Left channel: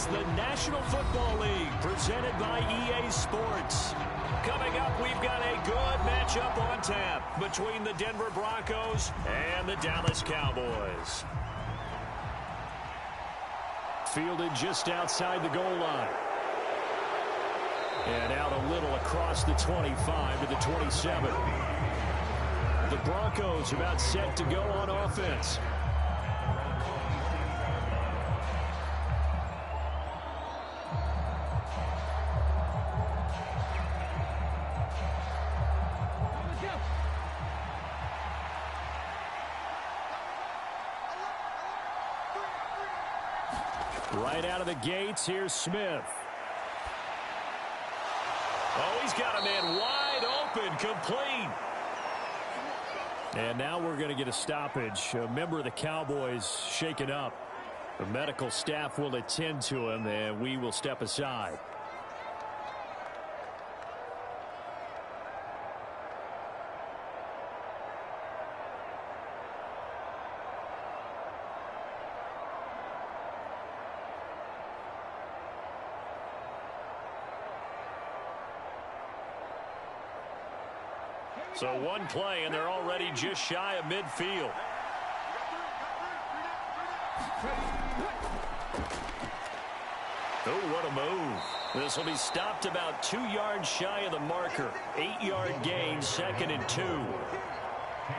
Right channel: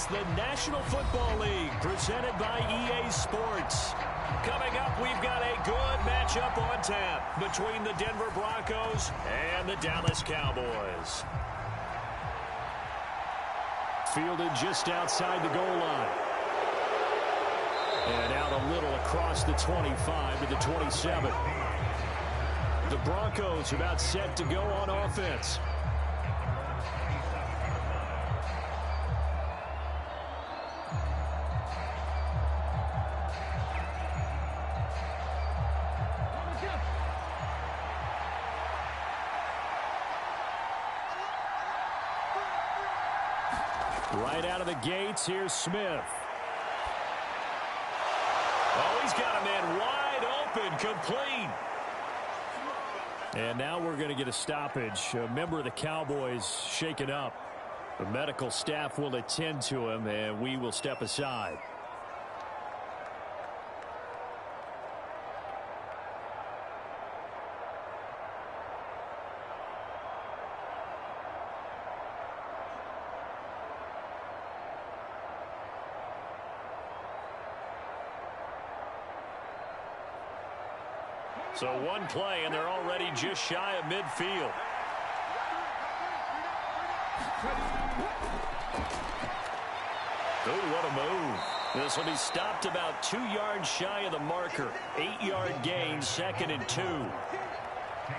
It's the National Football League presented by EA Sports. Coming up, we've got a good matchup on tap between the Denver Broncos and the Dallas Cowboys. Fielded just outside the goal line. And out a little across the 25 to the 27. The Broncos about set to go on offense. Right out of the gates, here's Smith. Oh, he's got a man wide open, complete. And now we're going to get a stoppage. A member of the Cowboys shaken up. The medical staff will attend to him, and we will step aside. So one play, and they're already just shy of midfield. Oh, what a move. This will be stopped about 2 yards shy of the marker. 8-yard gain, 2nd and 2.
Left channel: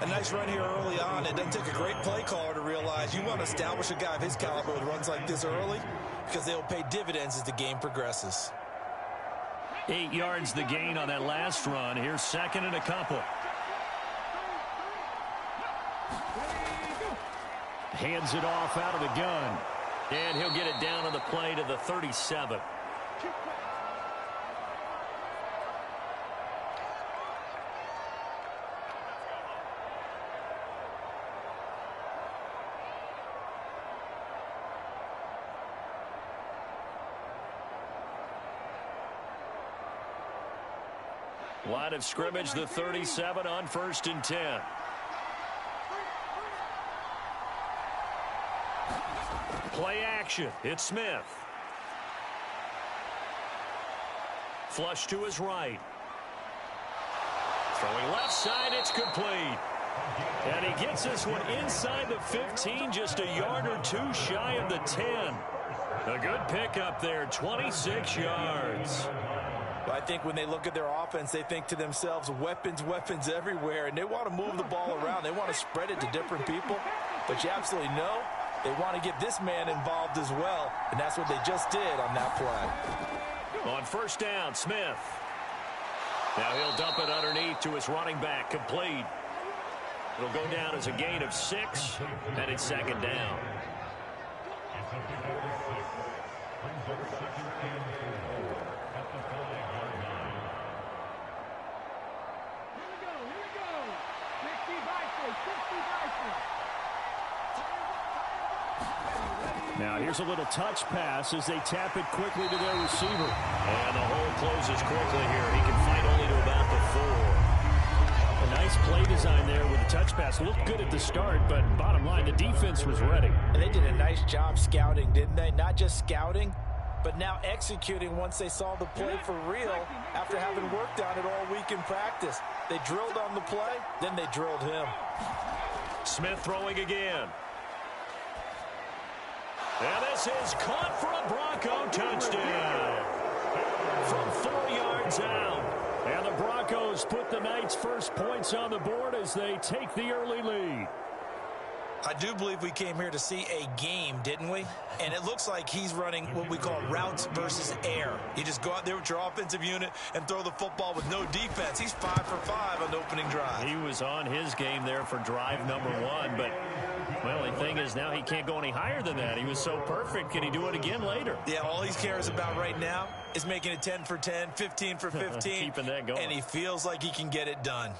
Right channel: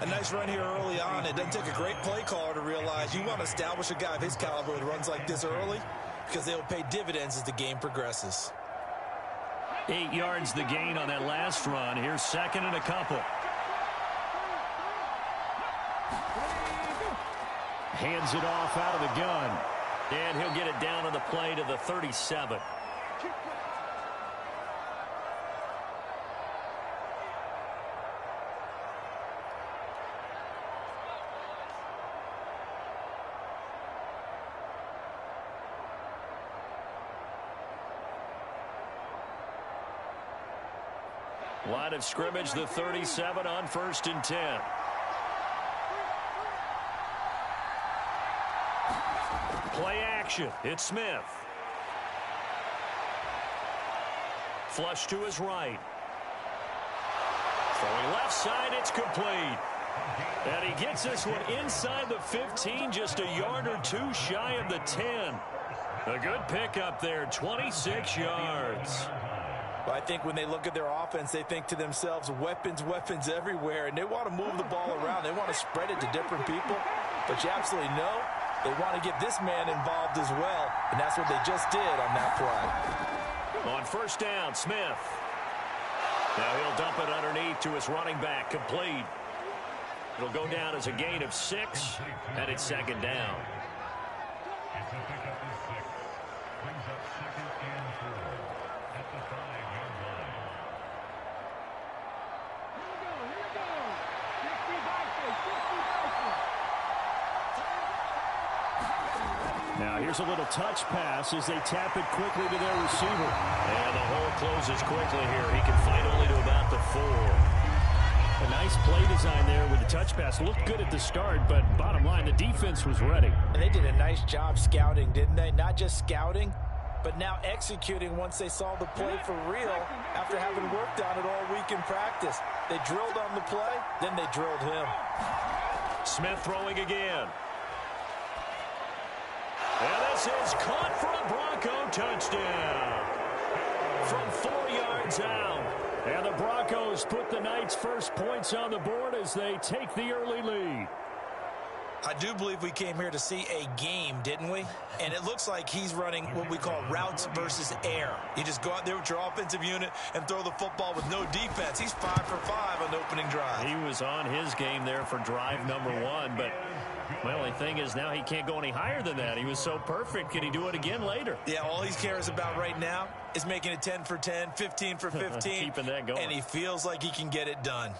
A nice run here early on. It doesn't take a great play caller to realize you want to establish a guy of his caliber with runs like this early because they'll pay dividends as the game progresses. 8 yards the gain on that last run. Here's 2nd and a couple. Hands it off out of the gun. And he'll get it down on the play to the 37. Line of scrimmage, the 37 on 1st and 10. Play action. It's Smith. Flush to his right. Throwing left side, it's complete. And he gets this one inside the 15, just a yard or two shy of the 10. A good pickup there, 26 yards. But I think when they look at their offense, they think to themselves, weapons, weapons everywhere, and they want to move the ball around. They want to spread it to different people, but you absolutely know they want to get this man involved as well, and that's what they just did on that play. On 1st down, Smith. Now he'll dump it underneath to his running back, complete. It'll go down as a gain of 6, and it's 2nd down. Now here's a little touch pass as they tap it quickly to their receiver. And the hole closes quickly here. He can fight only to about the 4. A nice play design there with the touch pass. Looked good at the start, but bottom line, the defense was ready. And they did a nice job scouting, didn't they? Not just scouting, but now executing once they saw the play for real after having worked on it all week in practice. They drilled on the play, then they drilled him. Smith throwing again. And this is caught for a Bronco touchdown. From 4 yards out. And the Broncos put the night's first points on the board as they take the early lead. I do believe we came here to see a game, didn't we? And it looks like he's running what we call routes versus air. You just go out there with your offensive unit and throw the football with no defense. He's 5 for 5 on the opening drive. He was on his game there for drive number 1, but my only thing is now he can't go any higher than that. He was so perfect. Can he do it again later? Yeah, all he cares about right now is making it 10 for 10, 15 for 15. Keeping that going. And he feels like he can get it done.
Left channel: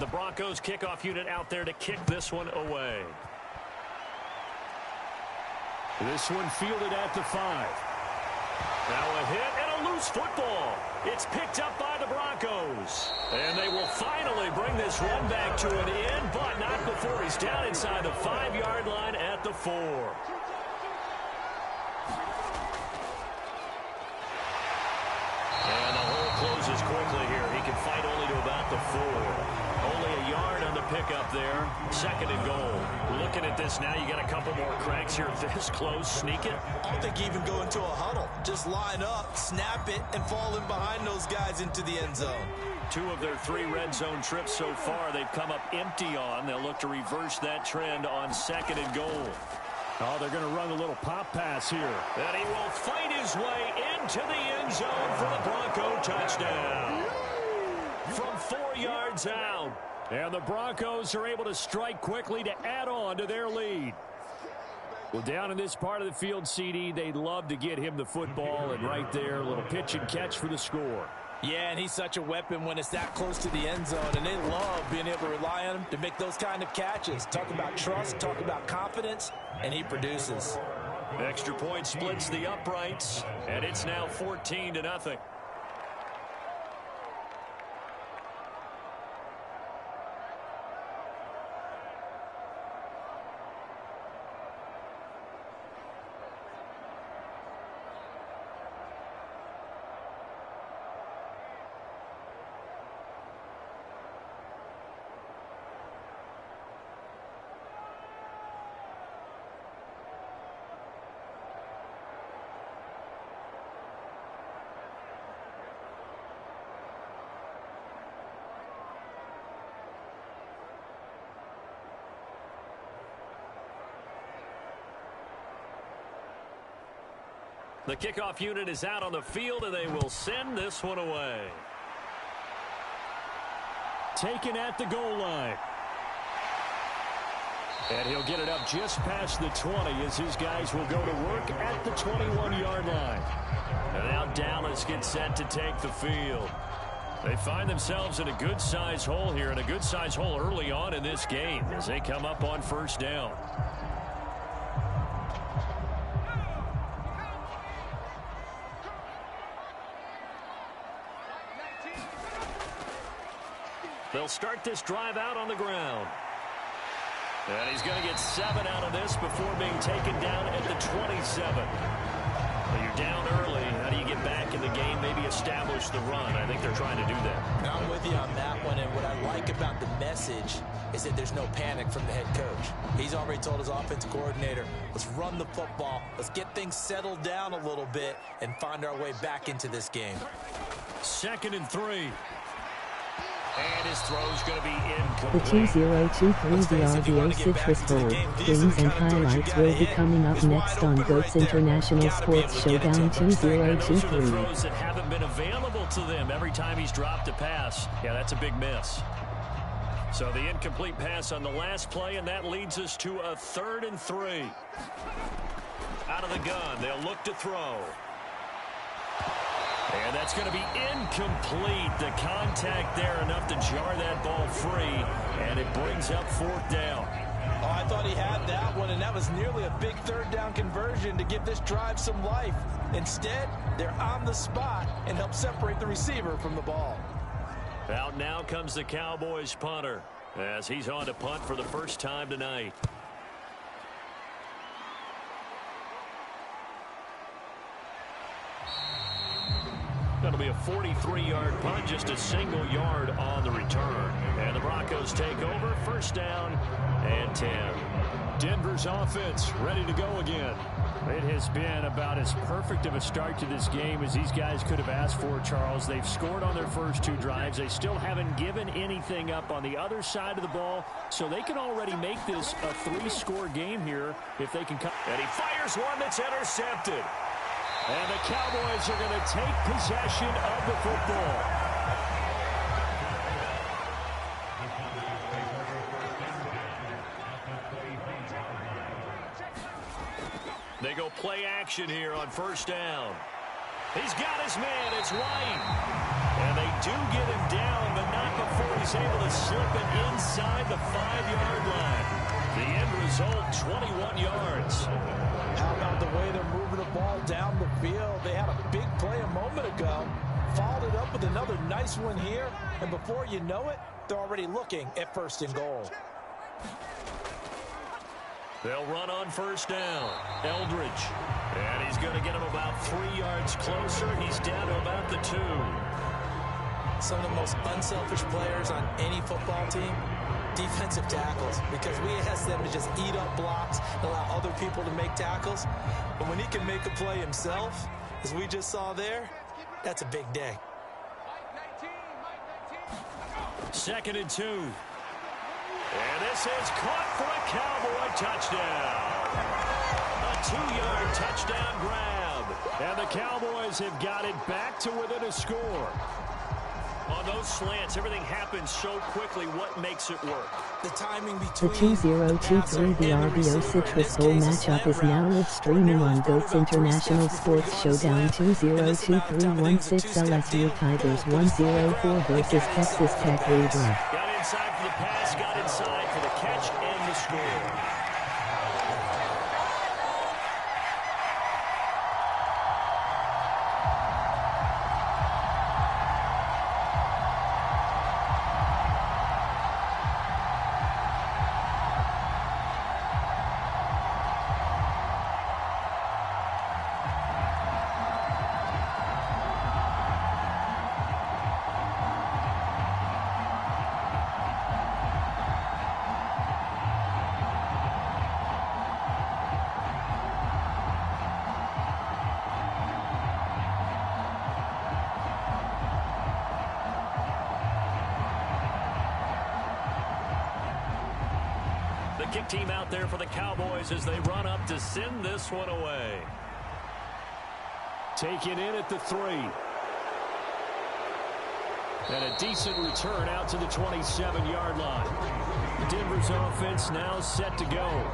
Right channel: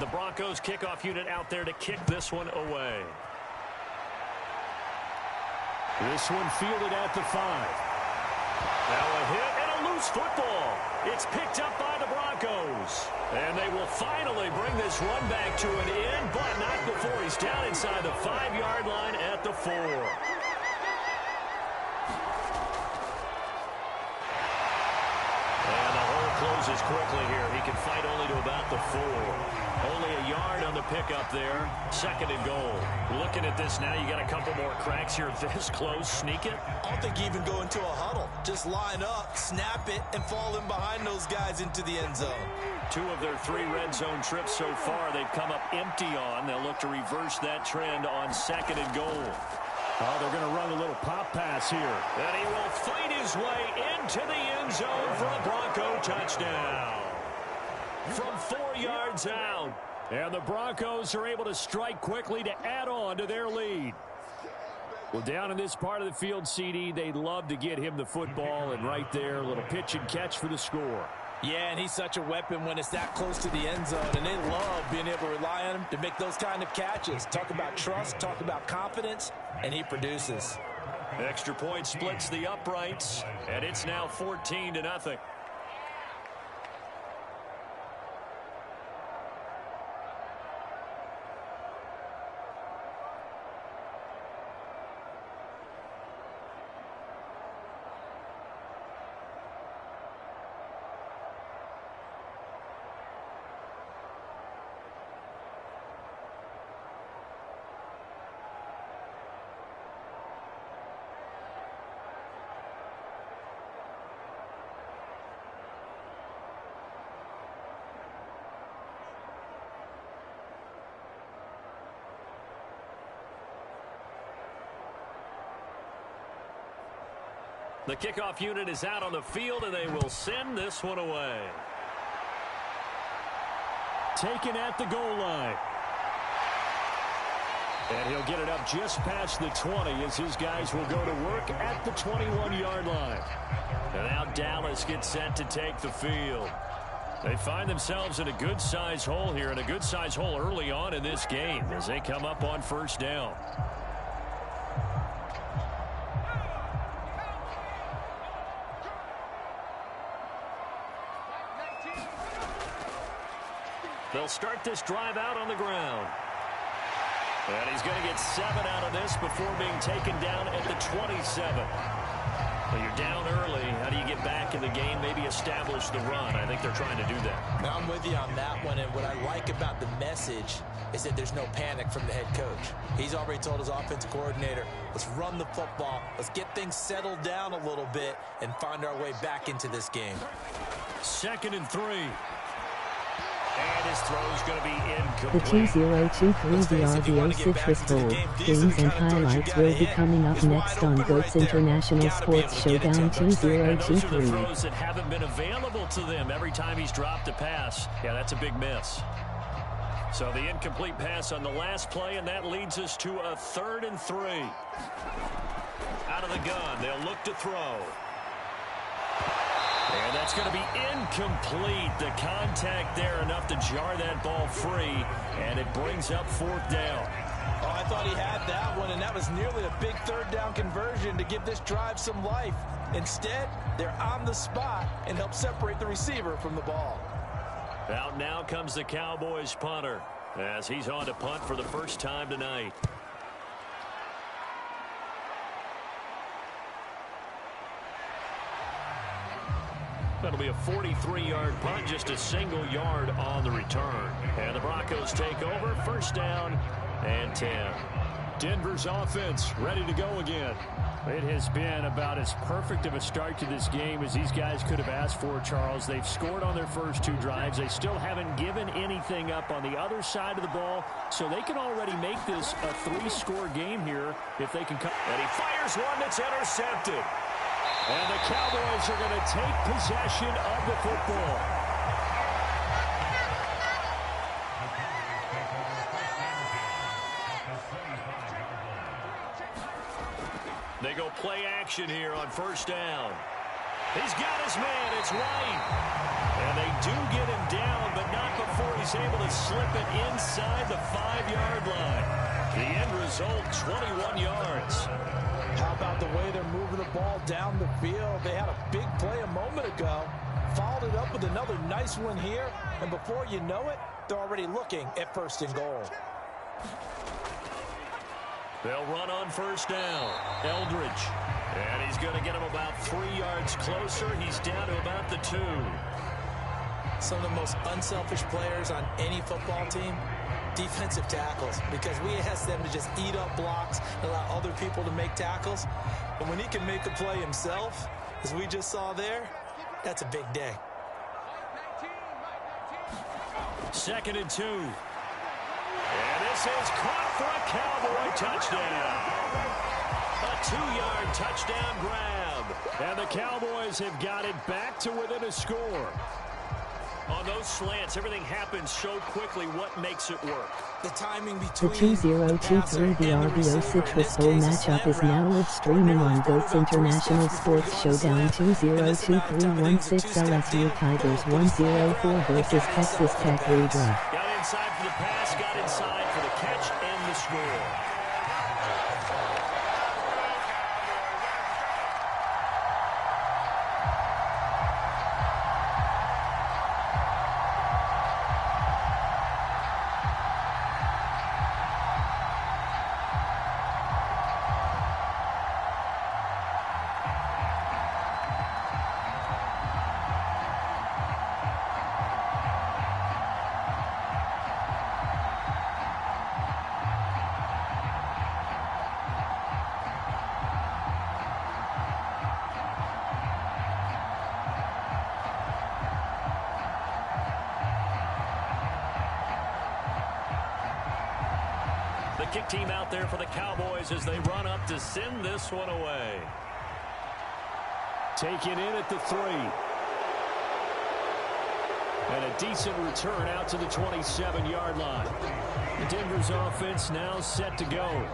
The Broncos kickoff unit out there to kick this one away. This one fielded at the 5. Now a hit and a loose football. It's picked up by the Broncos. And they will finally bring this run back to an end, but not before he's down inside the 5-yard line at the 4. And the hole closes quickly here. He can fight only to about the 4. Only a yard on the pickup there. 2nd and goal. Looking at this now, you got a couple more cracks here this close. Sneak it. I don't think you even go into a huddle. Just line up, snap it, and fall in behind those guys into the end zone. 2 of their 3 red zone trips so far they've come up empty on. They'll look to reverse that trend on 2nd and goal. Oh, they're going to run a little pop pass here. And he will fight his way into the end zone for a Bronco touchdown. From 4 yards out. And the Broncos are able to strike quickly to add on to their lead. Well, down in this part of the field, CD, they'd love to get him the football. And right there, a little pitch and catch for the score. Yeah, and he's such a weapon when it's that close to the end zone, and they love being able to rely on him to make those kind of catches. Talk about trust, talk about confidence, and he produces. Extra point splits the uprights, and it's now 14-0. The kickoff unit is out on the field, and they will send this one away. Taken at the goal line. And he'll get it up just past the 20 as his guys will go to work at the 21-yard line. And now Dallas gets set to take the field. They find themselves in a good-sized hole here, and a good-sized hole early on in this game as they come up on 1st down. They'll start this drive out on the ground. And he's going to get 7 out of this before being taken down at the 27. Well, you're down early. How do you get back in the game, maybe establish the run? I think they're trying to do that. I'm with you on that one, and what I like about the message is that there's no panic from the head coach. He's already told his offensive coordinator, let's run the football, let's get things settled down a little bit and find our way back into this game. 2nd and 3. And his throw's going to be The incomplete. 2023 VRBO Citrus Bowl games and highlights will be coming up next on GOAT's International Sports Showdown 2023. Throws that haven't been available to them every time he's dropped a pass. Yeah, that's a big miss. So the incomplete pass on the last play, and that leads us to a 3rd and 3. Out of the gun, they'll look to throw. And that's going to be incomplete. The contact there enough to jar that ball free, and it brings up 4th down. Oh, I thought he had that one, and that was nearly a big 3rd down conversion to give this drive some life. Instead, they're on the spot and help separate the receiver from the ball. Out now comes the Cowboys punter as he's on to punt for the first time tonight. That'll be a 43-yard punt, just a single yard on the return. And the Broncos take over, 1st down and 10. Denver's offense ready to go again. It has been about as perfect of a start to this game as these guys could have asked for, Charles. They've scored on their first 2 drives. They still haven't given anything up on the other side of the ball, so they can already make this a 3-score game here if they can come. And he fires one that's intercepted. And the Cowboys are going to take possession of the football. They go play action here on 1st down. He's got his man. It's White. And they do get him down, but not before he's able to slip it inside the 5-yard line. The end result, 21 yards. How about the way they're moving the ball down the field? They had a big play a moment ago, followed it up with another nice one here, and before you know it, they're already looking at 1st and goal. They'll run on 1st down. Eldridge. And he's going to get him about 3 yards closer. He's down to about the 2. Some of the most unselfish players on any football team, defensive tackles, because we ask them to just eat up blocks and allow other people to make tackles. But when he can make a play himself, as we just saw there, that's a big day. 2nd and 2. And this is caught for a Cowboy touchdown. A 2-yard touchdown grab. And the Cowboys have got it back to within a score. On those slants, everything happens so quickly. What makes it work? The timing The between 2023 the RBO Citrus Bowl matchup is now live streaming on GOATS International Sports Showdown. 2023-16 LSU Tigers 104 versus Texas Tech Vrbo. Got inside for the pass, got inside for the catch, and the score. The kick team out there for the Cowboys as they run up to send this one away. Taken in at the 3. And a decent return out to the 27-yard line. Denver's offense now set to go.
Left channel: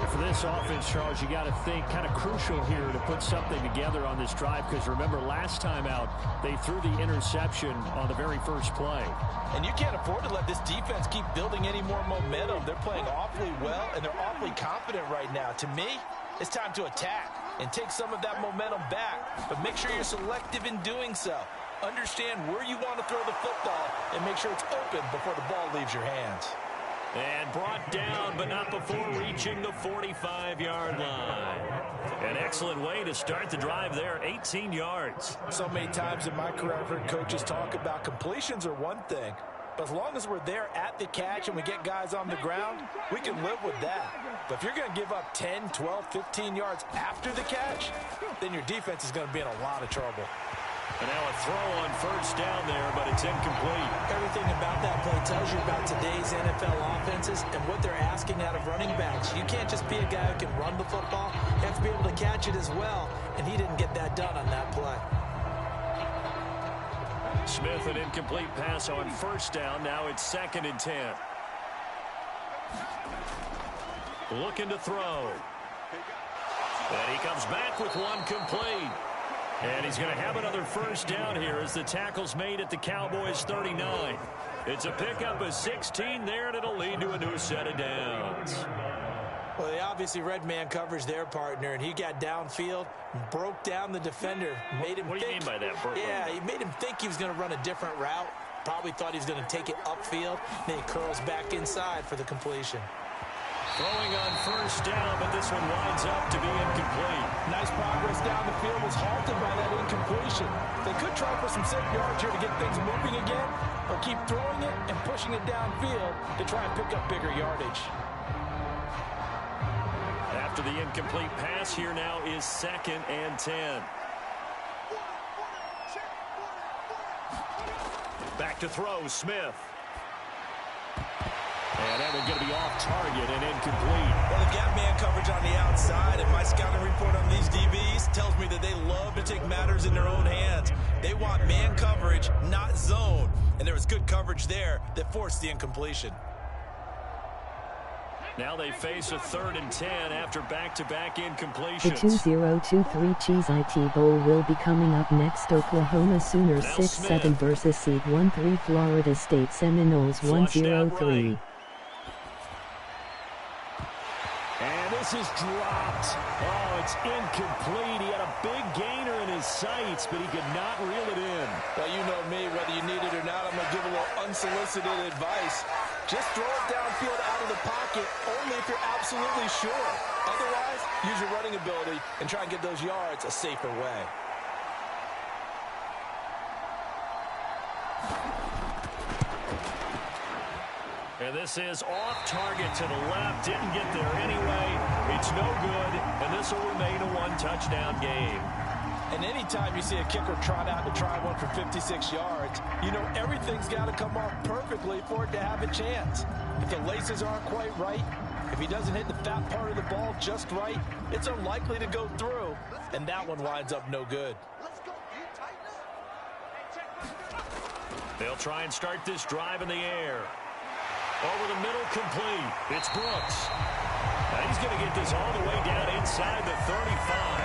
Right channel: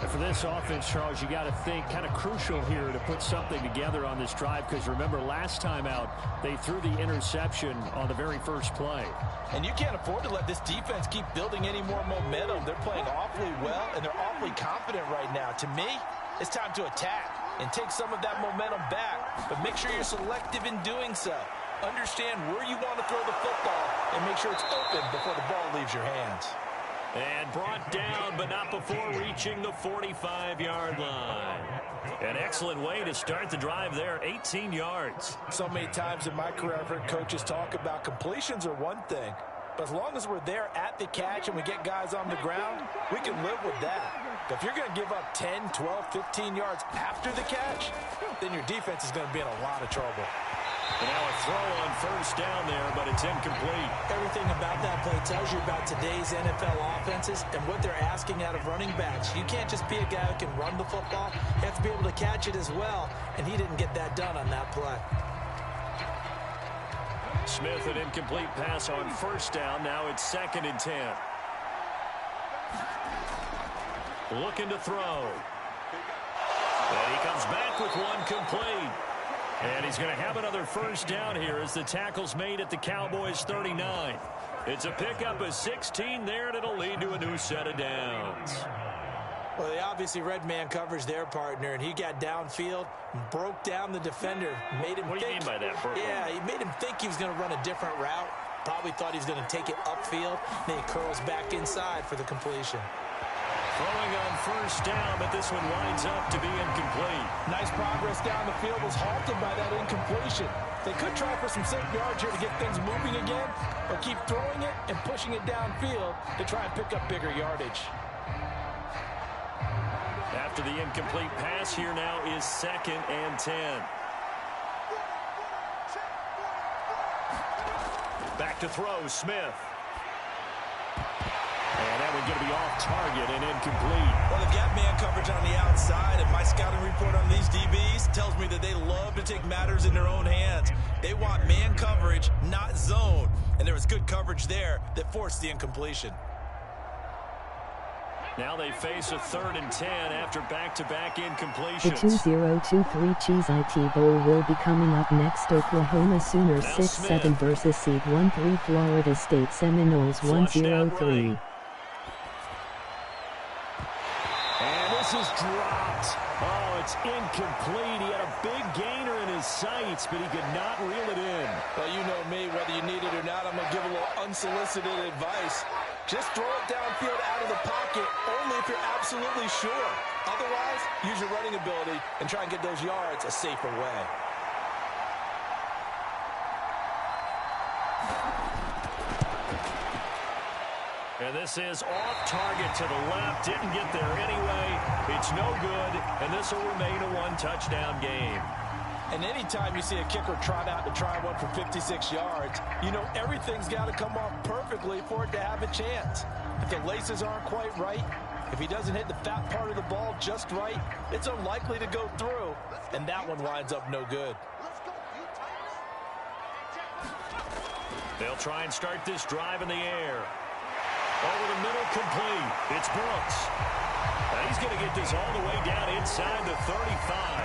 And for this offense, Charles, you got to think kind of crucial here to put something together on this drive, because remember last time out they threw the interception on the very first play. And you can't afford to let this defense keep building any more momentum. They're playing awfully well, and they're awfully confident right now. To me, it's time to attack and take some of that momentum back. But make sure you're selective in doing so. Understand where you want to throw the football and make sure it's open before the ball leaves your hands. And brought down, but not before reaching the 45-yard line. An excellent way to start the drive there, 18 yards. So many times in my career, I've heard coaches talk about completions are one thing, but as long as we're there at the catch and we get guys on the ground, we can live with that. But if you're going to give up 10, 12, 15 yards after the catch, then your defense is going to be in a lot of trouble. And now a throw on 1st down there, but it's incomplete. Everything about that play tells you about today's NFL offenses and what they're asking out of running backs. You can't just be a guy who can run the football. You have to be able to catch it as well, and he didn't get that done on that play. Smith, an incomplete pass on 1st down. Now it's 2nd and 10. Looking to throw. And he comes back with one complete. And he's going to have another 1st down here as the tackle's made at the Cowboys' 39. It's a pickup of 16 there, and it'll lead to a new set of downs. Well, they obviously read man coverage their partner, and he got downfield, broke down the defender, made him What do you mean by that? Yeah, he made him think he was going to run a different route. Probably thought he was going to take it upfield. Then he curls back inside for the completion. Throwing on 1st down, but this one winds up to be incomplete. Nice progress down the field, was halted by that incompletion. They could try for some safe yards here to get things moving again, or keep throwing it and pushing it downfield to try and pick up bigger yardage. After the incomplete pass, here now is 2nd and 10. Back to throw, Smith. And that one going to be off target and incomplete. Well, they've got man coverage on the outside, and my scouting report on these DBs tells me that they love to take matters in their own hands. They want man coverage, not zone. And there was good coverage there that forced the incompletion. Now they face a 3rd and 10 after back-to-back The incompletions. 2023 Cheese IT Bowl will be coming up next. Oklahoma Sooners Now 6-7 Smith. versus seed 1-3 Florida State Seminoles Flushed out 1-0-3. right. And this is dropped. Oh, it's incomplete. He had a big gainer in his sights, but he could not reel it in. Well, you know me, whether you need it or not, I'm going to give a little unsolicited advice. Just throw it downfield out of the pocket, only if you're absolutely sure. Otherwise, use your running ability and try and get those yards a safer way. And this is off target to the left. Didn't get there anyway. It's no good, and this will remain a one-touchdown game. And anytime you see a kicker trot out to try one for 56 yards, you know everything's got to come off perfectly for it to have a chance. If the laces aren't quite right, if he doesn't hit the fat part of the ball just right, it's unlikely to go through, and that one winds up no good. They'll try and start this drive in the air. Over the middle, complete. It's Brooks. Now he's going to get this all the way down inside the 35.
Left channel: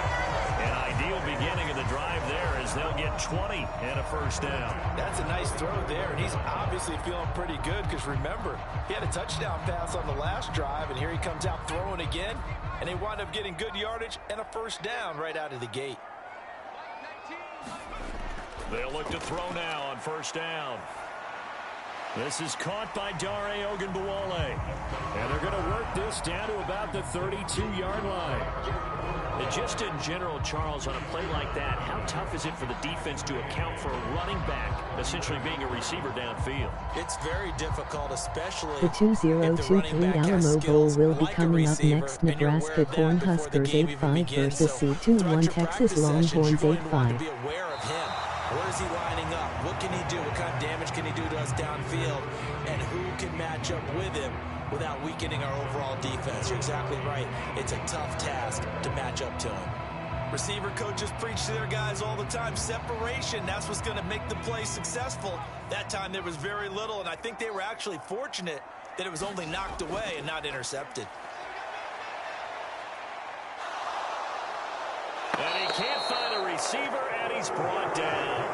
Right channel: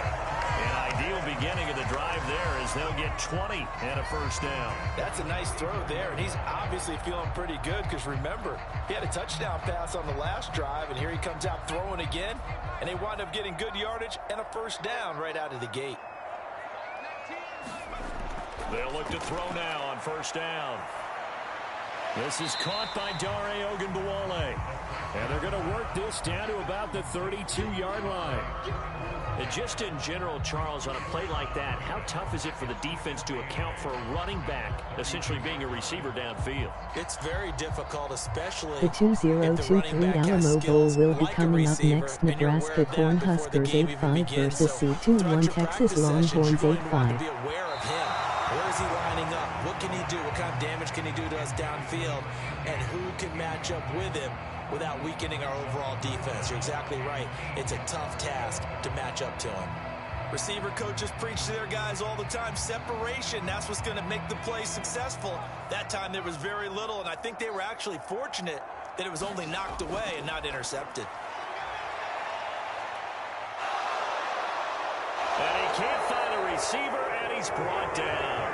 An ideal beginning of the drive there as they'll get 20 and a first down. That's a nice throw there, and he's obviously feeling pretty good because, remember, he had a touchdown pass on the last drive, and here he comes out throwing again, and they wind up getting good yardage and a first down right out of the gate. They'll look to throw now on first down. This is caught by Dare Ogunbowale. And they're going to work this down to about the 32-yard line. And just in general, Charles, on a play like that, how tough is it for the defense to account for a running back essentially being a receiver downfield? It's very difficult, especially The 2023 Alamo Bowl will be coming up next. Nebraska Cornhuskers 8-5 versus C2-1 Texas Longhorns 8-5. Be aware of him. Where is he lining up? What can he do? What kind of damage can he do to us downfield? And who can match up with him without weakening our overall defense? You're exactly right. It's a tough task to match up to him. Receiver coaches preach to their guys all the time. Separation, that's what's going to make the play successful. That time there was very little, and I think they were actually fortunate that it was only knocked away and not intercepted. And he can't find a receiver, and he's brought down.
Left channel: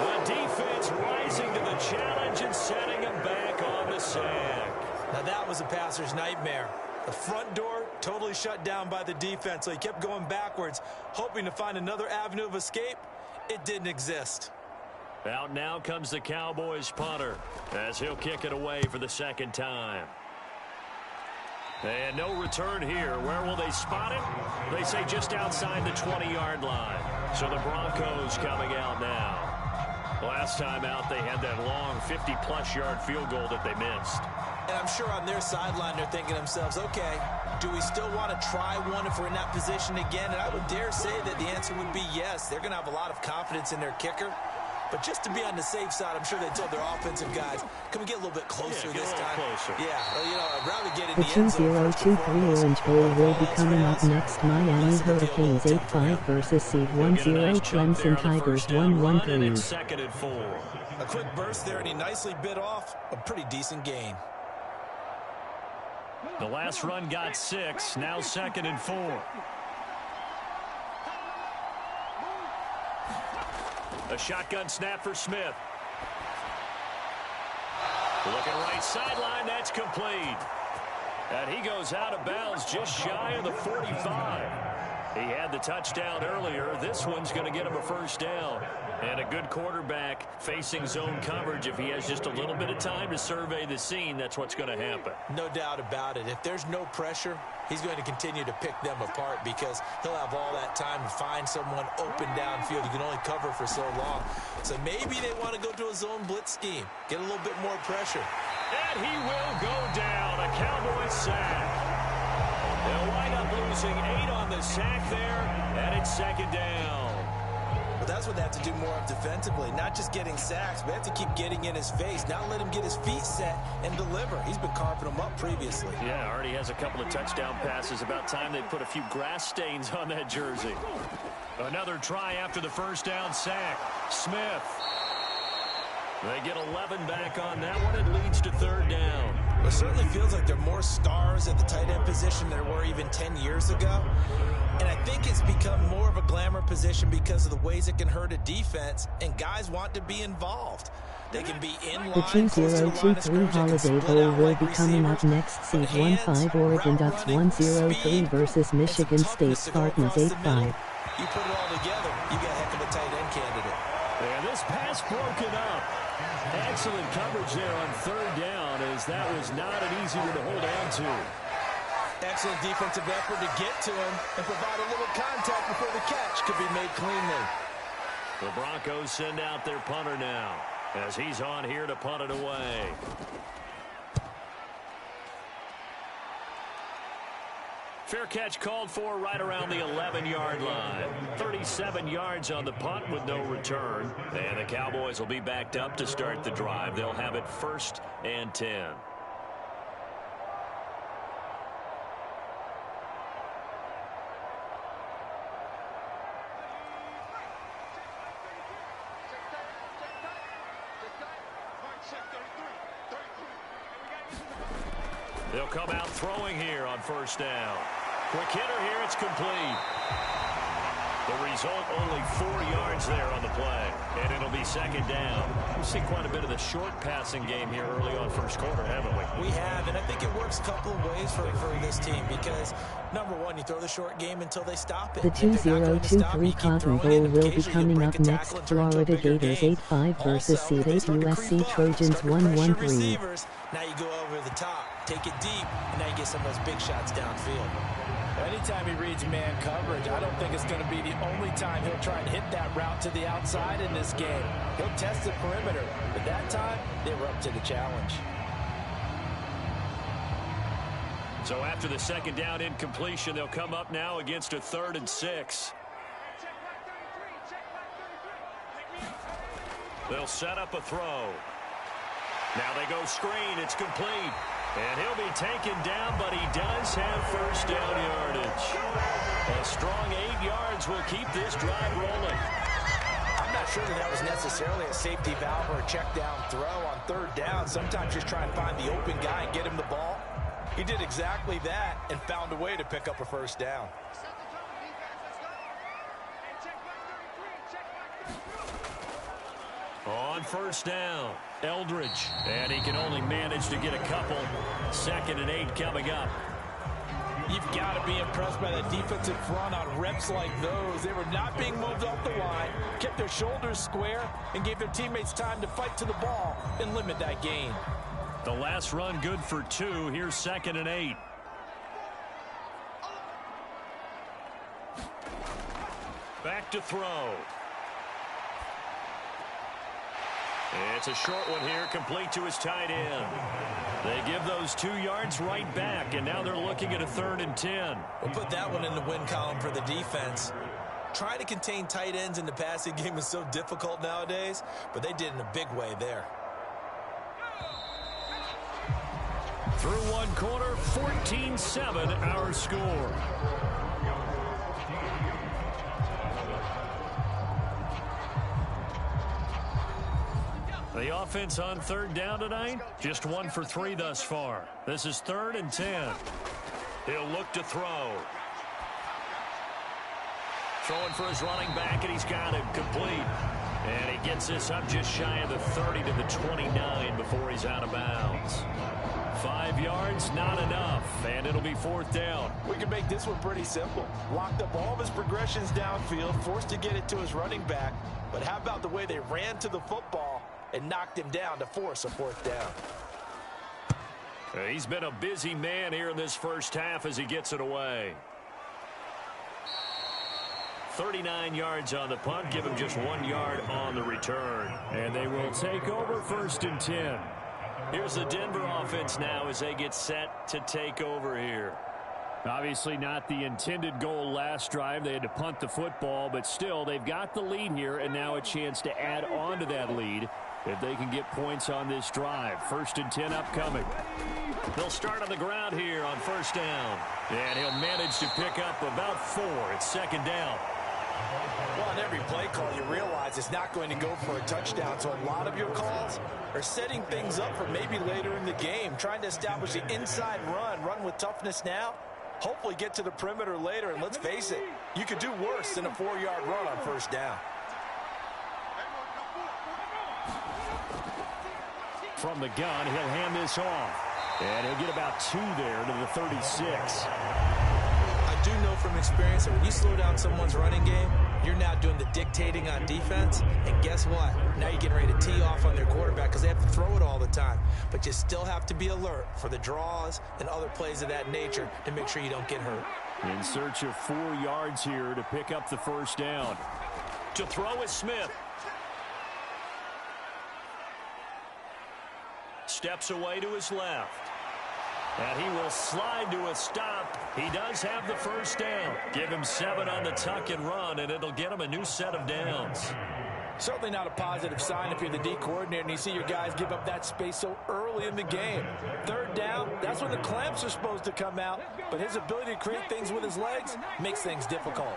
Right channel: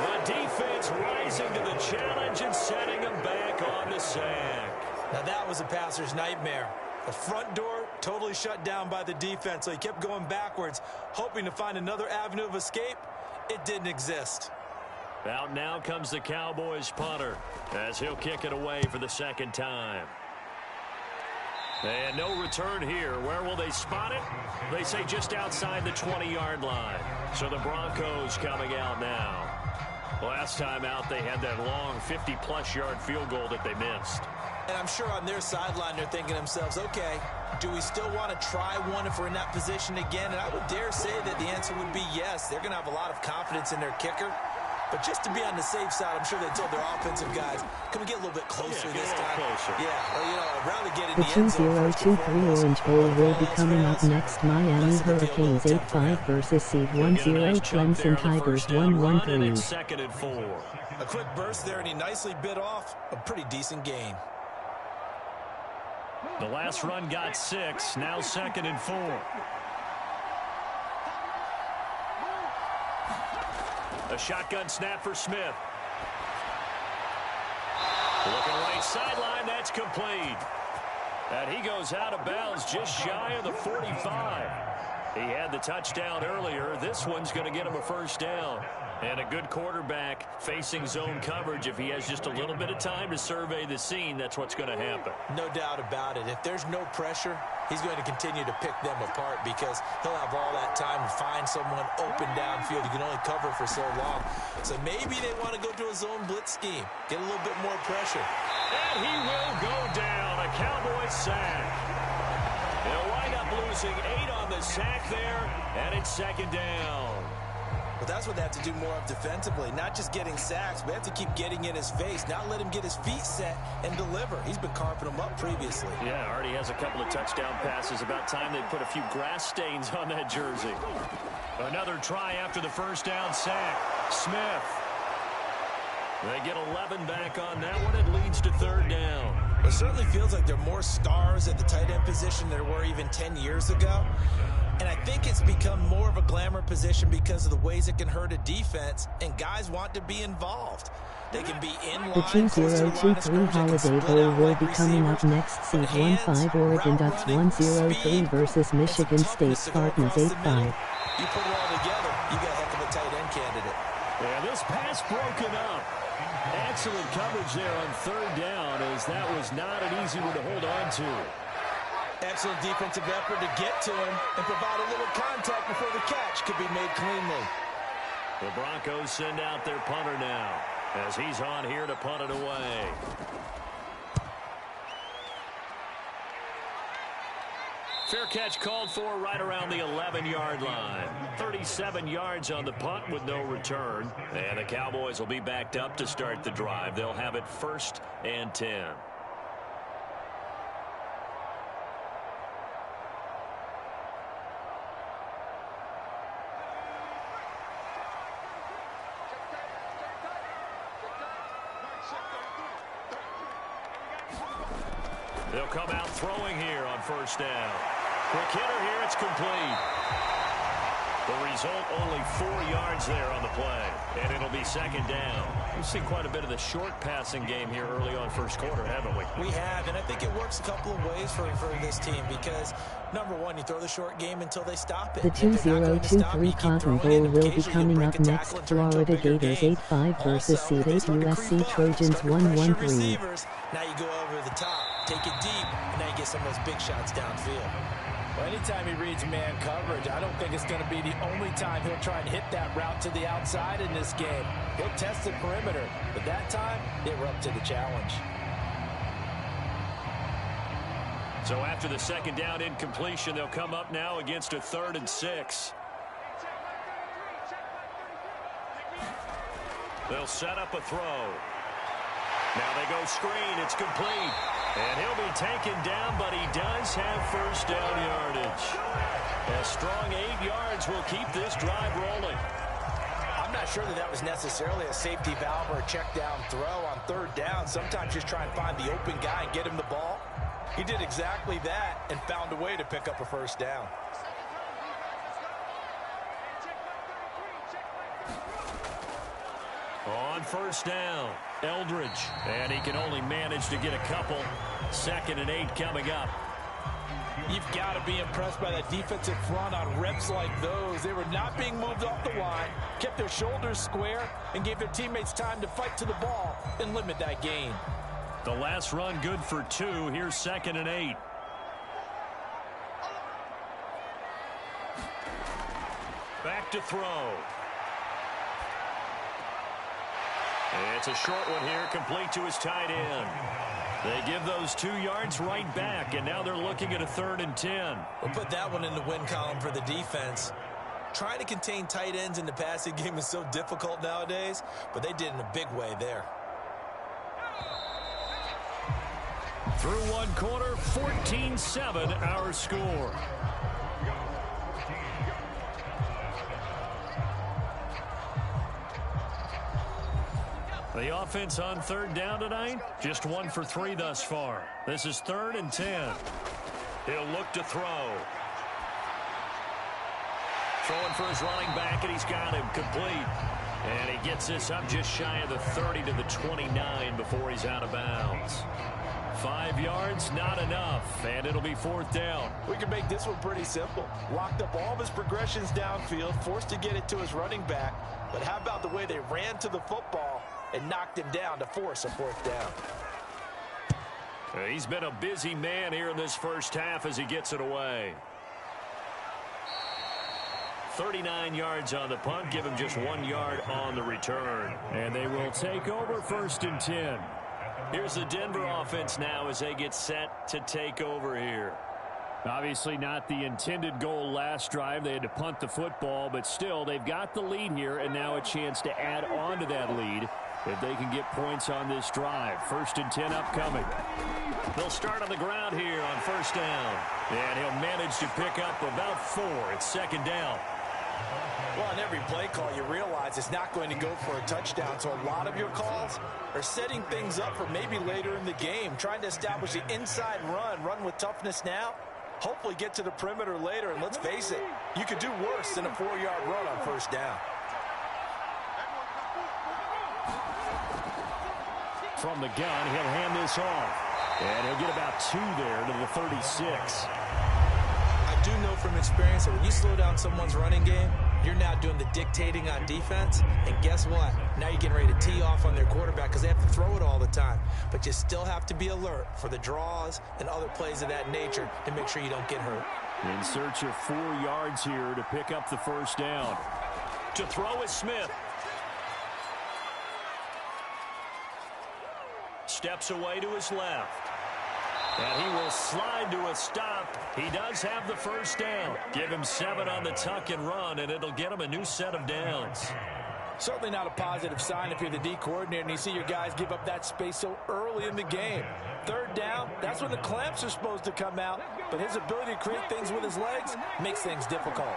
The defense rising to the challenge and setting him back on the sack. Now that was a passer's nightmare. The front door totally shut down by the defense, so he kept going backwards, hoping to find another avenue of escape. It didn't exist. Out now comes the Cowboys punter as he'll kick it away for the second time. And no return here. Where will they spot it? They say just outside the 20-yard line. So the Broncos coming out now. Last time out, they had that long 50-plus yard field goal that they missed. And I'm sure on their sideline they're thinking to themselves, okay, do we still want to try one if we're in that position again? And I would dare say that the answer would be yes. They're going to have a lot of confidence in their kicker. But just to be on the safe side, I'm sure they told their offensive guys, can we get a little bit closer this time? Closer. Yeah, well, you know, I'd rather get in The the end zone 2023 Orange Bowl will be coming up next. Miami Hurricanes 8-5 versus seed 1-0 Clemson Tigers 1-1-3. Second and 4. A quick burst there, and he nicely bit off a pretty decent gain. The last run got 6. Now second and 4. A shotgun snap for Smith. Looking right sideline, that's complete. And he goes out of bounds just shy of the 45. He had the touchdown earlier. This one's going to get him a first down. And a good quarterback facing zone coverage. If he has just a little bit of time to survey the scene, that's what's going to happen. No doubt about it. If there's no pressure, he's going to continue to pick them apart because he'll have all that time to find someone open downfield. You can only cover for so long. So maybe they want to go to a zone blitz scheme, get a little bit more pressure. And he will go down. A Cowboys sack. They'll wind up losing 8 on the sack there, and it's second down. But that's what they have to do more of defensively, not just getting sacks, but they have to keep getting in his face, not let him get his feet set and deliver. He's been carping them up previously. Yeah, already has a couple of touchdown passes. About time they put a few grass stains on that jersey. Another try after the first down sack. Smith. They get 11 back on that one. It leads to third down. It certainly feels like there are more stars at the tight end position than there were even 10 years ago. And I think it's become more of a glamour position because of the ways it can hurt a defense, and guys want to be involved. They can be in line. The 2023 Holiday Bowl will be coming up next. Seed 1-5 Oregon Ducks 1-0-3 versus Michigan State Spartans 8-5. You put it all together, you got a heck of a tight end candidate. And this pass broken up. Excellent coverage there on third down, as that was not an easy one to hold on to. Excellent defensive effort to get to him and provide a little contact before the catch could be made cleanly. The Broncos send out their punter now, as he's on here to punt it away. Fair catch called for right around the 11-yard line. 37 yards on the punt with no return. And the Cowboys will be backed up to start the drive. They'll have it 1st and 10. They'll come out throwing here on 1st down. Quick hitter here, it's complete. The result, only 4 yards there on the play, and it'll be 2nd down. We've seen quite a bit of the short passing game here early on first quarter, haven't we? We have, and I think it works a couple of ways for this team because, number one, you throw the short game until they stop it. The 2023 Cotton Bowl will be coming up next. Florida Gators 8-5 versus seed 8 USC Trojans 1-1-3. Now you go over the top, take it deep, and now you get some of those big shots downfield. Well, anytime he reads man coverage, I don't think it's going to be the only time he'll try and hit that route to the outside in this game. He'll test the perimeter, but that time, they were up to the challenge. So after the 2nd down incompletion, they'll come up now against a 3rd and 6. They'll set up a throw. Now they go screen. It's complete. And he'll be taken down, but he does have 1st down yardage. A strong 8 yards will keep this drive rolling. I'm not sure that was necessarily a safety valve or a check down throw on 3rd down. Sometimes just try and find the open guy and get him the ball. He did exactly that and found a way to pick up a 1st down. On 1st down, Eldridge. And he can only manage to get a couple. 2nd and 8 coming up. You've got to be impressed by that defensive front on reps like those. They were not being moved off the line, kept their shoulders square, and gave their teammates time to fight to the ball and limit that gain. The last run good for 2. Here's 2nd and 8. Back to throw. It's a short one here, complete to his tight end. They give those 2 yards right back, and now they're looking at a 3rd and 10. We'll put that one in the win column for the defense. Trying to contain tight ends in the passing game is so difficult nowadays, but they did in a big way there. Through 1 quarter, 14-7 our score. The offense on 3rd down tonight, just 1 for 3 thus far. This is 3rd and 10. He'll look to throw. Throwing for his running back, and he's got him complete. And he gets this up just shy of the 30 to the 29 before he's out of bounds. 5 yards, not enough, and it'll be 4th down. We can make this one pretty simple. Locked up all of his progressions downfield, forced to get it to his running back. But how about the way they ran to the football and knocked him down to force a 4th down? He's been a busy man here in this first half as he gets it away. 39 yards on the punt, give him just 1 yard on the return. And they will take over 1st and 10. Here's the Denver offense now as they get set to take over here. Obviously not the intended goal last drive. They had to punt the football, but still they've got the lead here and now a chance to add on to that lead if they can get points on this drive. 1st and 10 upcoming. They'll start on the ground here on 1st down. And he'll manage to pick up about 4. It's 2nd down. Well, on every play call, you realize it's not going to go for a touchdown. So a lot of your calls are setting things up for maybe later in the game, trying to establish the inside run with toughness now, hopefully get to the perimeter later. And let's face it, you could do worse than a 4-yard run on first down. From the gun, he'll hand this off. And he'll get about 2 there to the 36. I do know from experience that when you slow down someone's running game, you're now doing the dictating on defense. And guess what? Now you're getting ready to tee off on their quarterback because they have to throw it all the time. But you still have to be alert for the draws and other plays of that nature to make sure you don't get hurt. In search of 4 yards here to pick up the first down. To throw is Smith. Steps away to his left. And he will slide to a stop. He does have the first down. Give him 7 on the tuck and run, and it'll get him a new set of downs. Certainly not a positive sign if you're the D coordinator and you see your guys give up that space so early in the game. 3rd down, that's when the clamps are supposed to come out, but his ability to create things with his legs makes things difficult.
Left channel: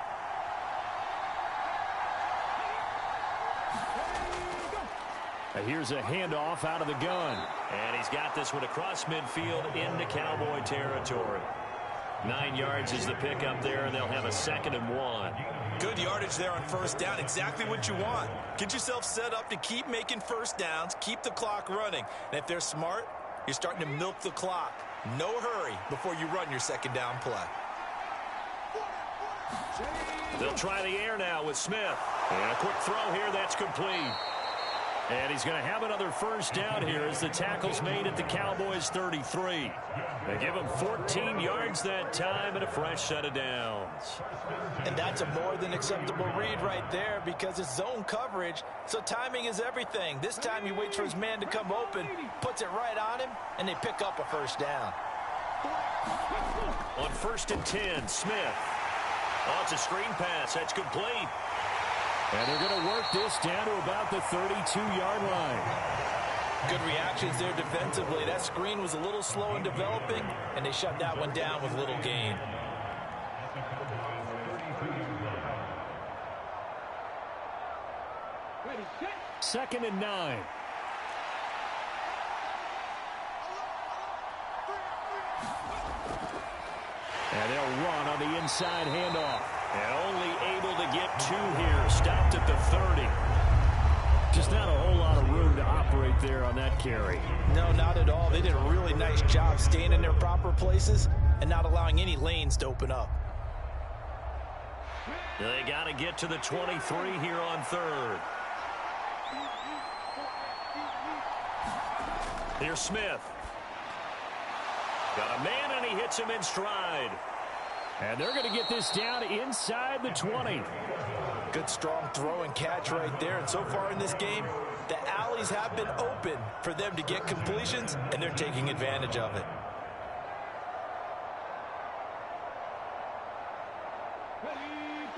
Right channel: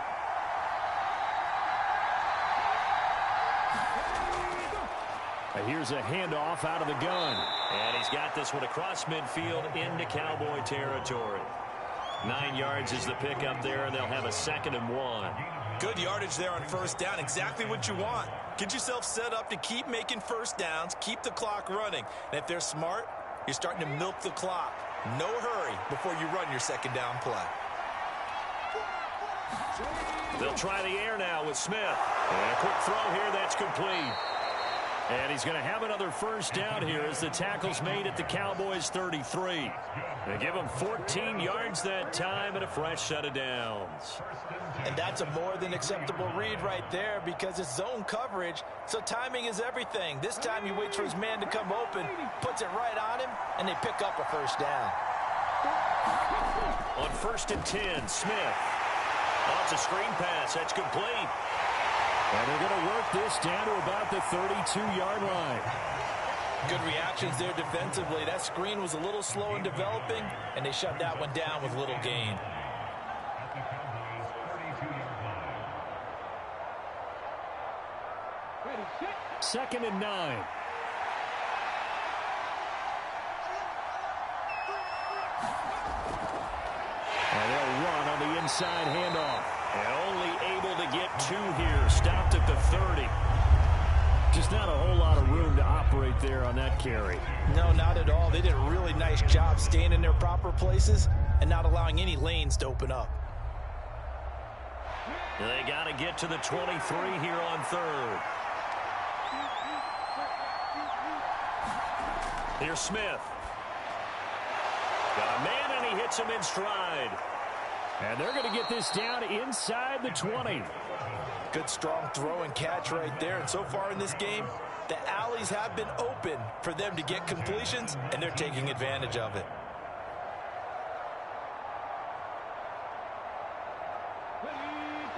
Here's a handoff out of the gun. And he's got this one across midfield into Cowboy territory. 9 yards is the pickup there, and they'll have a 2nd and 1. Good yardage there on first down. Exactly what you want. Get yourself set up to keep making first downs, keep the clock running. And if they're smart, you're starting to milk the clock. No hurry before you run your 2nd down play. They'll try the air now with Smith. And a quick throw here, that's complete. And he's going to have another first down here as the tackle's made at the Cowboys' 33. They give him 14 yards that time and a fresh set of downs. And that's a more than acceptable read right there because it's zone coverage, so timing is everything. This time he waits for his man to come open, puts it right on him, and they pick up a first down. On 1st and 10, Smith. Oh, it's a screen pass. That's complete. And they're going to work this down to about the 32-yard line. Good reactions there defensively. That screen was a little slow in developing, and they shut that one down with little gain. Second and 9. And they'll run on the inside handoff. And only able to get 2 here. Stopped at the 30. Just not a whole lot of room to operate there on that carry. No, not at all. They did a really nice job staying in their proper places and not allowing any lanes to open up. They got to get to the 23 here on 3rd. Here's Smith. Got a man, and he hits him in stride. And they're going to get this down inside the 20. Good strong throw and catch right there. And so far in this game, the alleys have been open for them to get completions, and they're taking advantage of it.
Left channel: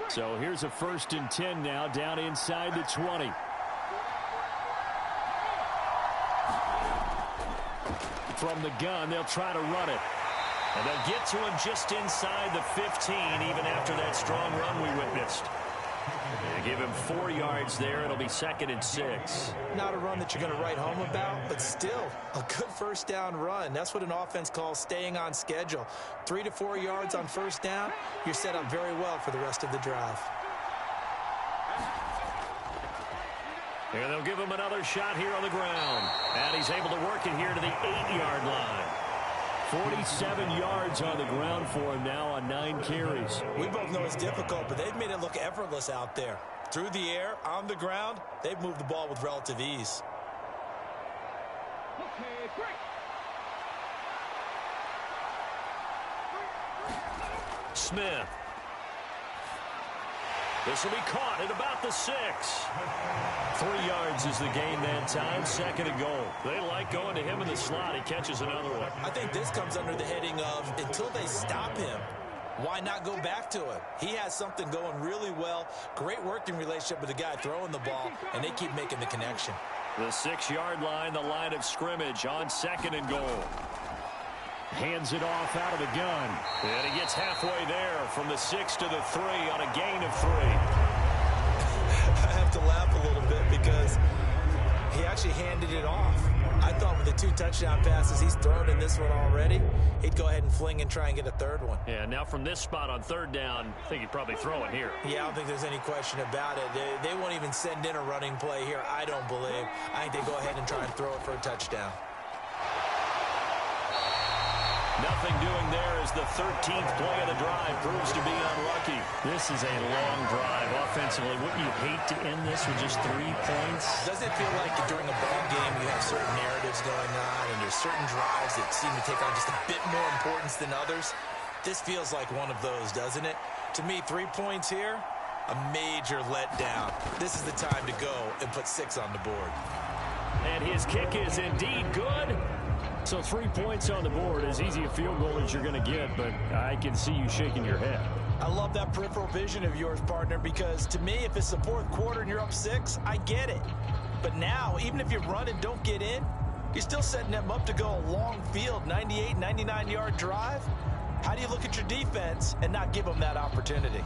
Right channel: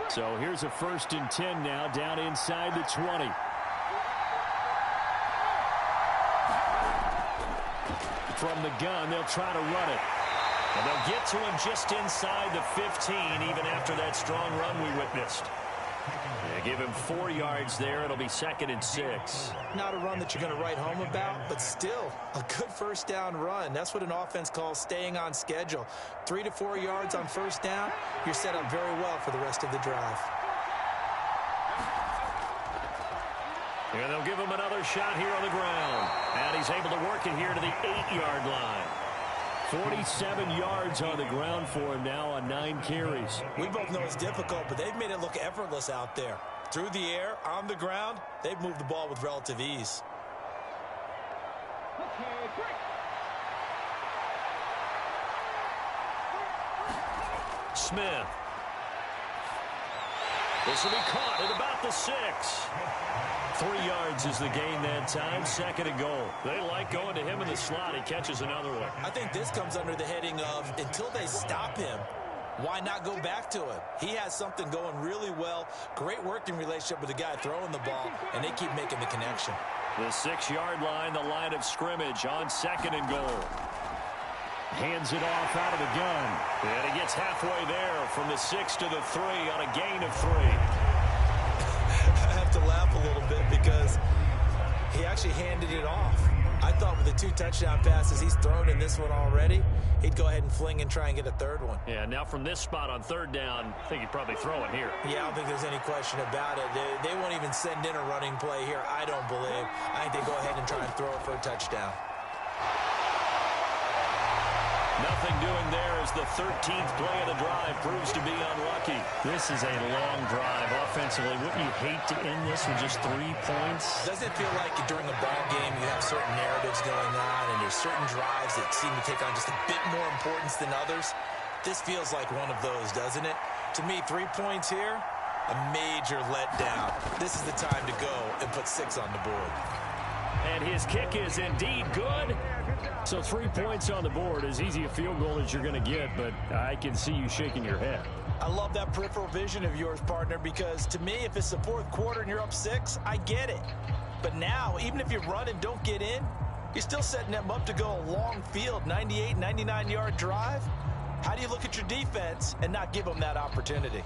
So here's a 1st and 10 now down inside the 20. From the gun, they'll try to run it. And they'll get to him just inside the 15, even after that strong run we witnessed. They give him 4 yards there. It'll be 2nd and 6. Not a run that you're going to write home about, but still a good first down run. That's what an offense calls staying on schedule. 3 to 4 yards on first down, you're set up very well for the rest of the drive. And they'll give him another shot here on the ground. And he's able to work it here to the 8-yard line. 47 yards on the ground for him now on 9 carries. We both know it's difficult, but they've made it look effortless out there. Through the air, on the ground, they've moved the ball with relative ease. Smith. This will be caught at about the 6. 3 yards is the gain that time. 2nd and goal. They like going to him in the slot. He catches another one. I think this comes under the heading of until they stop him, why not go back to him? He has something going really well. Great working relationship with the guy throwing the ball, and they keep making the connection. The 6-yard line, the line of scrimmage on 2nd and goal. Hands it off out of the gun. And he gets halfway there from the 6 to the 3 on a gain of 3. I have to laugh a little bit because he actually handed it off. I thought with the 2 touchdown passes he's thrown in this one already, he'd go ahead and fling and try and get a third one. Yeah, now from this spot on 3rd down, I think he'd probably throw it here. Yeah, I don't think there's any question about it. They won't even send in a running play here, I don't believe. I think they go ahead and try and throw it for a touchdown. Nothing doing there as the 13th play of the drive proves to be unlucky. This is a long drive offensively. Wouldn't you hate to end this with just 3 points? Doesn't it feel like during a ball game you have certain narratives going on and there's certain drives that seem to take on just a bit more importance than others? This feels like one of those, doesn't it? To me, 3 points here, a major letdown. This is the time to go and put 6 on the board. And his kick is indeed good. So 3 points on the board, as easy a field goal as you're going to get, but I can see you shaking your head. I love that peripheral vision of yours, partner, because to me, if it's the 4th quarter and you're up 6, I get it. But now, even if you run and don't get in, you're still setting them up to go a long field, 98, 99-yard drive. How do you look at your defense and not give them that opportunity?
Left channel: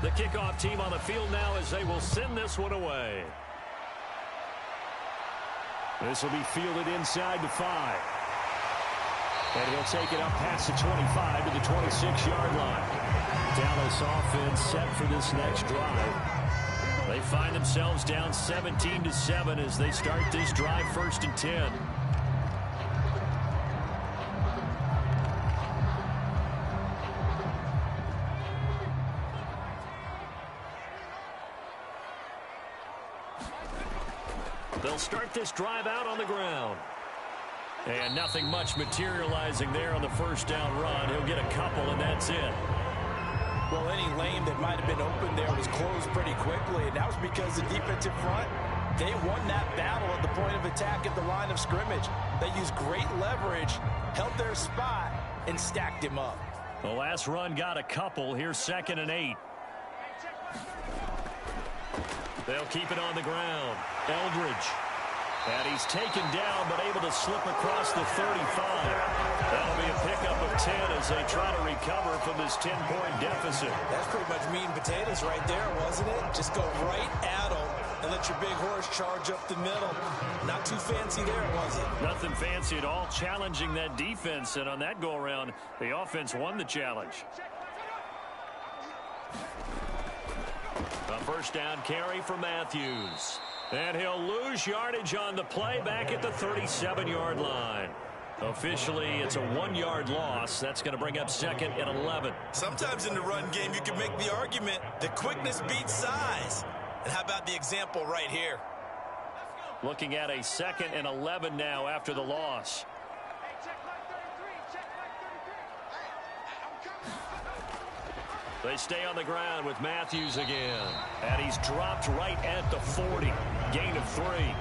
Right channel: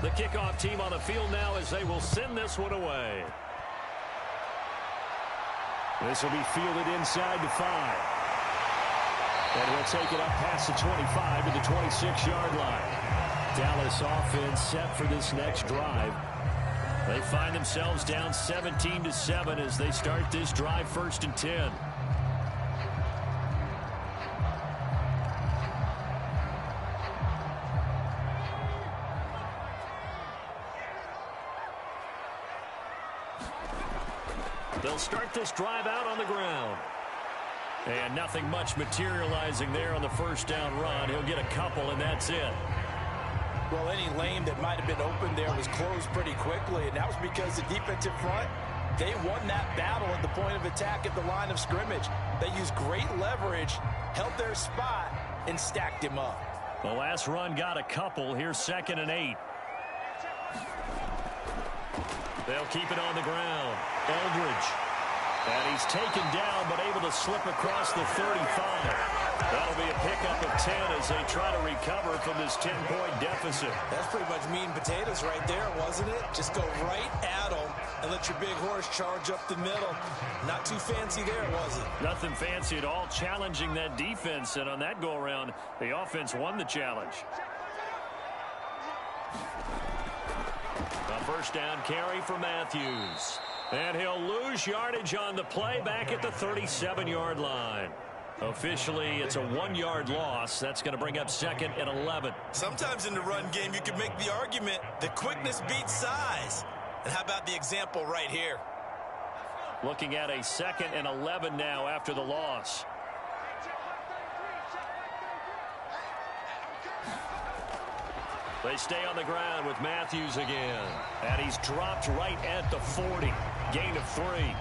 The kickoff team on the field now as they will send this one away. This will be fielded inside the 5. And he'll take it up past the 25 to the 26-yard line. Dallas offense set for this next drive. They find themselves down 17-7 as they start this drive 1st and 10. They'll start this drive out on the ground. And nothing much materializing there on the 1st down run. He'll get a couple, and that's it. Well, any lane that might have been open there was closed pretty quickly, and that was because the defensive front, they won that battle at the point of attack at the line of scrimmage. They used great leverage, held their spot, and stacked him up. The last run got a couple. Here's 2nd and 8. They'll keep it on the ground. Eldridge. And he's taken down, but able to slip across the 35. That'll be a pickup of 10 as they try to recover from this 10-point deficit. That's pretty much meat and potatoes right there, wasn't it? Just go right at them and let your big horse charge up the middle. Not too fancy there, was it? Nothing fancy at all, challenging that defense. And on that go-around, the offense won the challenge. A 1st down carry for Matthews. And he'll lose yardage on the play back at the 37-yard line. Officially, it's a 1-yard loss. That's going to bring up 2nd and 11. Sometimes in the run game, you can make the argument that quickness beats size. And how about the example right here? Looking at a 2nd and 11 now after the loss. They stay on the ground with Matthews again. And he's dropped right at the 40. Gain of 3.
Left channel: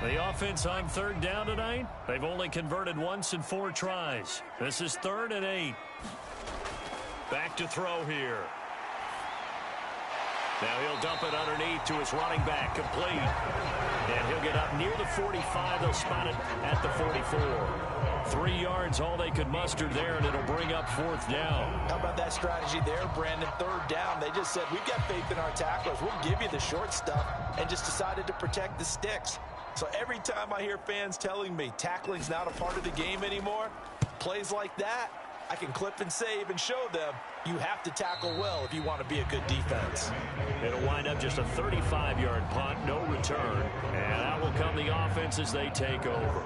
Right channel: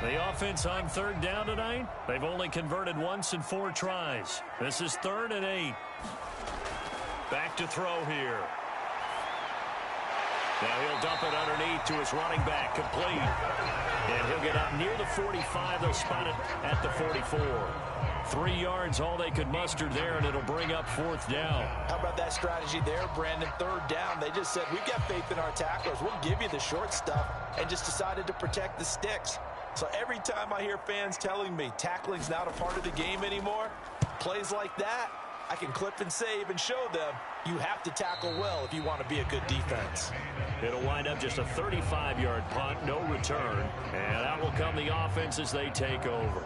The offense on 3rd down tonight, they've only converted once in 4 tries. This is 3rd and 8. Back to throw here. Now he'll dump it underneath to his running back, complete. And he'll get up near the 45. They'll spot it at the 44. 3 yards, all they could muster there, and it'll bring up 4th down. How about that strategy there, Brandon? 3rd down, they just said, we've got faith in our tacklers. We'll give you the short stuff, and just decided to protect the sticks. So every time I hear fans telling me tackling's not a part of the game anymore, plays like that, I can clip and save and show them you have to tackle well if you want to be a good defense. It'll wind up just a 35-yard punt, no return. And out will come the offense as they take over.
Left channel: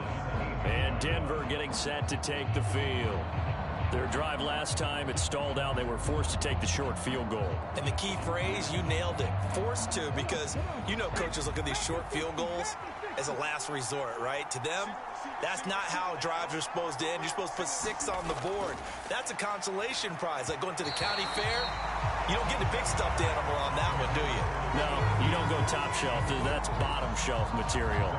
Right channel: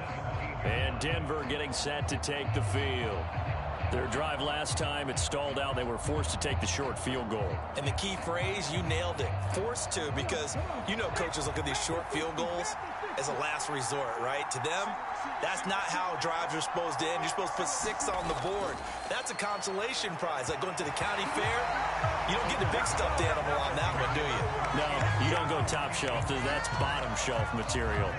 And Denver getting set to take the field. Their drive last time, it stalled out. They were forced to take the short field goal. And the key phrase, you nailed it. Forced to, because you know coaches look at these short field goals as a last resort, right? To them, that's not how drives are supposed to end. You're supposed to put 6 on the board. That's a consolation prize. Like going to the county fair, you don't get the big stuffed animal on that one, do you? No, you don't go top shelf. That's bottom shelf material.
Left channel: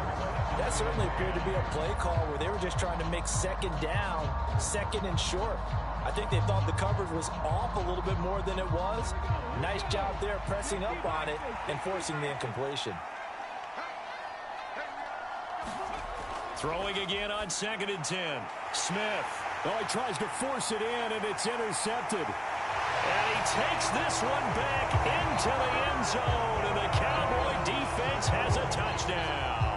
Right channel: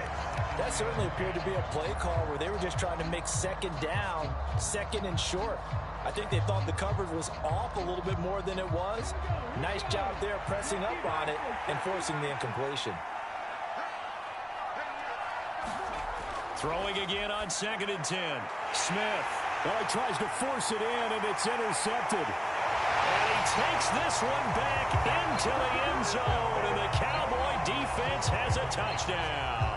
That certainly appeared to be a play call where they were just trying to make second down, second and short. I think they thought the coverage was off a little bit more than it was. Nice job there pressing up on it and forcing the incompletion. Throwing again on 2nd and 10. Smith. Oh, he tries to force it in, and it's intercepted. And he takes this one back into the end zone, and the Cowboy defense has a touchdown.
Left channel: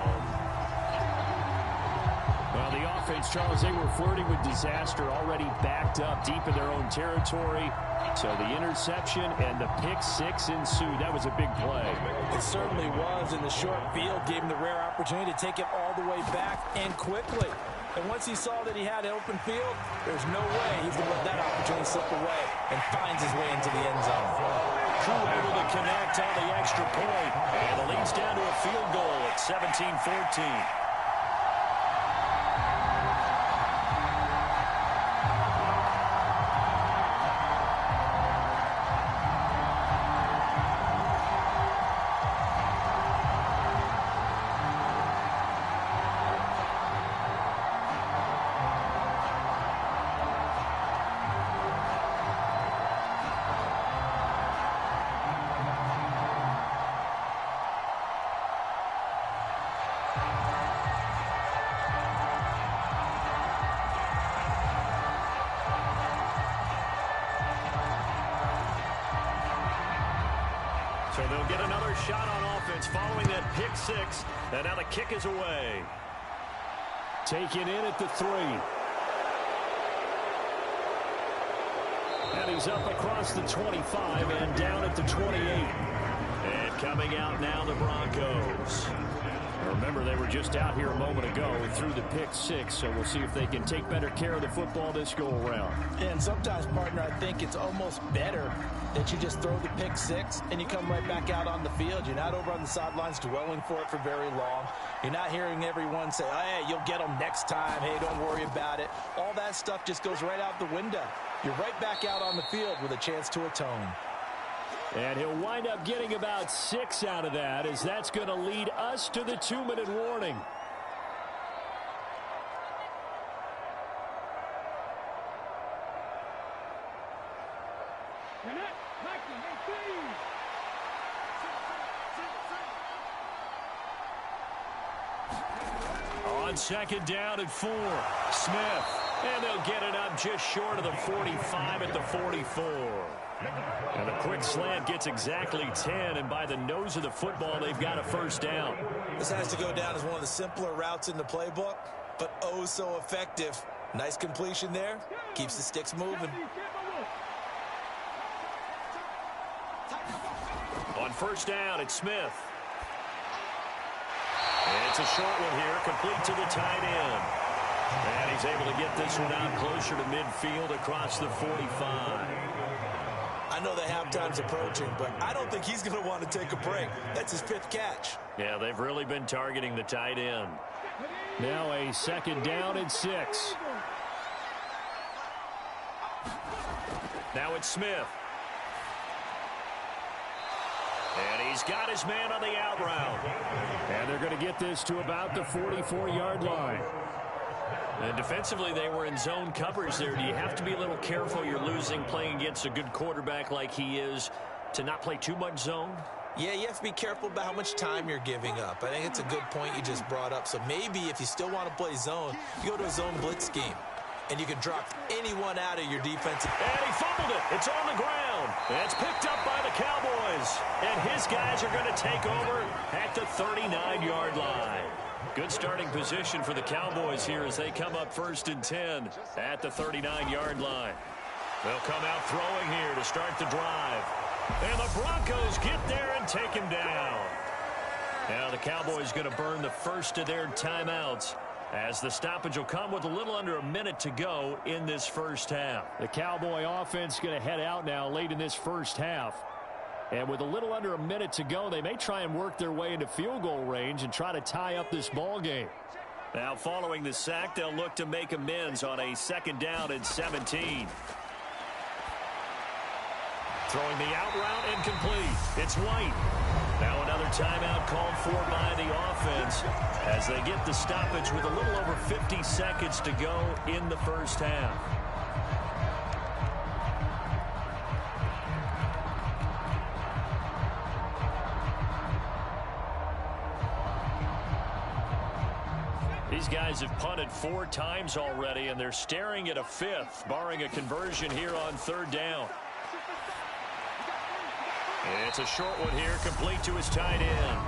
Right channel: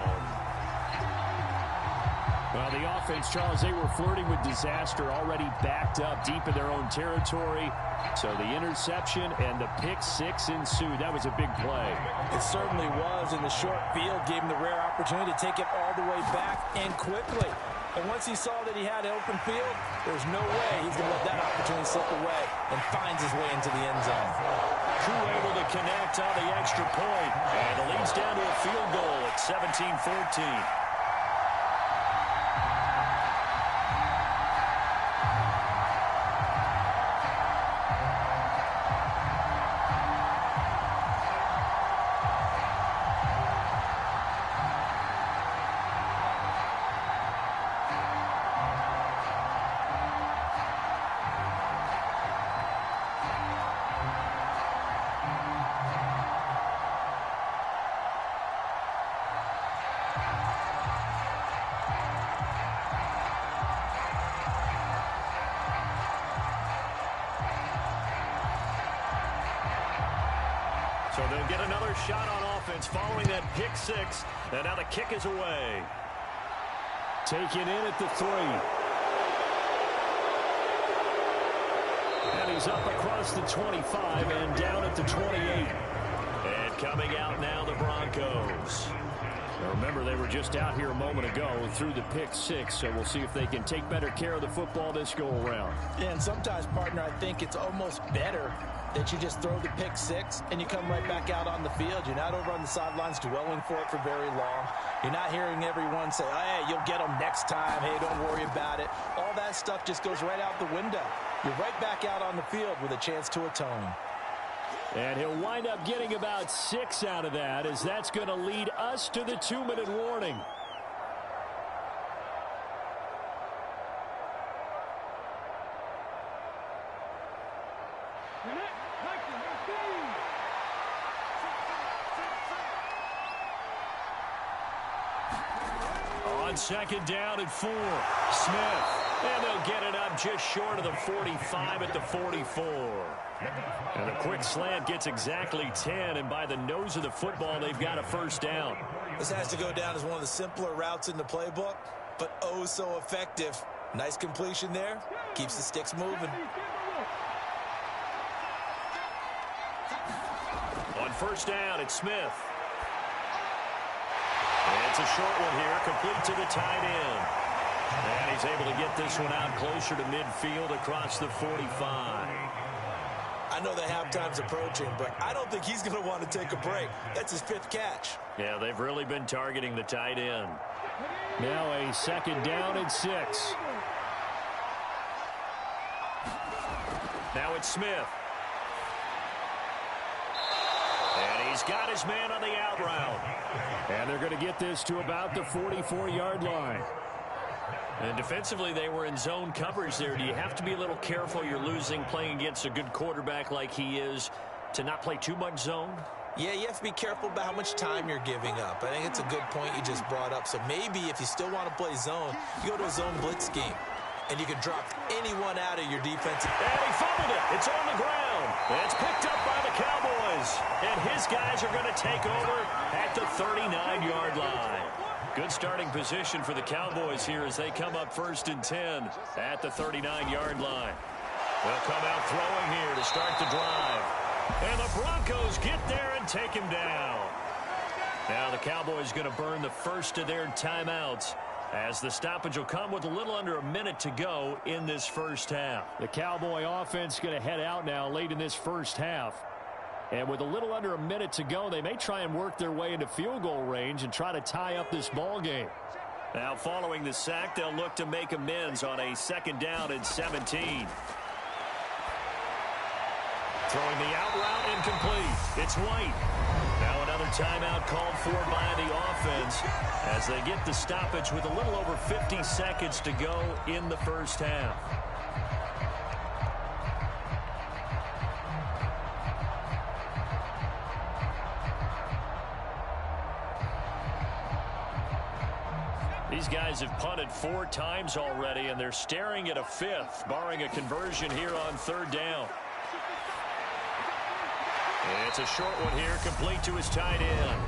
Well, the offense, Charles, they were flirting with disaster, already backed up deep in their own territory. So the interception and the pick 6 ensued. That was a big play. It certainly was, and the short field gave him the rare opportunity to take it all the way back and quickly. And once he saw that he had an open field, there's no way he's going to let that opportunity slip away, and finds his way into the end zone. Crew able to connect on the extra point, and the lead's down to a field goal at 17-14. So they'll get another shot on offense following that pick 6. And now the kick is away. Taken in at the 3. And he's up across the 25 and down at the 28. And coming out now, the Broncos. Now remember, they were just out here a moment ago through the pick 6, so we'll see if they can take better care of the football this go-around. And sometimes, partner, I think it's almost better that you just throw the pick 6 and you come right back out on the field. You're not over on the sidelines dwelling for it for very long. You're not hearing everyone say, oh, hey, you'll get them next time. Hey, don't worry about it. All that stuff just goes right out the window. You're right back out on the field with a chance to atone. And he'll wind up getting about 6 out of that, as that's going to lead us to the 2-minute warning. On 2nd down and 4, Smith. And they'll get it up just short of the 45 at the 44. And the quick slant gets exactly 10, and by the nose of the football, they've got a first down. This has to go down as one of the simpler routes in the playbook, but oh so effective. Nice completion there. Keeps the sticks moving. On 1st down, it's Smith. It's a short one here, complete to the tight end. And he's able to get this one out closer to midfield across the 45. I know the halftime's approaching, but I don't think he's going to want to take a break. That's his 5th catch. Yeah, they've really been targeting the tight end. Now a 2nd down and 6. Now it's Smith. And he's got his man on the out route. And they're going to get this to about the 44-yard line. And defensively, they were in zone coverage there. Do you have to be a little careful? You're losing playing against a good quarterback like he is to not play too much zone? Yeah, you have to be careful about how much time you're giving up. I think it's a good point you just brought up. So maybe if you still want to play zone, you go to a zone blitz scheme. And you can drop anyone out of your defense. And he fumbled it. It's on the ground. It's picked up by the Cowboys. And his guys are going to take over at the 39-yard line. Good starting position for the Cowboys here as they come up 1st and 10 at the 39-yard line. They'll come out throwing here to start the drive. And the Broncos get there and take him down. Now the Cowboys going to burn the first of their timeouts as the stoppage will come with a little under a minute to go in this first half. The Cowboy offense going to head out now late in this first half. And with a little under a minute to go, they may try and work their way into field goal range and try to tie up this ball game. Now following the sack, they'll look to make amends on a 2nd down and 17. Throwing the out route incomplete. It's White. Now another timeout called for by the offense as they get the stoppage with a little over 50 seconds to go in the first half. These guys have punted 4 times already, and they're staring at a 5th, barring a conversion here on 3rd down. It's a short one here, complete to his tight end.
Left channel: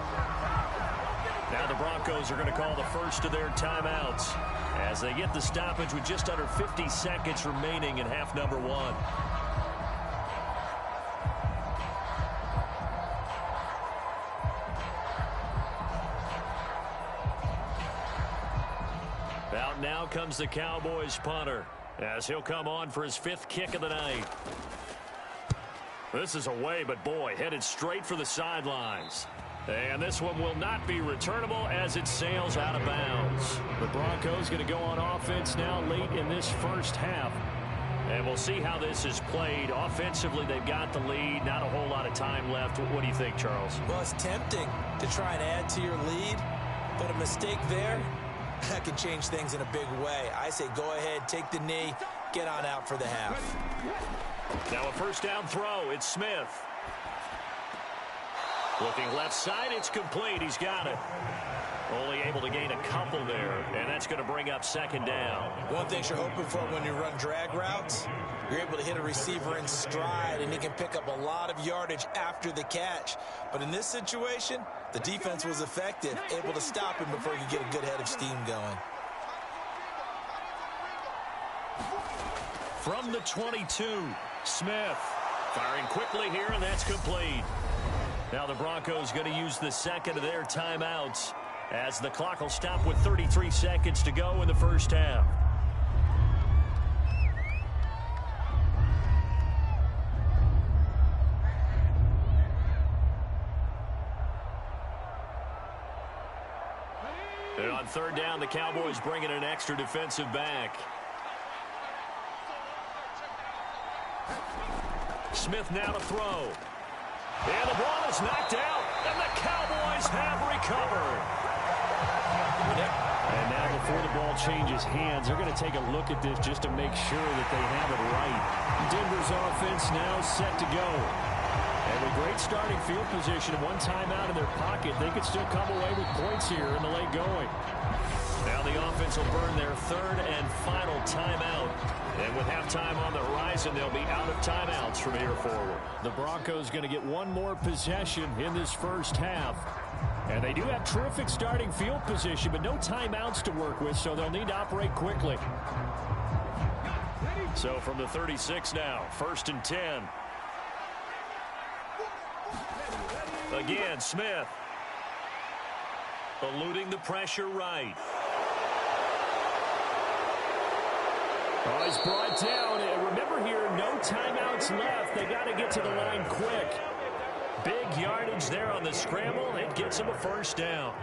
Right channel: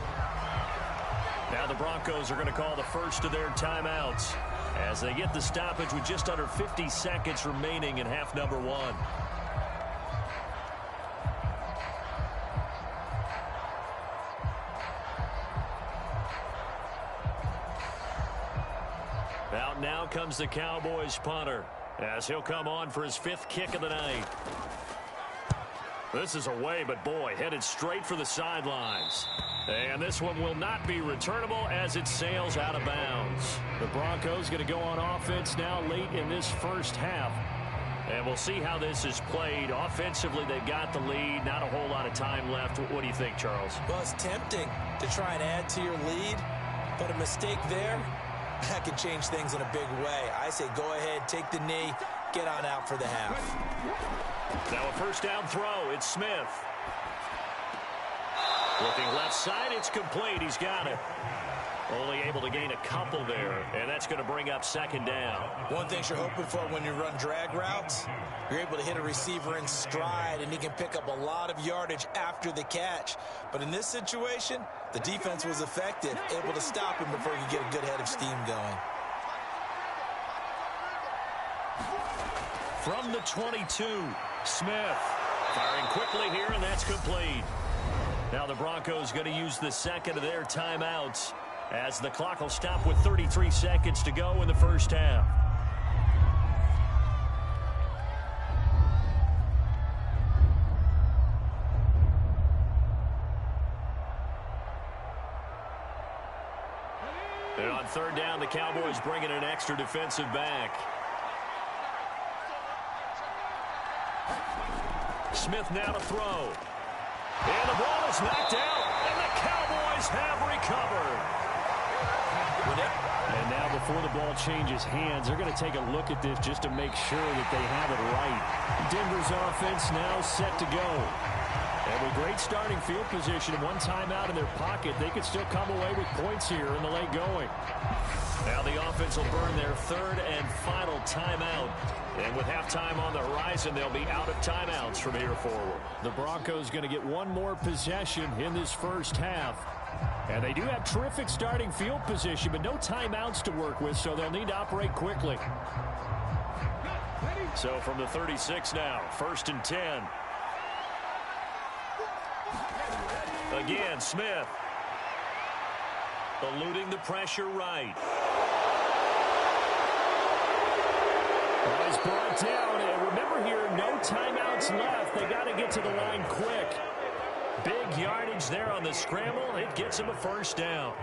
Now the Broncos are going to call the first of their timeouts as they get the stoppage with just under 50 seconds remaining in half number 1. Out now comes the Cowboys punter as he'll come on for his 5th kick of the night. This is away, but boy, headed straight for the sidelines. And this one will not be returnable as it sails out of bounds. The Broncos going to go on offense now late in this first half. And we'll see how this is played. Offensively, they've got the lead. Not a whole lot of time left. What do you think, Charles? Well, it's tempting to try and add to your lead, but a mistake there, that can change things in a big way. I say go ahead, take the knee, get on out for the half. Now a 1st down throw. It's Smith. Looking left side, it's complete. He's got it. Only able to gain a couple there, and that's going to bring up 2nd down. One thing you're hoping for when you run drag routes, you're able to hit a receiver in stride, and he can pick up a lot of yardage after the catch. But in this situation, the defense was effective, able to stop him before you get a good head of steam going. From the 22, Smith firing quickly here, and that's complete. Now the Broncos going to use the 2nd of their timeouts as the clock will stop with 33 seconds to go in the first half. And on 3rd down, the Cowboys bring in an extra defensive back. Smith now to throw. And the ball is knocked out, and the Cowboys have recovered. And now before the ball changes hands, they're going to take a look at this just to make sure that they have it right. Denver's offense now set to go. And with great starting field position and 1 timeout in their pocket, they could still come away with points here in the late going. Now the offense will burn their 3rd and final timeout. And with halftime on the horizon, they'll be out of timeouts from here forward. The Broncos going to get one more possession in this first half. And they do have terrific starting field position, but no timeouts to work with, so they'll need to operate quickly. So from the 36 now, 1st and 10. Again, Smith. Eluding the pressure right. Oh, he's brought down. And remember here, no timeouts left. They got to get to the line quick. Big yardage there on the scramble. It gets him a 1st down.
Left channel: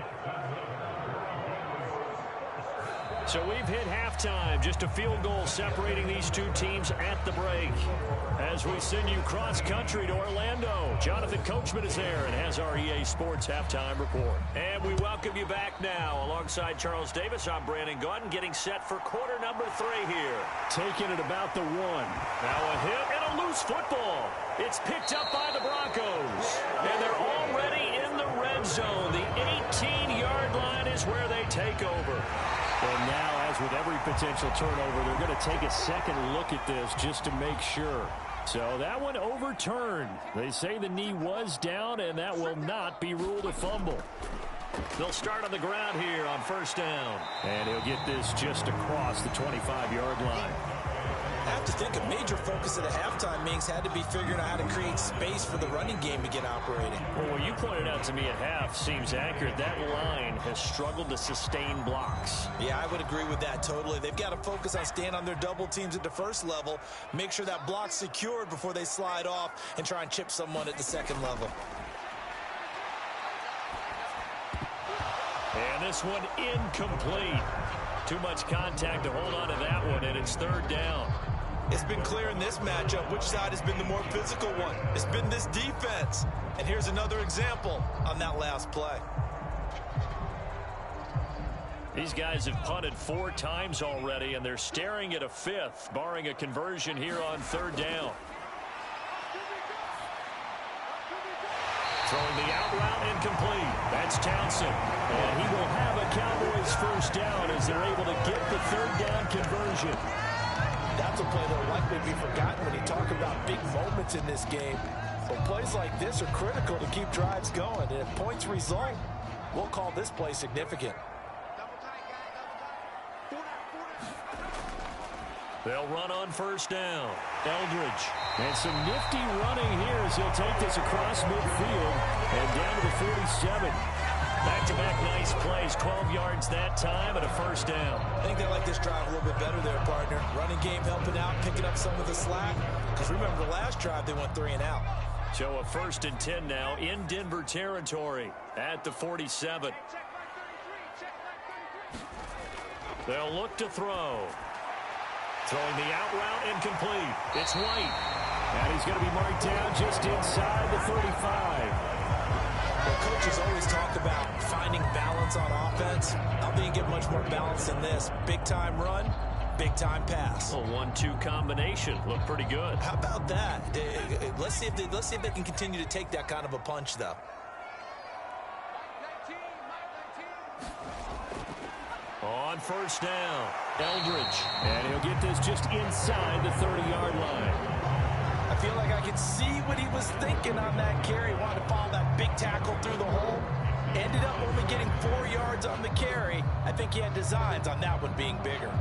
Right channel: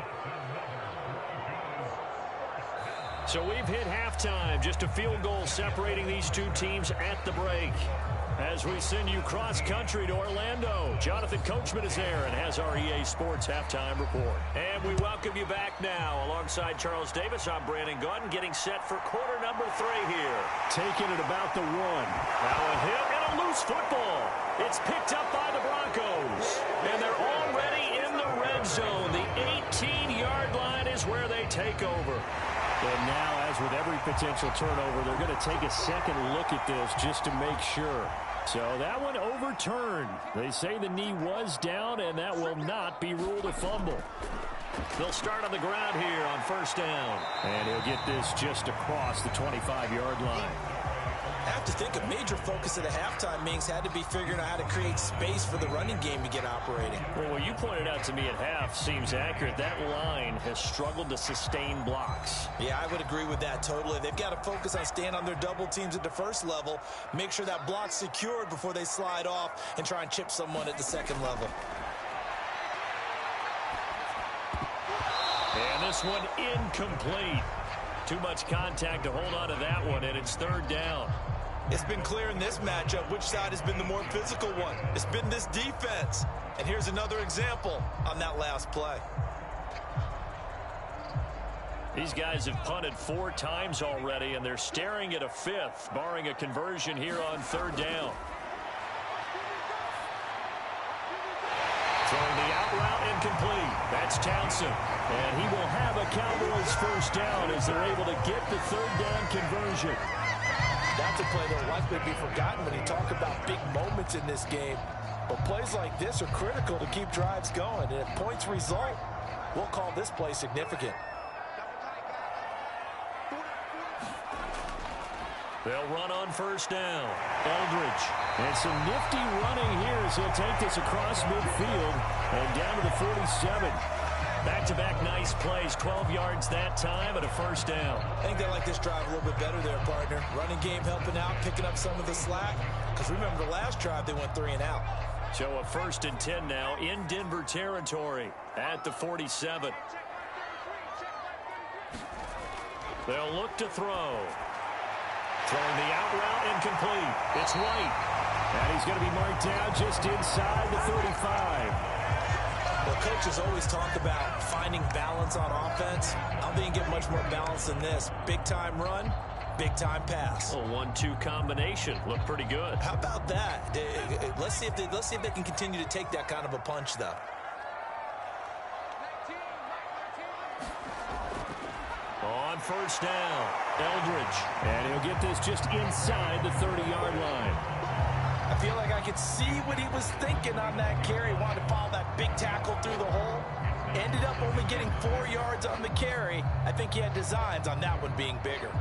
So we've hit halftime. Just a field goal separating these 2 teams at the break. As we send you cross-country to Orlando, Jonathan Coachman is there and has our EA Sports Halftime Report. And we welcome you back now. Alongside Charles Davis, I'm Brandon Gautin, getting set for quarter number 3 here. Taking it about the 1. Now a hit and a loose football. It's picked up by the Broncos. And they're already in the red zone. The 18-yard line is where they take over. And now, as with every potential turnover, they're going to take a second look at this just to make sure. So that one overturned. They say the knee was down, and that will not be ruled a fumble. They'll start on the ground here on 1st down. And he'll get this just across the 25-yard line. I have to think a major focus at the halftime meetings had to be figuring out how to create space for the running game to get operating. Well, what you pointed out to me at half seems accurate. That line has struggled to sustain blocks. Yeah, I would agree with that totally. They've got to focus on staying on their double teams at the first level, make sure that block's secured before they slide off and try and chip someone at the second level. And this one incomplete. Too much contact to hold on to that one, and it's third down. It's been clear in this matchup which side has been the more physical one. It's been this defense. And here's another example on that last play. These guys have punted 4 times already, and they're staring at a 5th, barring a conversion here on third down. Throwing the out route incomplete. That's Townsend. And he will have a Cowboys first down as they're able to get the third down conversion. That's a play that will likely be forgotten when you talk about big moments in this game. But plays like this are critical to keep drives going. And if points result, we'll call this play significant. They'll run on first down. Eldridge. And some nifty running here as he'll take this across midfield and down to the 47. Back-to-back nice plays, 12 yards that time and a first down. I think they like this drive a little bit better there, partner. Running game helping out, picking up some of the slack. Because remember, the last drive they went 3 and out. So a 1st and 10 now in Denver territory at the 47. They'll look to throw. Throwing the out route incomplete. It's White. And he's going to be marked down just inside the 35. Well, coaches always talk about finding balance on offense. I don't think you get much more balance than this. Big-time run, big-time pass. A 1-2 combination. Looked pretty good. How about that? Let's see if they can continue to take that kind of a punch, though. On first down, Eldridge. And he'll get this just inside the 30-yard line. I feel like I could see what he was thinking on that carry. Wanted to follow that big tackle through the hole. Ended up only getting 4 yards on the carry. I think he had designs on that one being bigger.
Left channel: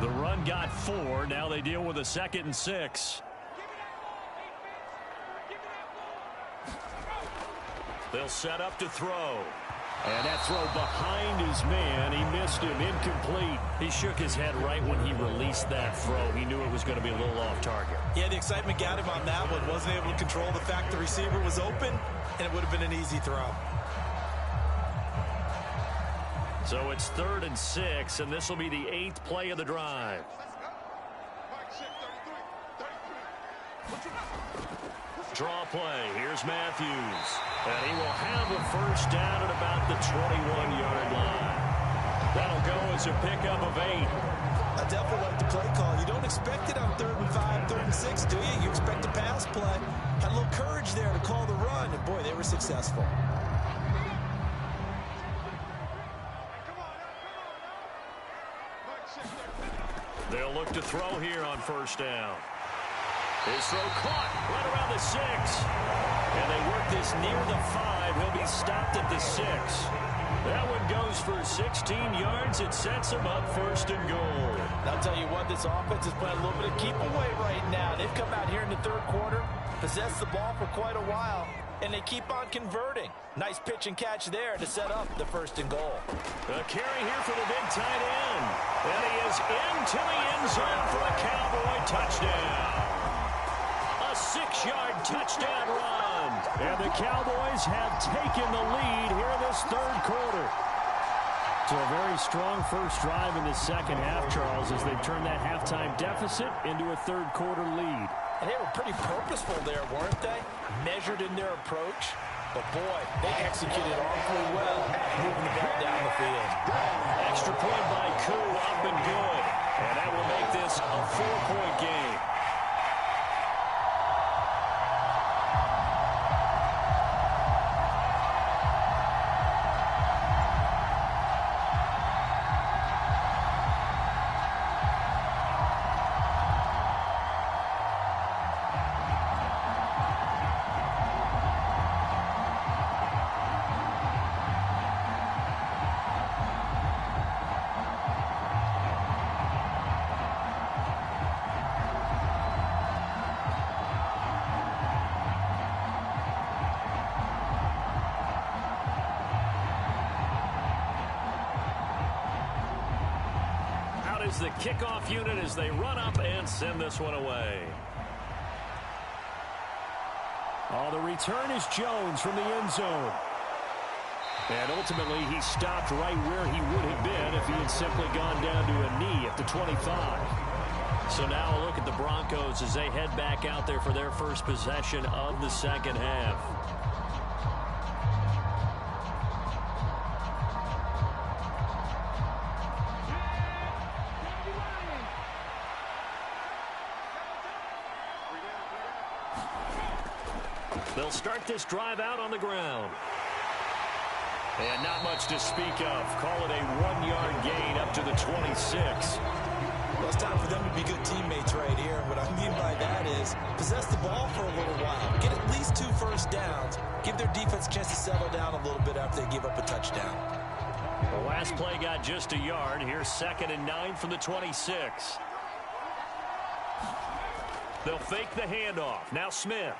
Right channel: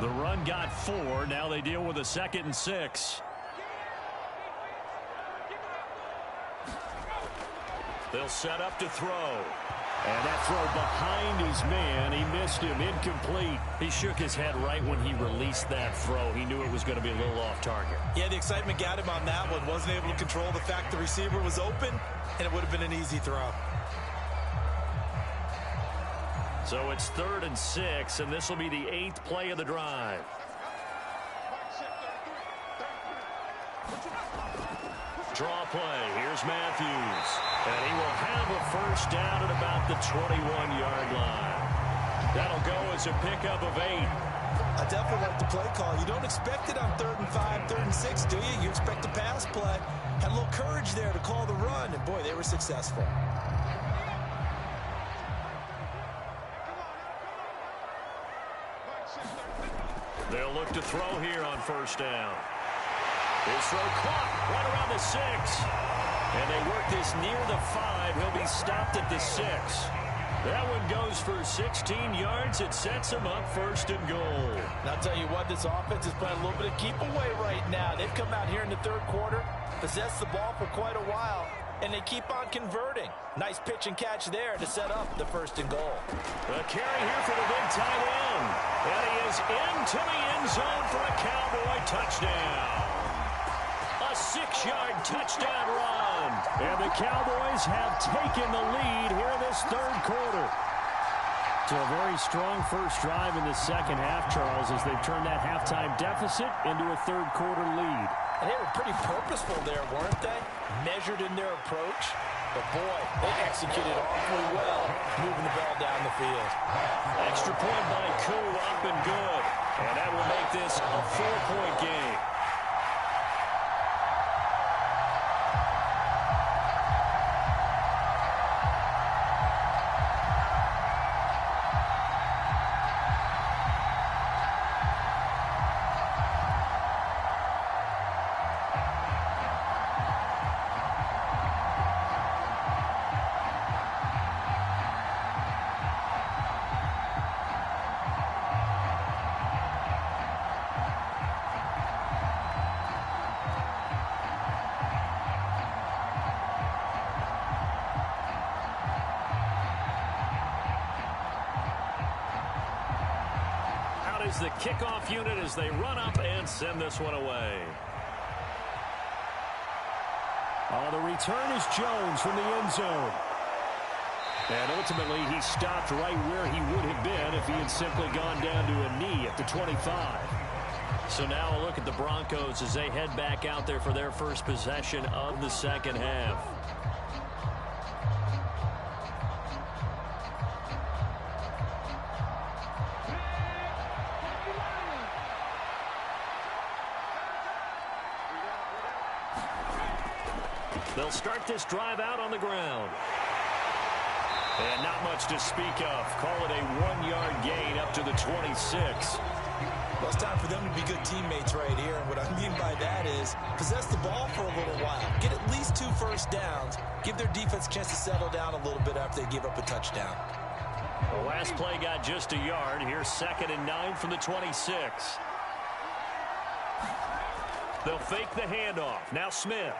The run got 4. Now they deal with a 2nd and 6. They'll set up to throw. And that throw behind his man, he missed him, incomplete. He shook his head right when he released that throw. He knew it was going to be a little off target. Yeah, the excitement got him on that one. Wasn't able to control the fact the receiver was open, and it would have been an easy throw. So it's 3rd and 6, and this will be the 8th play of the drive. Draw play. Here's Matthews. And he will have a first down at about the 21-yard line. That'll go as a pickup of 8. I definitely like the play call. You don't expect it on 3rd and 5, 3rd and 6, do you? You expect a pass play. Had a little courage there to call the run, and boy, they were successful. They'll look to throw here on first down. His throw caught right around the 6. And they work this near the 5. He'll be stopped at the 6. That one goes for 16 yards. It sets him up 1st and goal. And I'll tell you what, this offense is playing a little bit of keep away right now. They've come out here in the 3rd quarter, possessed the ball for quite a while, and they keep on converting. Nice pitch and catch there to set up the 1st and goal. A carry here for the big tight end. And he is into the end zone for a Cowboy touchdown. A 6-yard touchdown run. And the Cowboys have taken the lead here in this 3rd quarter. So a very strong first drive in the second half, Charles, as they've turned that halftime deficit into a 3rd quarter lead. And they were pretty purposeful there, weren't they? Measured in their approach. But boy, they executed awfully well, moving the ball down the field. Extra point by Koo, up and good. And that will make this a 4-point game. is the kickoff unit as they run up and send this one away. The return is Jones from the end zone. And ultimately, he stopped right where he would have been if he had simply gone down to a knee at the 25. So now a look at the Broncos as they head back out there for their first possession of the second half. They'll start this drive out on the ground. And not much to speak of. Call it a 1-yard gain up to the 26. Well, it's time for them to be good teammates right here. And what I mean by that is possess the ball for a little while. Get at least 2 first downs. Give their defense a chance to settle down a little bit after they give up a touchdown. The last play got just a yard. Here's 2nd and 9 from the 26. They'll fake the handoff. Now Smith.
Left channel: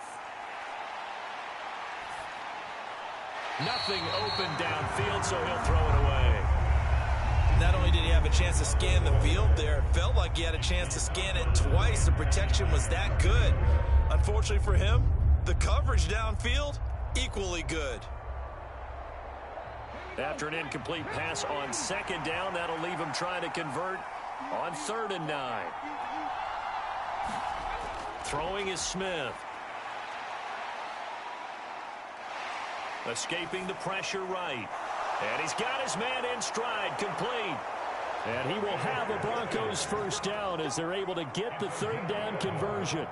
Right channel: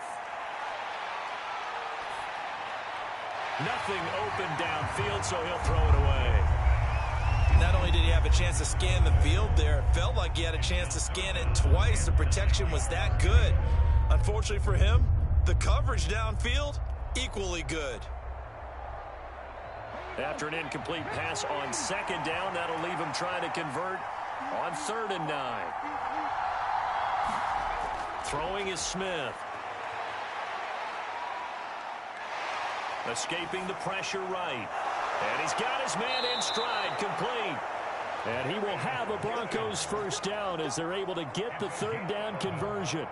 Nothing open downfield, so he'll throw it away. Not only did he have a chance to scan the field there, it felt like he had a chance to scan it twice. The protection was that good. Unfortunately for him, the coverage downfield, equally good. After an incomplete pass on 2nd down, that'll leave him trying to convert on 3rd and 9. Throwing is Smith. Escaping the pressure right. And he's got his man in stride, complete. And he will have a Broncos first down as they're able to get the 3rd down conversion.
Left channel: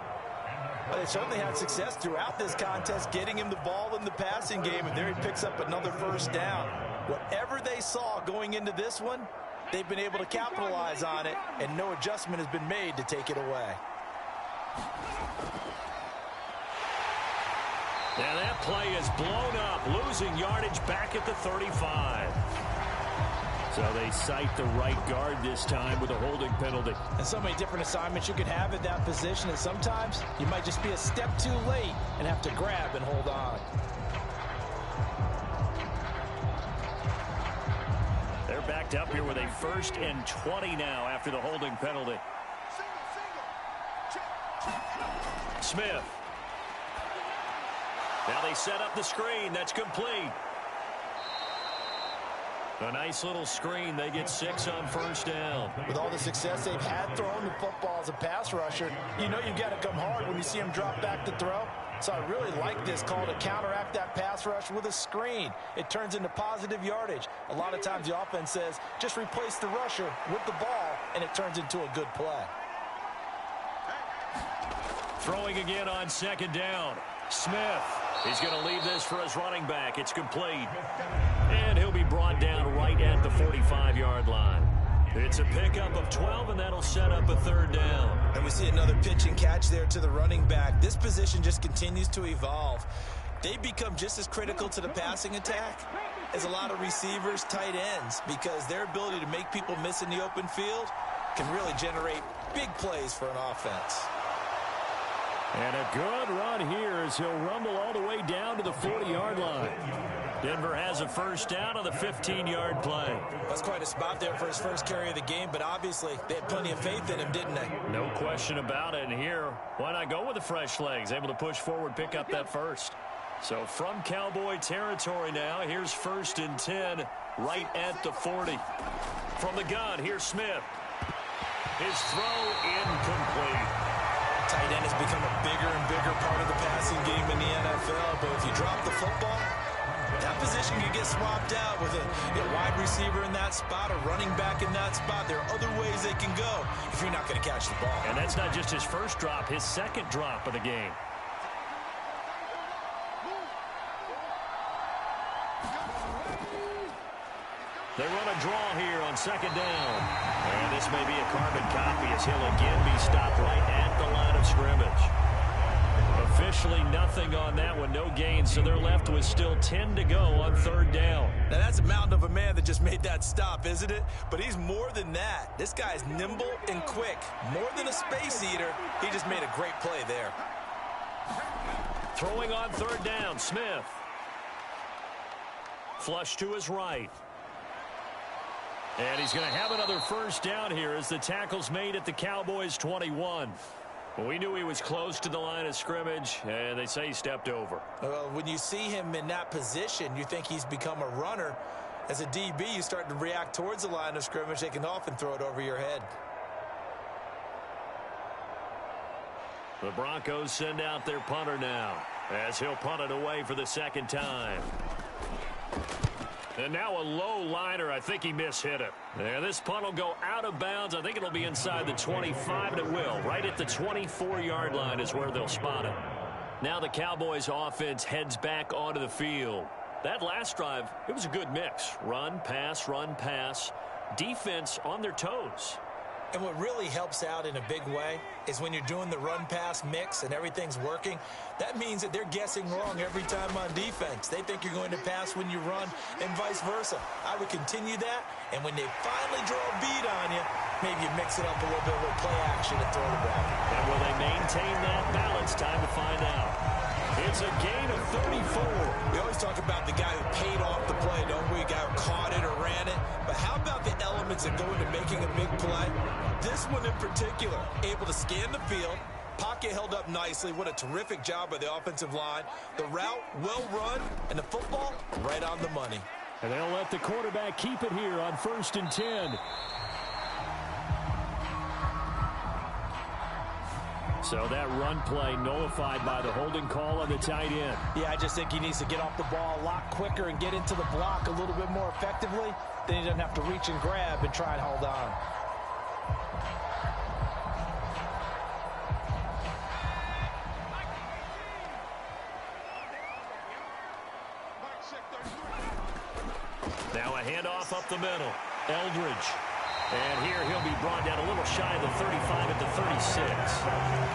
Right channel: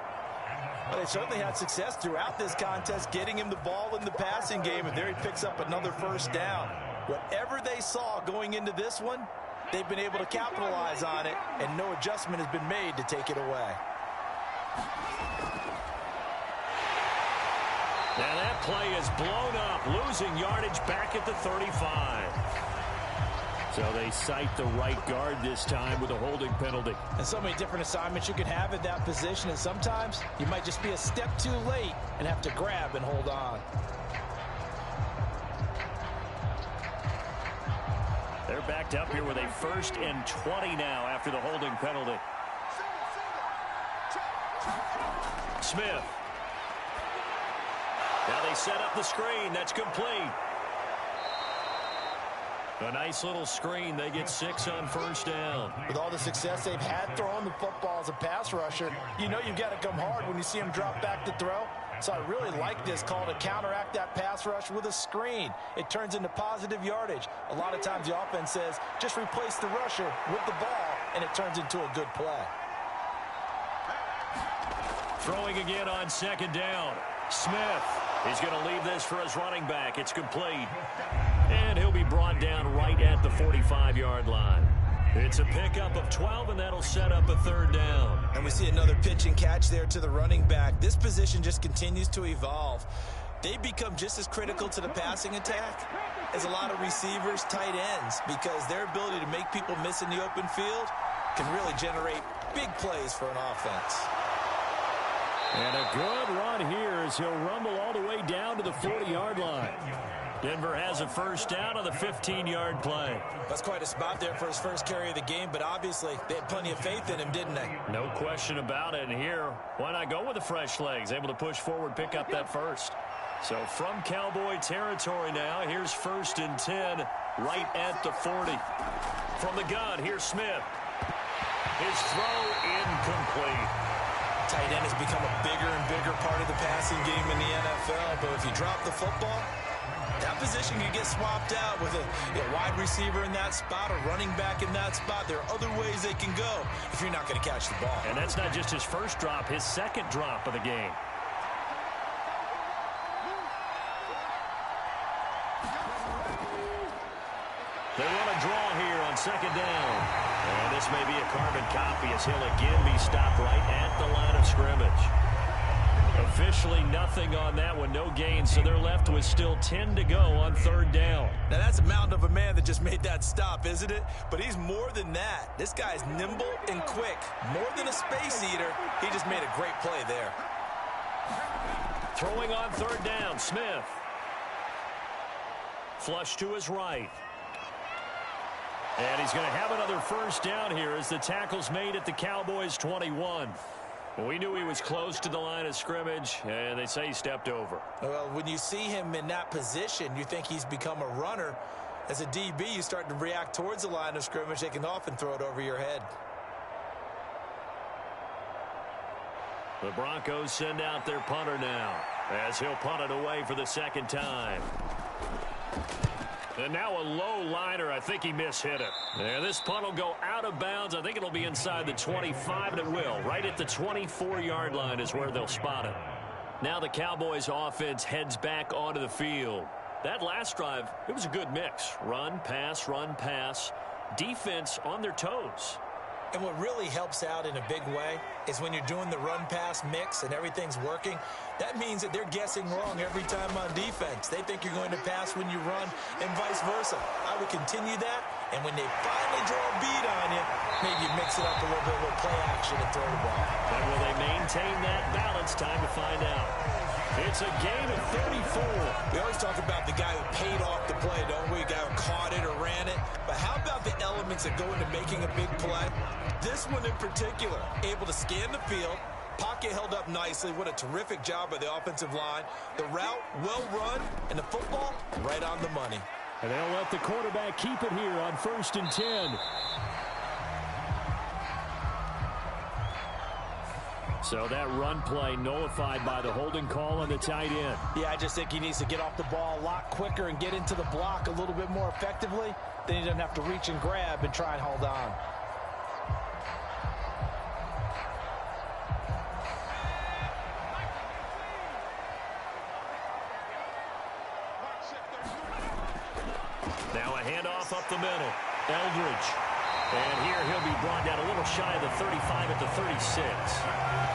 Well, they certainly had success throughout this contest, getting him the ball in the passing game, and there he picks up another first down. Whatever they saw going into this one, they've been able to capitalize on it, and no adjustment has been made to take it away. Now that play is blown up, losing yardage back at the 35. So they cite the right guard this time with a holding penalty. And so many different assignments you can have at that position, and sometimes you might just be a step too late and have to grab and hold on. They're backed up here with a 1st and 20 now after the holding penalty. Smith. Now they set up the screen. That's complete. A nice little screen. They get 6 on 1st down. With all the success they've had throwing the football as a pass rusher, you know you've got to come hard when you see them drop back to throw. So I really like this call to counteract that pass rush with a screen. It turns into positive yardage. A lot of times the offense says, just replace the rusher with the ball, and it turns into a good play. Throwing again on 2nd down. Smith. He's going to leave this for his running back. It's complete. And he'll be brought down right at the 45-yard line. It's a pickup of 12, and that'll set up a 3rd down. And we see another pitch and catch there to the running back. This position just continues to evolve. They become just as critical to the passing attack as a lot of receivers, tight ends, because their ability to make people miss in the open field can really generate big plays for an offense. And a good run here as he'll rumble all the way down to the 40-yard line. Denver has a 1st down on the 15-yard play. That's quite a spot there for his first carry of the game, but obviously they had plenty of faith in him, didn't they? No question about it. And here, why not go with the fresh legs? Able to push forward, pick up that 1st. So from Cowboy territory now, here's 1st and 10 right at the 40. From the gun, here's Smith. His throw incomplete. Tight end has become a bigger and bigger part of the passing game in the NFL, but if you drop the football, that position can get swapped out with a wide receiver in that spot, a running back in that spot. There are other ways they can go if you're not going to catch the ball. And that's not just his 1st drop, his 2nd drop of the game. They run a draw here on 2nd down. And this may be a carbon copy as he'll again be stopped right at the line of scrimmage. Officially nothing on that one, no gain, so they're left with still 10 to go on 3rd down. Now that's a mountain of a man that just made that stop, isn't it? But he's more than that. This guy's nimble and quick. More than a space eater, he just made a great play there. Throwing on 3rd down, Smith. Flush to his right. And he's going to have another first down here as the tackle's made at the Cowboys' 21. Well, we knew he was close to the line of scrimmage, and they say he stepped over. Well, when you see him in that position, you think he's become a runner. As a DB, you start to react towards the line of scrimmage. They can often throw it over your head. The Broncos send out their punter now as he'll punt it away for the second time. And now a low liner. I think he mishit it. And this punt will go out of bounds. I think it'll be inside the 25, and it will. Right at the 24-yard line is where they'll spot it. Now the Cowboys offense heads back onto the field. That last drive, it was a good mix. Run, pass, defense on their toes. And what really helps out in a big way is when you're doing the run-pass mix and everything's working, that means that they're guessing wrong every time on defense. They think you're going to pass when you run and vice versa. I would continue that, and when they finally draw a bead on you, maybe you mix it up a little bit with play action and throw the ball. And will they maintain that balance? Time to find out. It's a gain of 34. We always talk about the guy who paid off the play, don't we? A guy who caught it or ran it. But how about the elements that go into making a big play? This one in particular, able to scan the field, pocket held up nicely. What a terrific job by the offensive line. The route, well run, and the football, right on the money. And they'll let the quarterback keep it here on 1st and 10. So that run play nullified by the holding call on the tight end. Yeah, I just think he needs to get off the ball a lot quicker and get into the block a little bit more effectively. Then he doesn't have to reach and grab and try and hold on. Now a handoff up the middle. Eldridge. And here he'll be brought down a little shy of the 35 at the 36.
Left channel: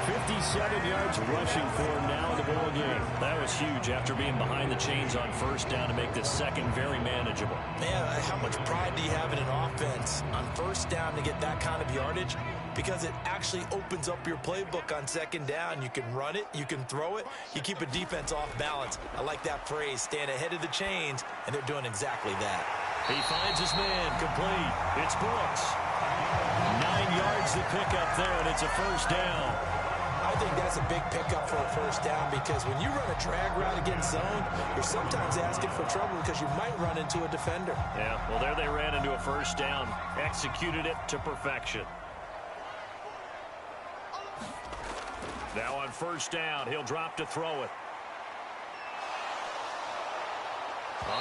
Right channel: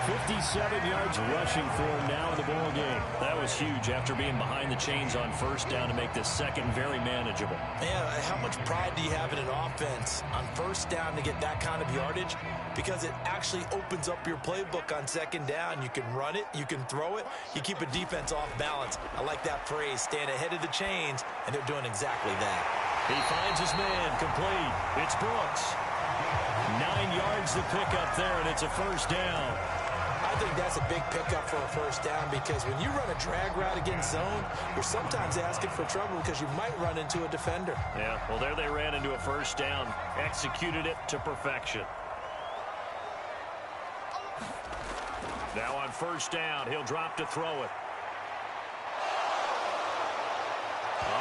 57 yards rushing for him now in the ball game. That was huge after being behind the chains on first down to make this second very manageable. Man, how much pride do you have in an offense on first down to get that kind of yardage? Because it actually opens up your playbook on second down. You can run it, you can throw it, you keep a defense off balance. I like that phrase, stand ahead of the chains, and they're doing exactly that. He finds his man, complete. It's Brooks. 9 yards to pick up there, and it's a first down. I think that's a big pickup for a first down because when you run a drag route against zone, you're sometimes asking for trouble because you might run into a defender. Yeah, well, there they ran into a first down. Executed it to perfection. Now on first down, he'll drop to throw it.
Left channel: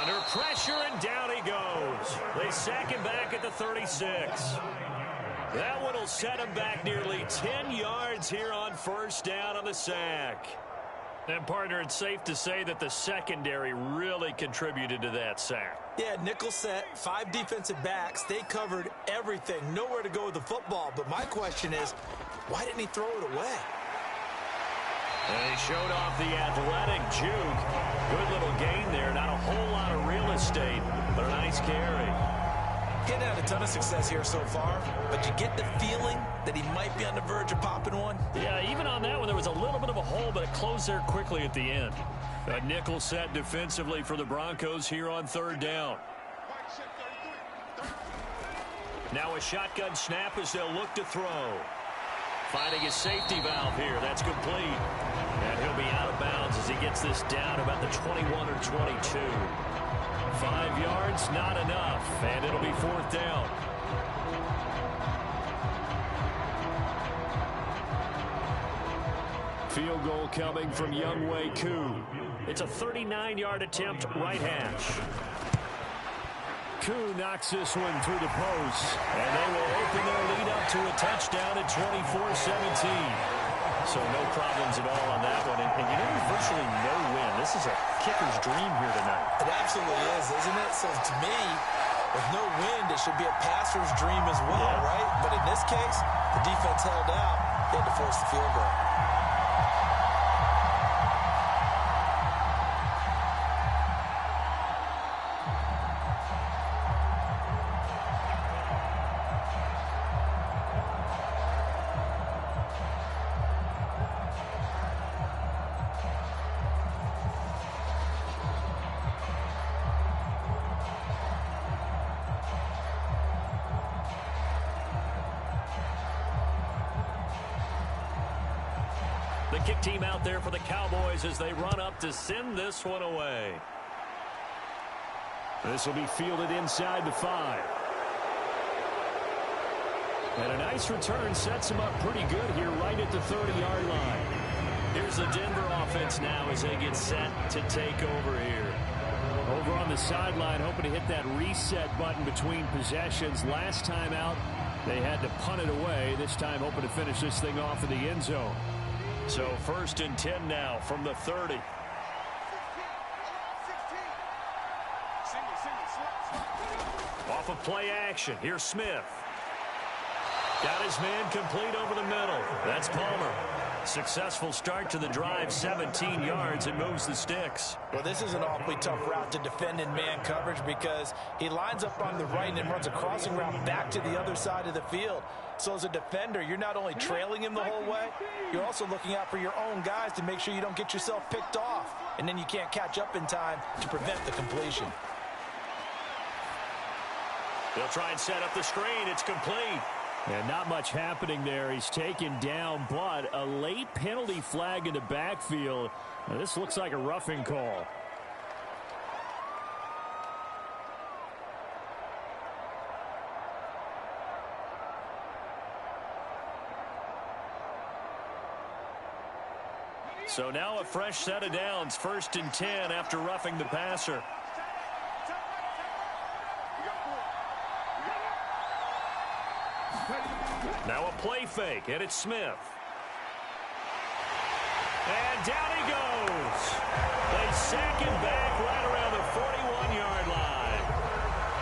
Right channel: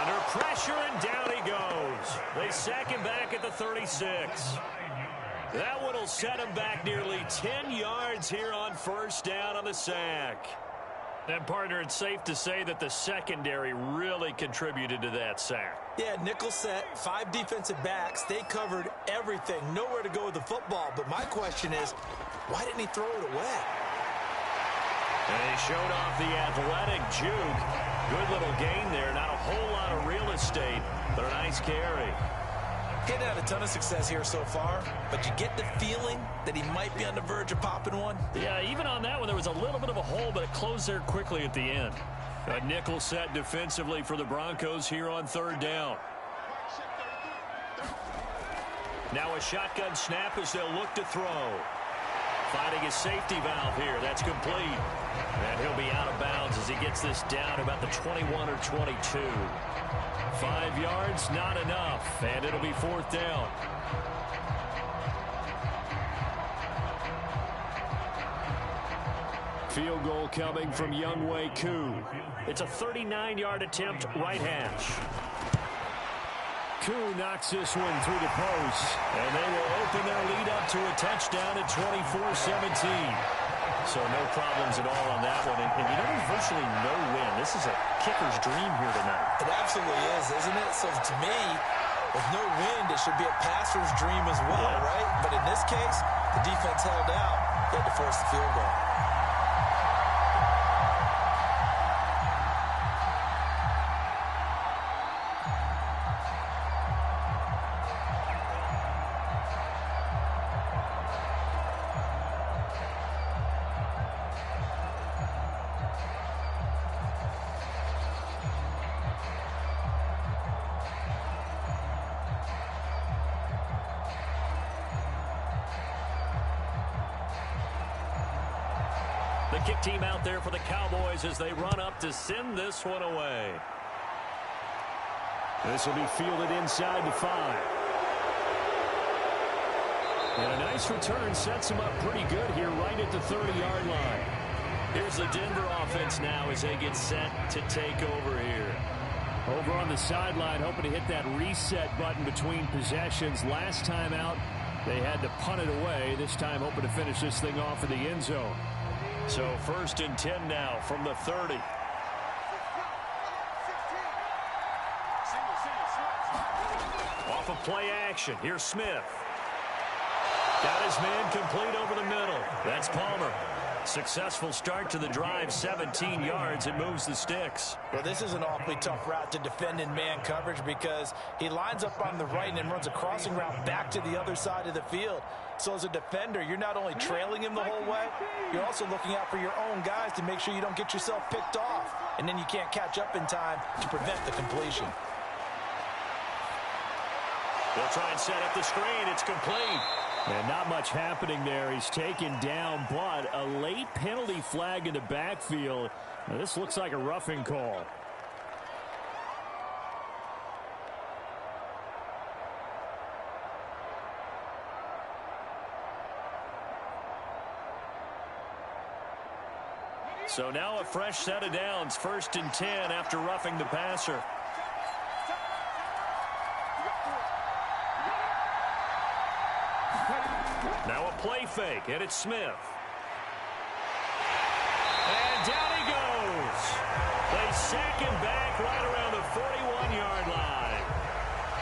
Under pressure, and down he goes. They sack him back at the 36. That one will set him back nearly 10 yards here on first down on the sack. And, partner, it's safe to say that the secondary really contributed to that sack. Yeah, nickel set, 5 defensive backs. They covered everything. Nowhere to go with the football. But my question is, why didn't he throw it away? And he showed off the athletic juke. Good little gain there. Not a whole lot of real estate, but a nice carry. Getting had a ton of success here so far, but you get the feeling that he might be on the verge of popping one. Yeah, even on that one, there was a little bit of a hole, but it closed there quickly at the end. A nickel set defensively for the Broncos here on third down. Now a shotgun snap as they'll look to throw. Finding his safety valve here. That's complete. And he'll be out of bounds as he gets this down about the 21 or 22. 5 yards, not enough. And it'll be fourth down. Field goal coming from Younghoe Koo. It's a 39-yard attempt, right hash. Koo knocks this one through the post, and they will open their lead up to a touchdown at 24-17. So no problems at all on that one. And you know, there's virtually no win. This is a kicker's dream here tonight. It absolutely is, isn't it? So to me, with no wind, it should be a passer's dream as well, right? But in this case, the defense held out. They had to force the field goal. The kick team out there for the Cowboys as they run up to send this one away. This will be fielded inside the 5. And a nice return sets him up pretty good here right at the 30-yard line. Here's the Denver offense now as they get set to take over here. Over on the sideline, hoping to hit that reset button between possessions. Last time out, they had to punt it away. This time, hoping to finish this thing off in the end zone. So 1st and 10 now from the 30. Off of play action. Here's Smith. Got his man complete over the middle. That's Palmer. Successful start to the drive, 17 yards, and moves the sticks. Well, this is an awfully tough route to defend in man coverage because he lines up on the right and then runs a crossing route back to the other side of the field. So as a defender, you're not only trailing him the whole way, you're also looking out for your own guys to make sure you don't get yourself picked off. And then you can't catch up in time to prevent the completion. They'll try and set up the screen. It's complete. And not much happening there. He's taken down, but a late penalty flag in the backfield. Now, this looks like a roughing call. So now a fresh set of downs. 1st and 10 after roughing the passer. Now a play fake, and it's Smith. And down he goes. They sack him back right around the 41-yard line.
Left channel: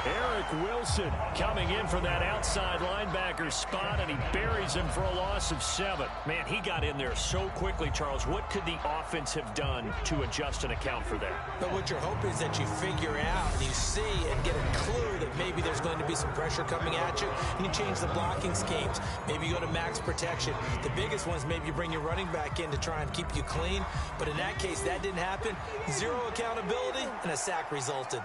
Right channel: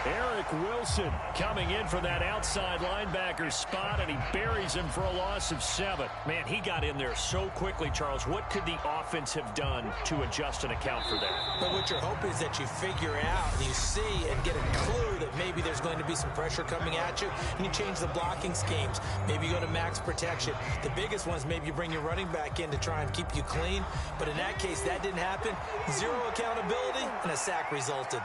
Eric Wilson coming in from that outside linebacker spot, and he buries him for a loss of 7. Man, he got in there so quickly, Charles. What could the offense have done to adjust and account for that? But what you're hoping is that you figure out and you see and get a clue that maybe there's going to be some pressure coming at you, and you change the blocking schemes. Maybe you go to max protection. The biggest one is maybe you bring your running back in to try and keep you clean. But in that case, that didn't happen. Zero accountability, and a sack resulted.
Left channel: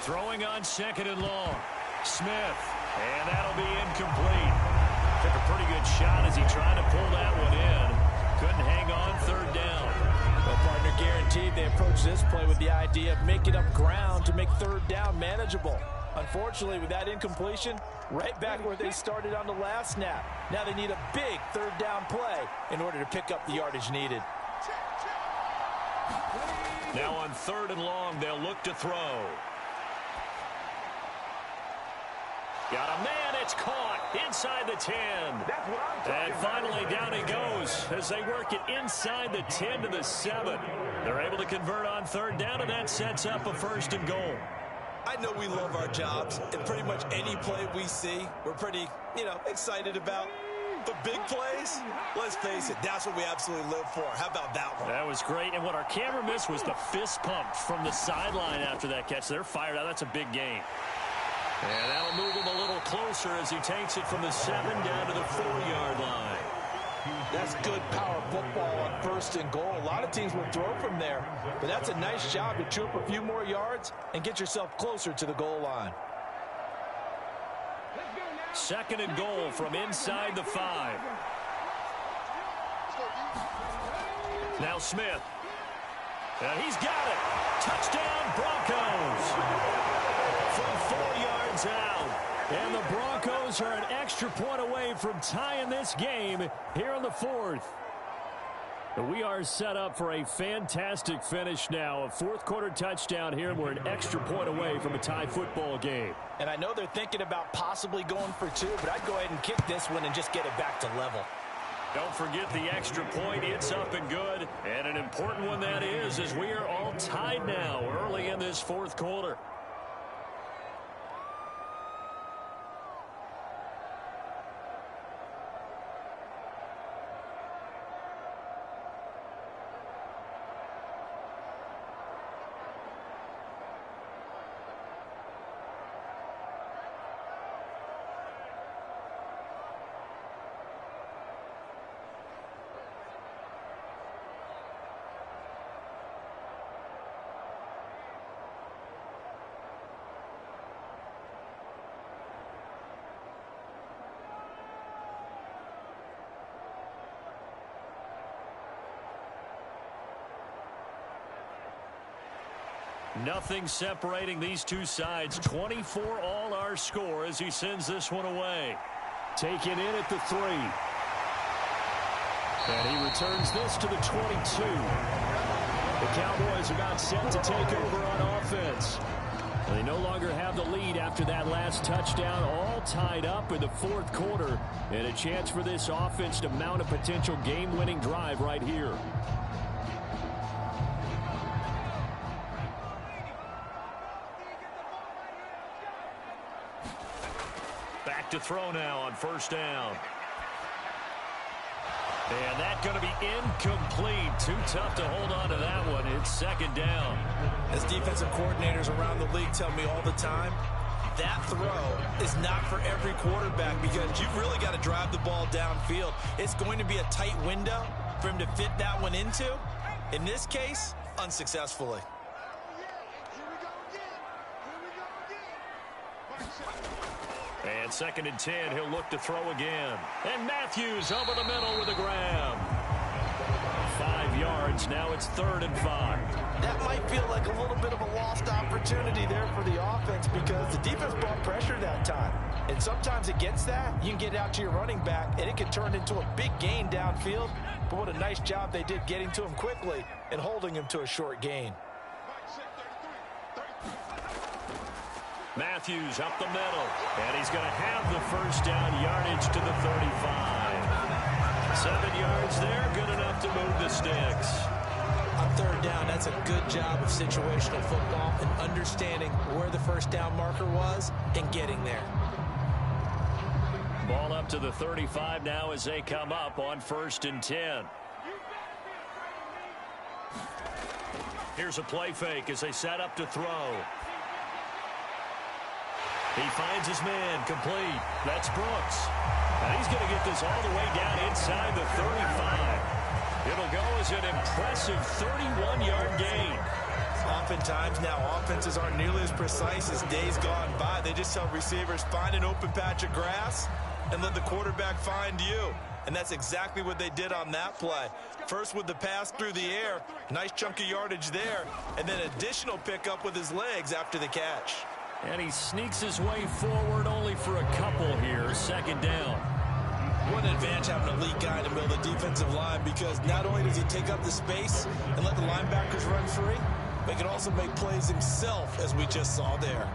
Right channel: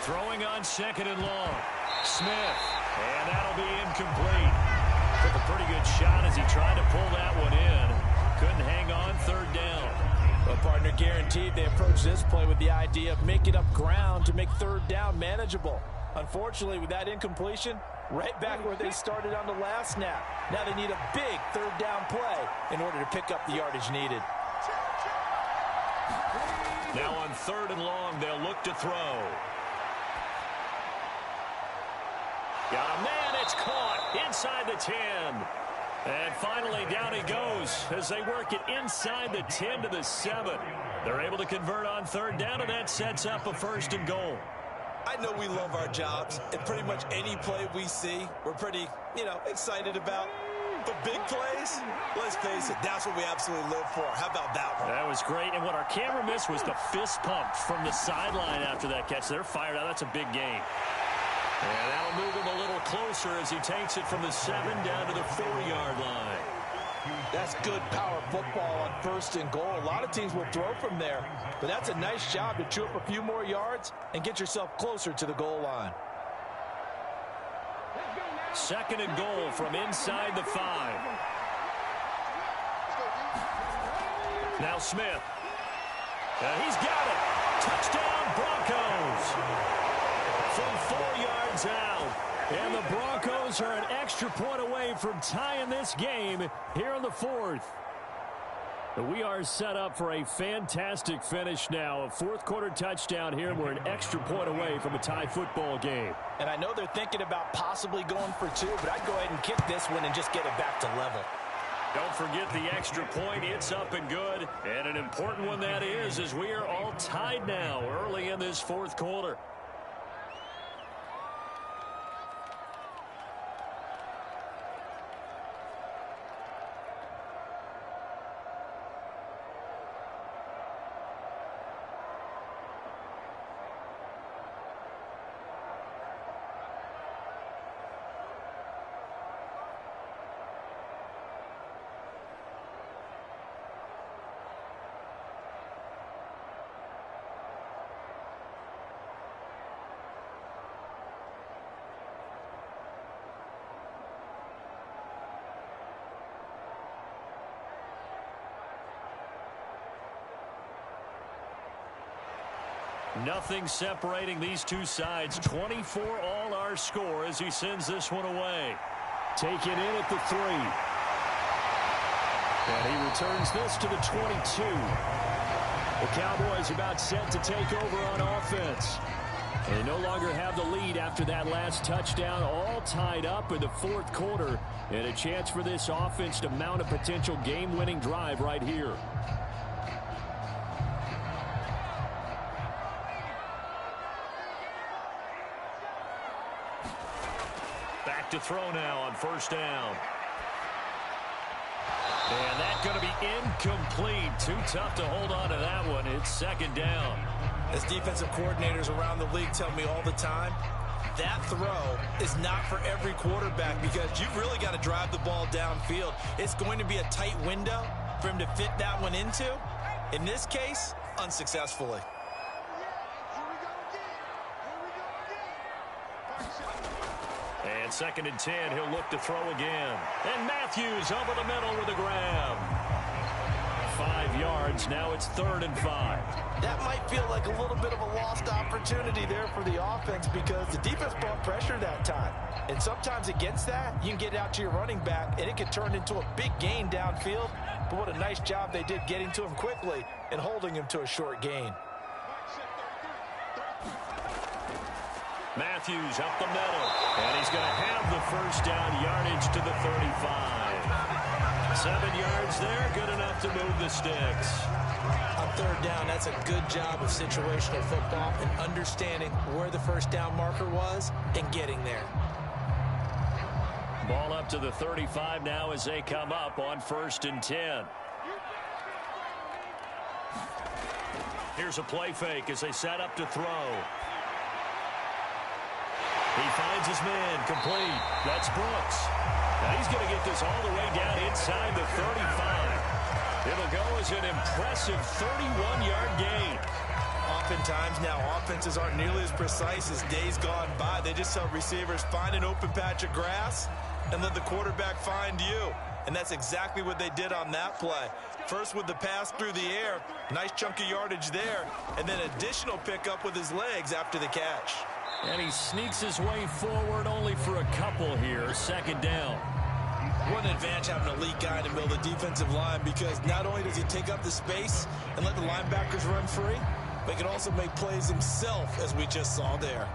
Throwing on 2nd and long. Smith. And that'll be incomplete. Took a pretty good shot as he tried to pull that one in. Couldn't hang on 3rd down. Well, partner, guaranteed they approach this play with the idea of making up ground to make 3rd down manageable. Unfortunately, with that incompletion, right back where they started on the last snap. Now they need a big 3rd down play in order to pick up the yardage needed. Now on 3rd and long, they'll look to throw. Got a man, it's caught inside the 10. And finally down he goes as they work it inside the 10 to the 7. They're able to convert on 3rd down, and that sets up a 1st and goal. I know we love our jobs, and pretty much any play we see, we're pretty, excited about. But big plays, let's face it, that's what we absolutely live for. How about that one? That was great, and what our camera missed was the fist pump from the sideline after that catch. They're fired out. That's a big game. And that'll move him a little closer as he takes it from the 7 down to the 4-yard line. That's good power football on 1st and goal. A lot of teams will throw from there, but that's a nice job to chew up a few more yards and get yourself closer to the goal line. 2nd and goal from inside the 5. Now Smith. And he's got it. Touchdown, Broncos. From 4 yards out. And the Broncos are an extra point away from tying this game here in the 4th. We are set up for a fantastic finish now. A 4th quarter touchdown here, and we're an extra point away from a tie football game. And I know they're thinking about possibly going for 2, but I'd go ahead and kick this one and just get it back to level. Don't forget the extra point. It's up and good. And an important one that is, as we are all tied now early in this 4th quarter. Nothing separating these two sides. 24 all our score as he sends this one away. Taken in at the 3. And he returns this to the 22. The Cowboys about set to take over on offense. They no longer have the lead after that last touchdown, all tied up in the fourth quarter, and a chance for this offense to mount a potential game-winning drive right here. Back to throw now on first down. And that's going to be incomplete. Too tough to hold on to that one. It's second down. As defensive coordinators around the league tell me all the time, that throw is not for every quarterback because you've really got to drive the ball downfield. It's going to be a tight window for him to fit that one into. In this case, unsuccessfully. And second and 10, he'll look to throw again. And Matthews over the middle with a grab. 5 yards, now it's 3rd and 5. That might feel like a little bit of a lost opportunity there for the offense because the defense brought pressure that time. And sometimes against that, you can get out to your running back, and it can turn into a big gain downfield. But what a nice job they did getting to him quickly and holding him to a short gain. Matthews up the middle, and he's going to have the first down, yardage to the 35. 7 yards there, good enough to move the sticks. On third down, that's a good job of situational football and understanding where the first down marker was and getting there. Ball up to the 35 now as they come up on 1st and 10. Here's a play fake as they set up to throw. He finds his man, complete. That's Brooks. And he's going to get this all the way down inside the 35. It'll go as an impressive 31-yard gain. Oftentimes now offenses aren't nearly as precise as days gone by. They just tell receivers, find an open patch of grass and let the quarterback find you. And that's exactly what they did on that play. First with the pass through the air, nice chunk of yardage there, and then additional pickup with his legs after the catch. And he sneaks his way forward only for a couple here. Second down. What an advantage having an elite guy in the middle of the defensive line because not only does he take up the space and let the linebackers run free, but he can also make plays himself, as we just saw there.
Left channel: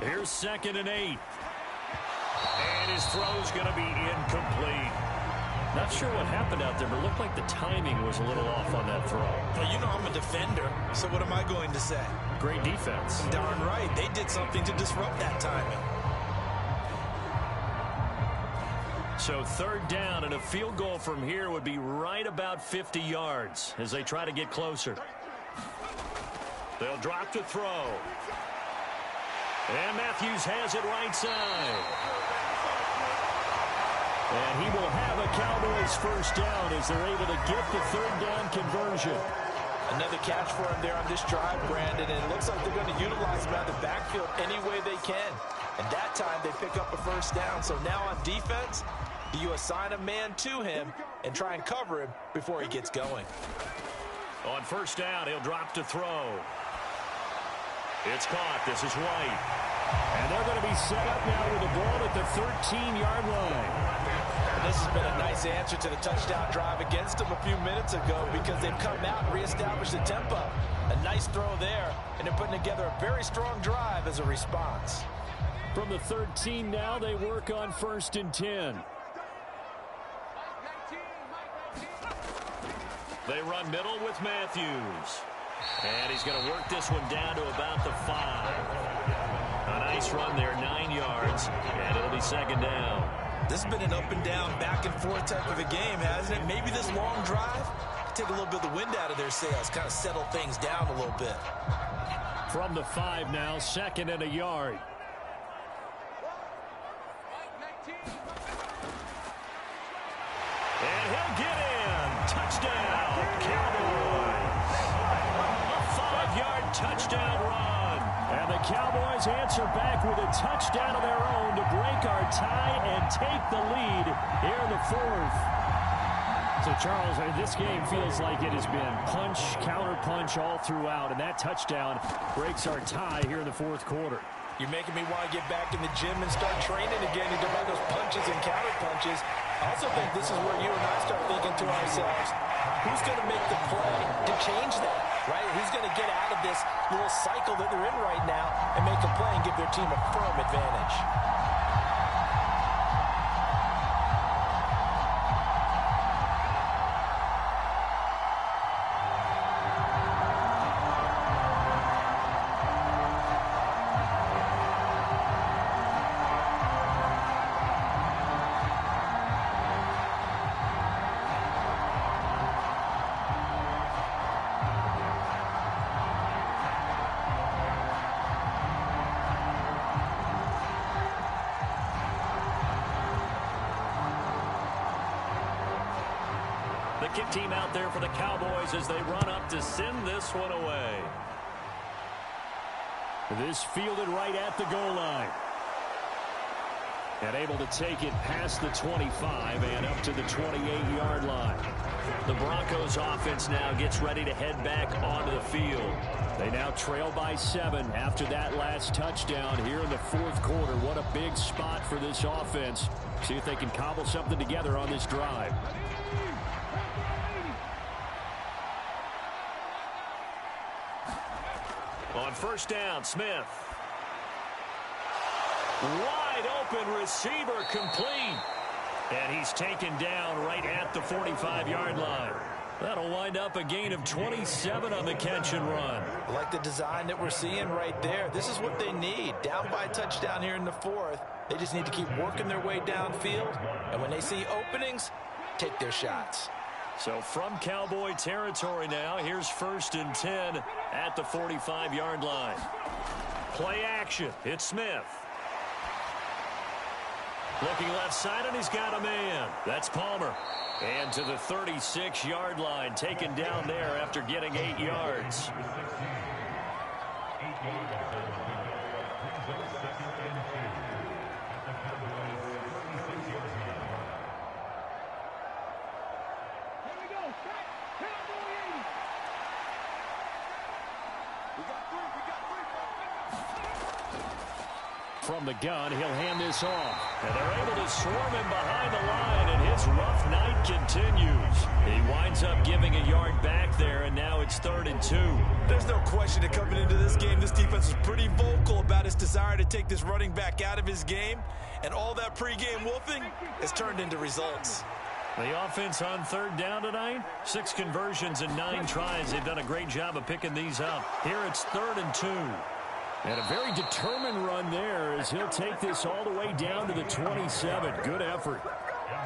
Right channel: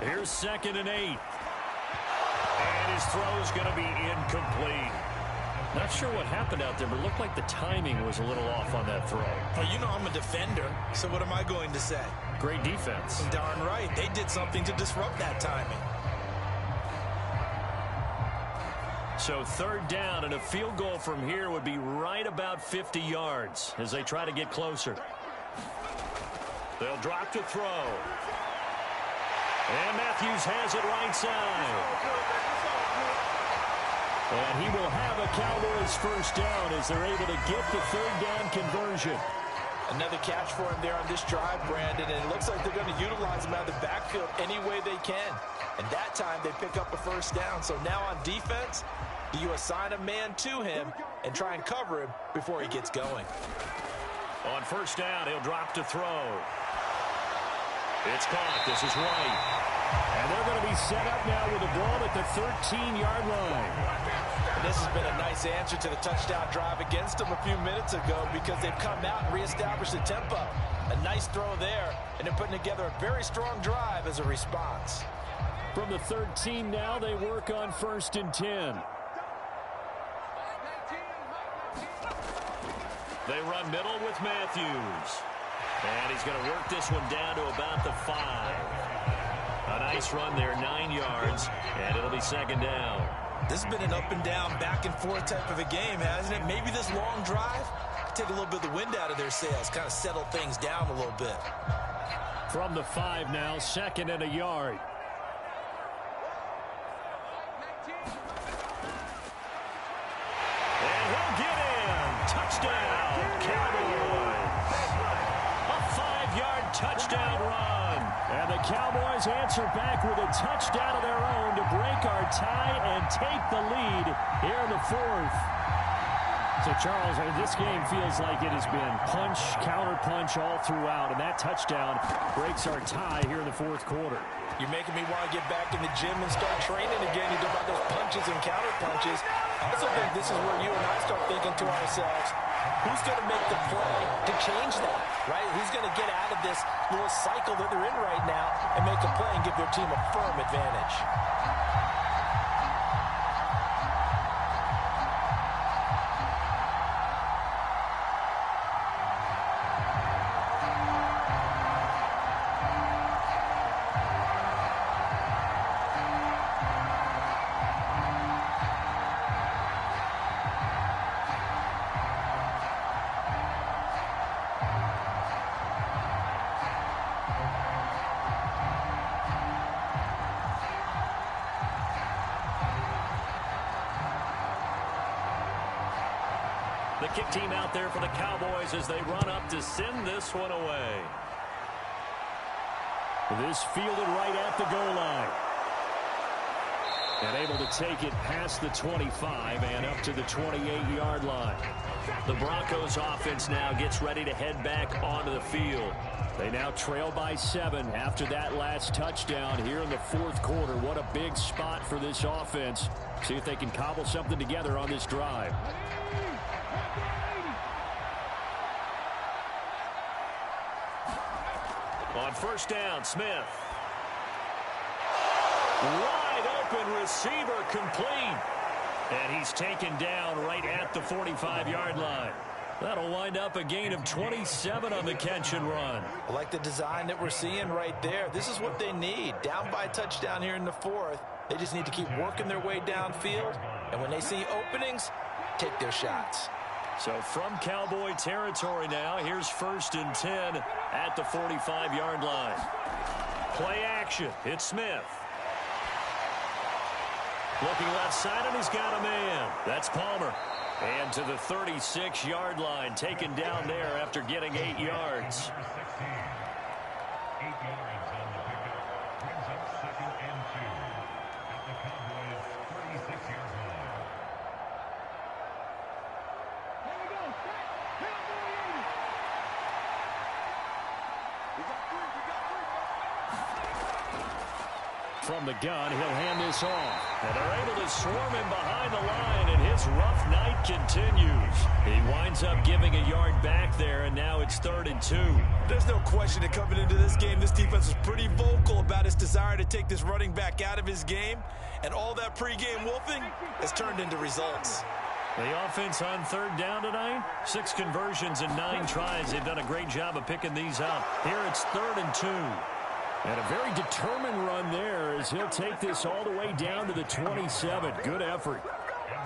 Here's 2nd and 8. And his throw's going to be incomplete. Not sure what happened out there, but it looked like the timing was a little off on that throw. Well, you know I'm a defender, so what am I going to say? Great defense. Darn right. They did something to disrupt that timing. So 3rd down, and a field goal from here would be right about 50 yards as they try to get closer. They'll drop to throw. And Matthews has it right side. And he will have a Cowboys first down as they're able to get the 3rd down conversion. Another catch for him there on this drive, Brandon, and it looks like they're going to utilize him out of the backfield any way they can. And that time they pick up a first down. So now on defense, do you assign a man to him and try and cover him before he gets going? On first down, he'll drop to throw. It's caught. This is White. And they're going to be set up now with the ball at the 13-yard line. And this has been a nice answer to the touchdown drive against them a few minutes ago because they've come out and reestablished the tempo. A nice throw there, and they're putting together a very strong drive as a response. From the 13 now, they work on 1st and 10. They run middle with Matthews. And he's going to work this one down to about the 5. A nice run there, 9 yards, and it'll be 2nd down. This has been an up and down, back and forth type of a game, hasn't it? Maybe this long drive could take a little bit of the wind out of their sails, kind of settle things down a little bit. From the 5 now, 2nd and a yard. And he'll get in. Touchdown, Cowboys. A 5-yard touchdown run. And the Cowboys answer back with a touchdown of their own to break our tie and take the lead here in the fourth. So, Charles, this game feels like it has been punch, counter-punch all throughout, and that touchdown breaks our tie here in the fourth quarter. You're making me want to get back in the gym and start training again. You talk about those punches and counter-punches. I also think this is where you and I start thinking to ourselves, who's going to make the play to change that, right? Who's going to get out of this little cycle that they're in right now and make a play and give their team a firm advantage? The kick team out there for the Cowboys as they run up to send this one away. This fielded right at the goal line. And able to take it past the 25 and up to the 28-yard line. The Broncos offense now gets ready to head back onto the field. They now trail by 7 after that last touchdown here in the fourth quarter. What a big spot for this offense. See if they can cobble something together on this drive. On first down, Smith. Wide open receiver complete. And he's taken down right at the 45-yard line. That'll wind up a gain of 27 on the catch and run. I like the design that we're seeing right there. This is what they need. Down by a touchdown here in the fourth. They just need to keep working their way downfield. And when they see openings, take their shots. So from Cowboy territory now, here's 1st and 10 at the 45-yard line. Play action. It's Smith. Looking left side, and he's got a man. That's Palmer. And to the 36-yard line, taken down there after getting 8 yards. From the gun, he'll hand this off. And they're able to swarm him behind the line, and his rough night continues. He winds up giving a yard back there, and now it's 3rd and 2. There's no question that coming into this game, this defense was pretty vocal about its desire to take this running back out of his game. And all that pregame wolfing has turned into results. The offense on 3rd down tonight, 6 conversions and 9 tries. They've done a great job of picking these up. Here it's 3rd and 2. And a very determined run there as he'll take this all the way down to the 27. Good effort.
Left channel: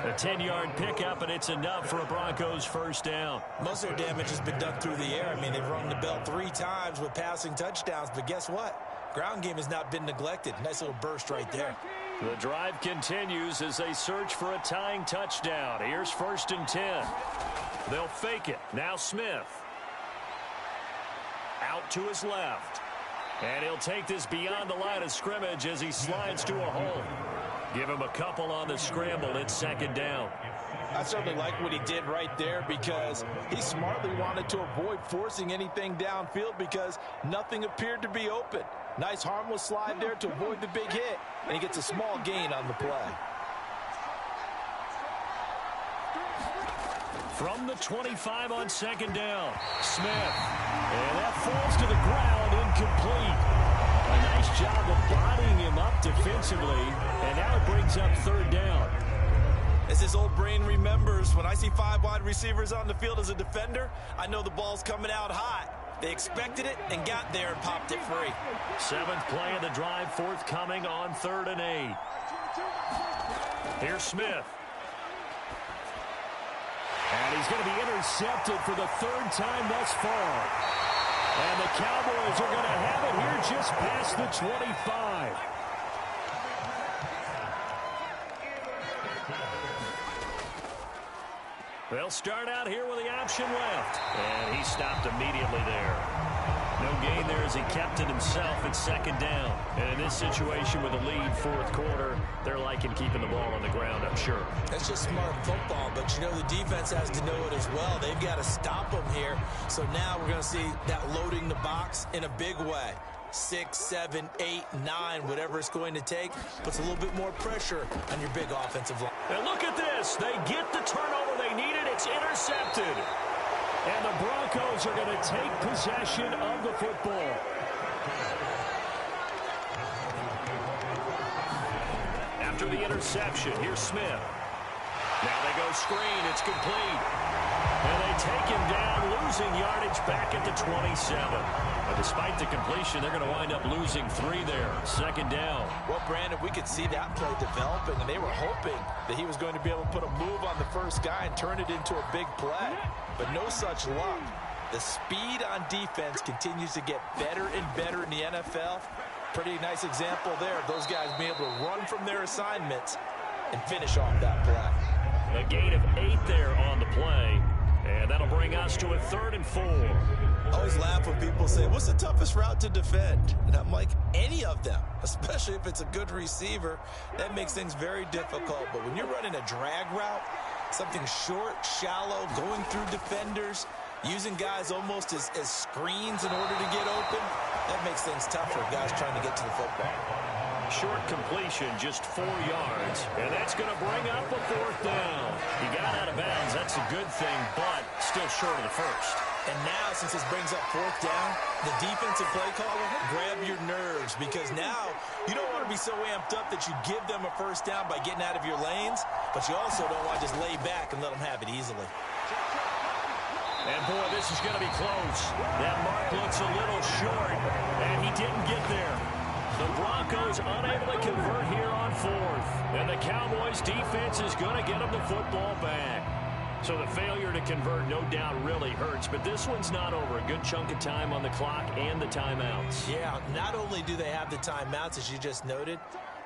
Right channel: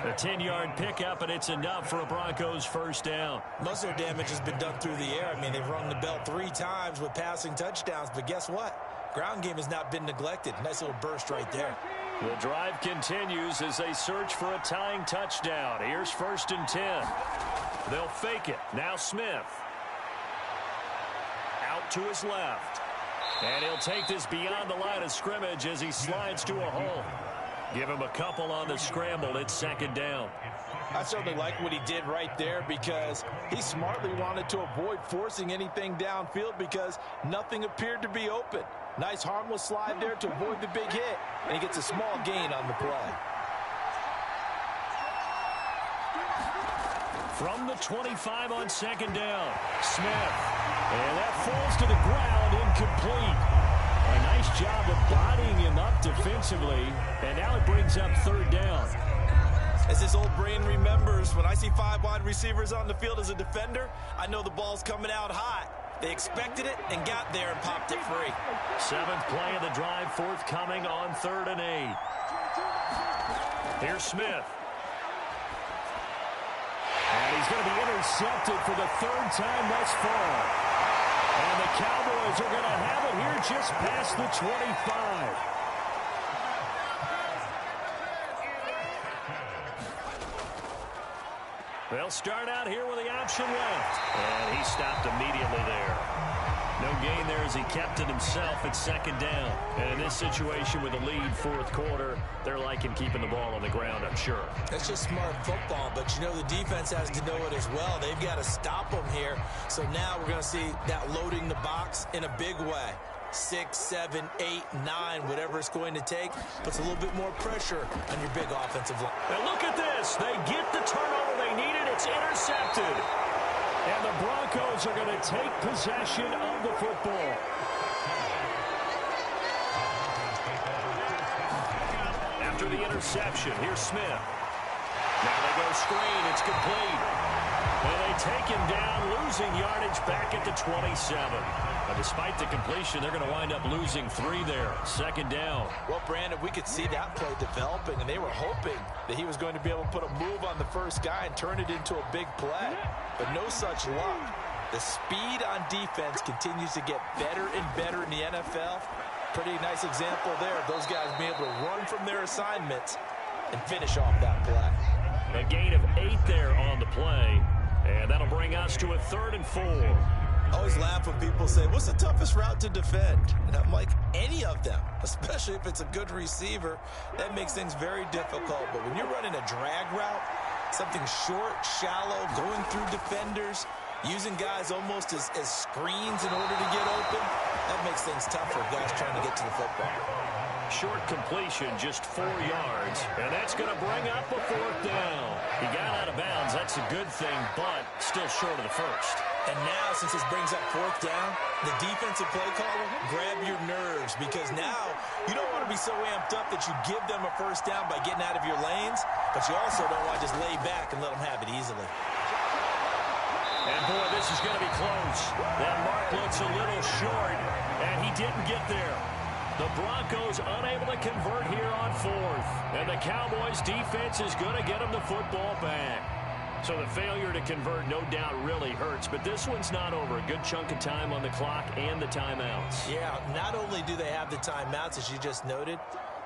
A 10-yard pickup, and it's enough for a Broncos first down. Most of their damage has been done through the air. I mean, they've rung the bell 3 times with passing touchdowns. But guess what? Ground game has not been neglected. Nice little burst right there. The drive continues as they search for a tying touchdown. Here's 1st and 10. They'll fake it. Now Smith. Out to his left. And he'll take this beyond the line of scrimmage as he slides to a hole. Give him a couple on the scramble. It's 2nd down. I certainly like what he did right there because he smartly wanted to avoid forcing anything downfield because nothing appeared to be open. Nice harmless slide there to avoid the big hit, and he gets a small gain on the play. From the 25 on 2nd down, Smith. And that falls to the ground, incomplete. A nice job of bodying him up defensively, and now it brings up 3rd down. As his old brain remembers, when I see 5 wide receivers on the field as a defender, I know the ball's coming out hot. They expected it and got there and popped it free. 7th play of the drive forthcoming on 3rd and 8. Here's Smith. And he's going to be intercepted for the 3rd time thus far. And the Cowboys are going to have it here just past the 25. They'll start out here with the option left. And he stopped immediately there. No gain there as he kept it himself at second down. And in this situation with a lead fourth quarter, they're liking keeping the ball on the ground, I'm sure. That's just smart football, but you know the defense has to know it as well. They've got to stop them here. So now we're going to see that loading the box in a big way. 6, 7, 8, 9, whatever it's going to take, puts a little bit more pressure on your big offensive line. And look at this. They get the turnover they needed. It's intercepted. And the Broncos are going to take possession of the football. After the interception, here's Smith. Now they go screen. It's complete. And they take him down, losing yardage back at the 27. But despite the completion, they're going to wind up losing 3 there. Second down. Well, Brandon, we could see that play developing, and they were hoping that he was going to be able to put a move on the first guy and turn it into a big play. But no such luck. The speed on defense continues to get better and better in the NFL. Pretty nice example there of those guys being able to run from their assignments and finish off that play. A gain of 8 there on the play. And that'll bring us to a 3rd and 4. I always laugh when people say, what's the toughest route to defend? And I'm like, any of them, especially if it's a good receiver. That makes things very difficult. But when you're running a drag route, something short, shallow, going through defenders, using guys almost as screens in order to get open, that makes things tough for guys trying to get to the football. Short completion, just 4 yards, and that's going to bring up a 4th down. He got out of bounds. That's a good thing, but still short of the first. And now, since this brings up 4th down, the defensive play caller, grab your nerves, because now you don't want to be so amped up that you give them a first down by getting out of your lanes, but you also don't want to just lay back and let them have it easily. And, boy, this is going to be close. That mark looks a little short, and he didn't get there. The Broncos unable to convert here on 4th. And the Cowboys' defense is going to get them the football back. So the failure to convert no doubt really hurts, but this one's not over. A good chunk of time on the clock and the timeouts. Yeah, not only do they have the timeouts, as you just noted,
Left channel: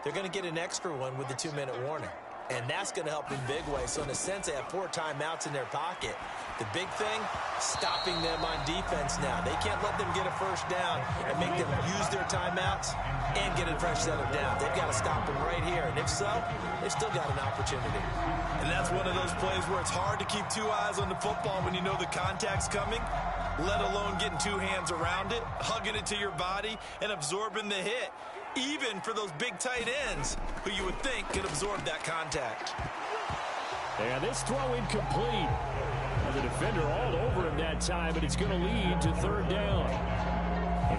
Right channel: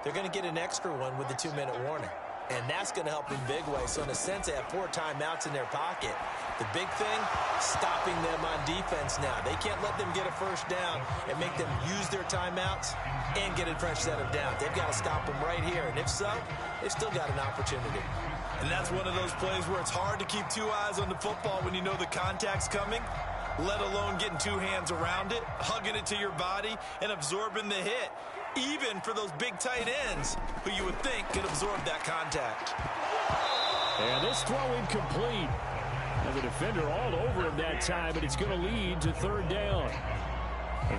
they're going to get an extra one with the 2-minute warning. And that's going to help in big way. So in a sense, they have 4 timeouts in their pocket. The big thing, stopping them on defense now. They can't let them get a first down and make them use their timeouts and get a fresh set of downs. They've got to stop them right here. And if so, they've still got an opportunity. And that's one of those plays where it's hard to keep 2 eyes on the football when you know the contact's coming, let alone getting 2 hands around it, hugging it to your body, and absorbing the hit. Even for those big tight ends who you would think could absorb that contact. And this throw incomplete. Now the defender all over him that time, but it's going to lead to 3rd down.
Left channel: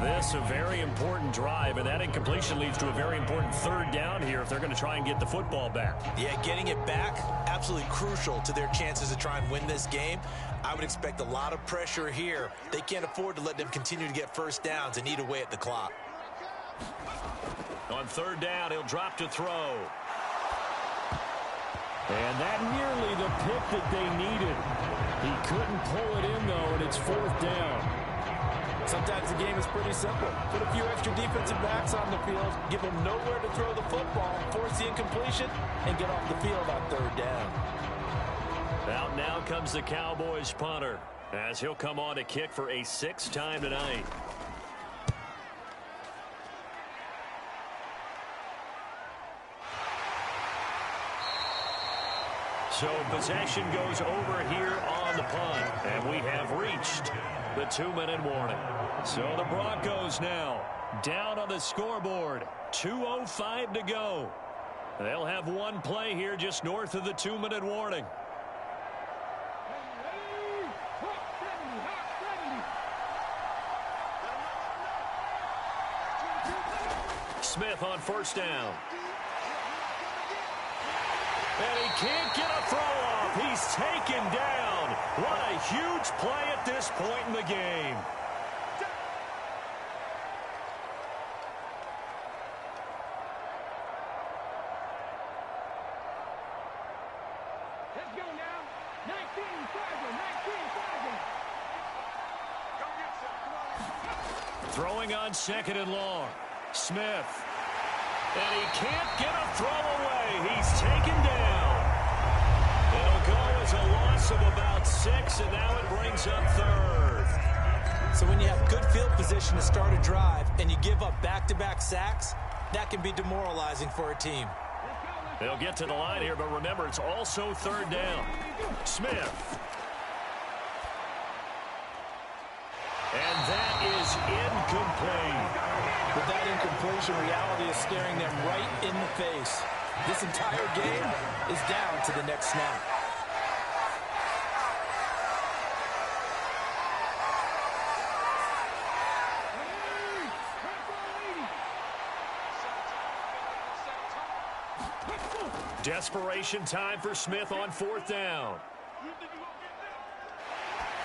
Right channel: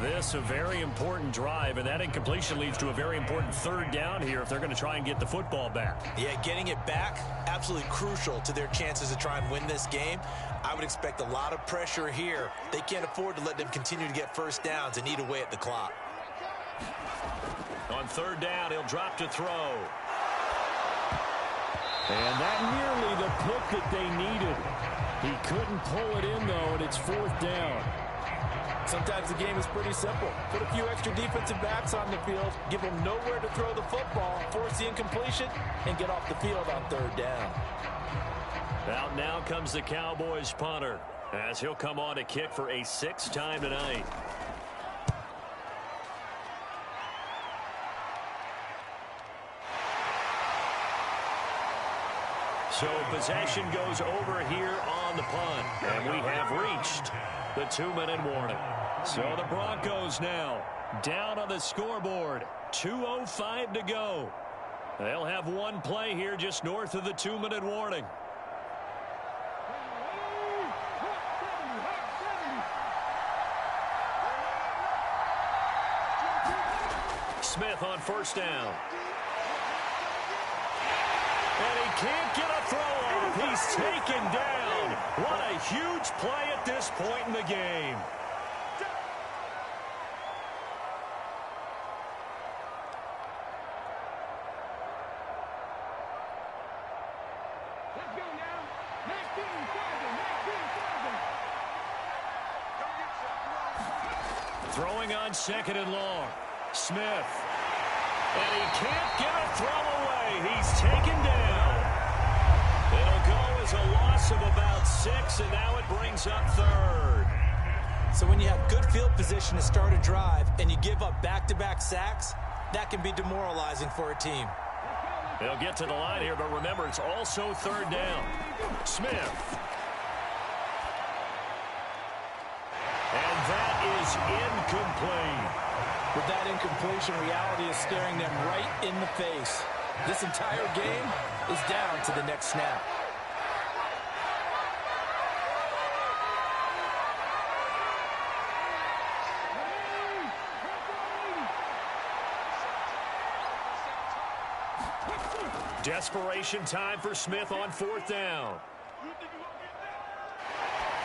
This a very important drive, and that incompletion leads to a very important 3rd down here if they're going to try and get the football back. Yeah, getting it back, absolutely crucial to their chances to try and win this game. I would expect a lot of pressure here. They can't afford to let them continue to get first downs and eat away at the clock. On 3rd down, he'll drop to throw. And that nearly the pick that they needed. He couldn't pull it in, though, and it's 4th down. Sometimes the game is pretty simple. Put a few extra defensive backs on the field, give them nowhere to throw the football, force the incompletion, and get off the field on 3rd down. Out now comes the Cowboys punter, as he'll come on to kick for a 6th time tonight. So possession goes over here on the punt, and we have reached the 2-minute warning. So the Broncos now down on the scoreboard, 2:05 to go. They'll have one play here just north of the 2-minute warning. Smith on 1st down. And he can't get a throw off. He's taken down. What a huge play at this point in the game. Let's go now. 19, Sergeant. 19, Sergeant. Throwing on 2nd and long. Smith. And he can't get a throw away. He's taken down. It'll go as a loss of about 6, and now it brings up 3rd. So when you have good field position to start a drive and you give up back-to-back sacks, that can be demoralizing for a team. They'll get to the line here, but remember, it's also third down. Smith. And that is incomplete. With that incompletion, reality is staring them right in the face. This entire game is down to the next snap. Desperation time for Smith on fourth down.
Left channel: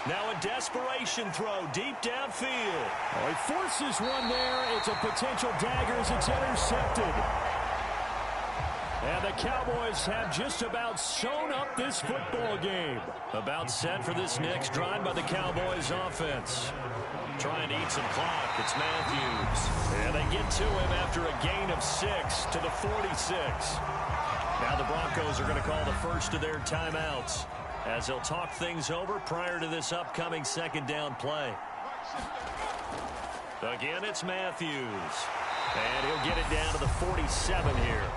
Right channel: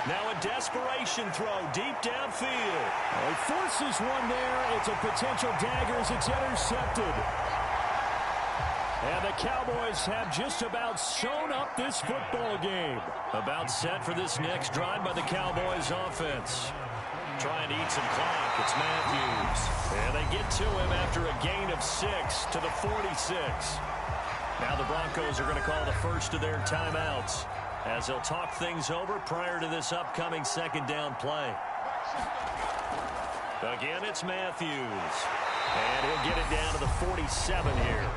Now a desperation throw deep downfield. Oh, he forces one there. It's a potential dagger as it's intercepted. And the Cowboys have just about sewn up this football game. About set for this next drive by the Cowboys offense. Trying to eat some clock. It's Matthews. And they get to him after a gain of 6 to the 46. Now the Broncos are going to call the first of their timeouts as they'll talk things over prior to this upcoming second down play. Again, it's Matthews. And he'll get it down to the 47 here.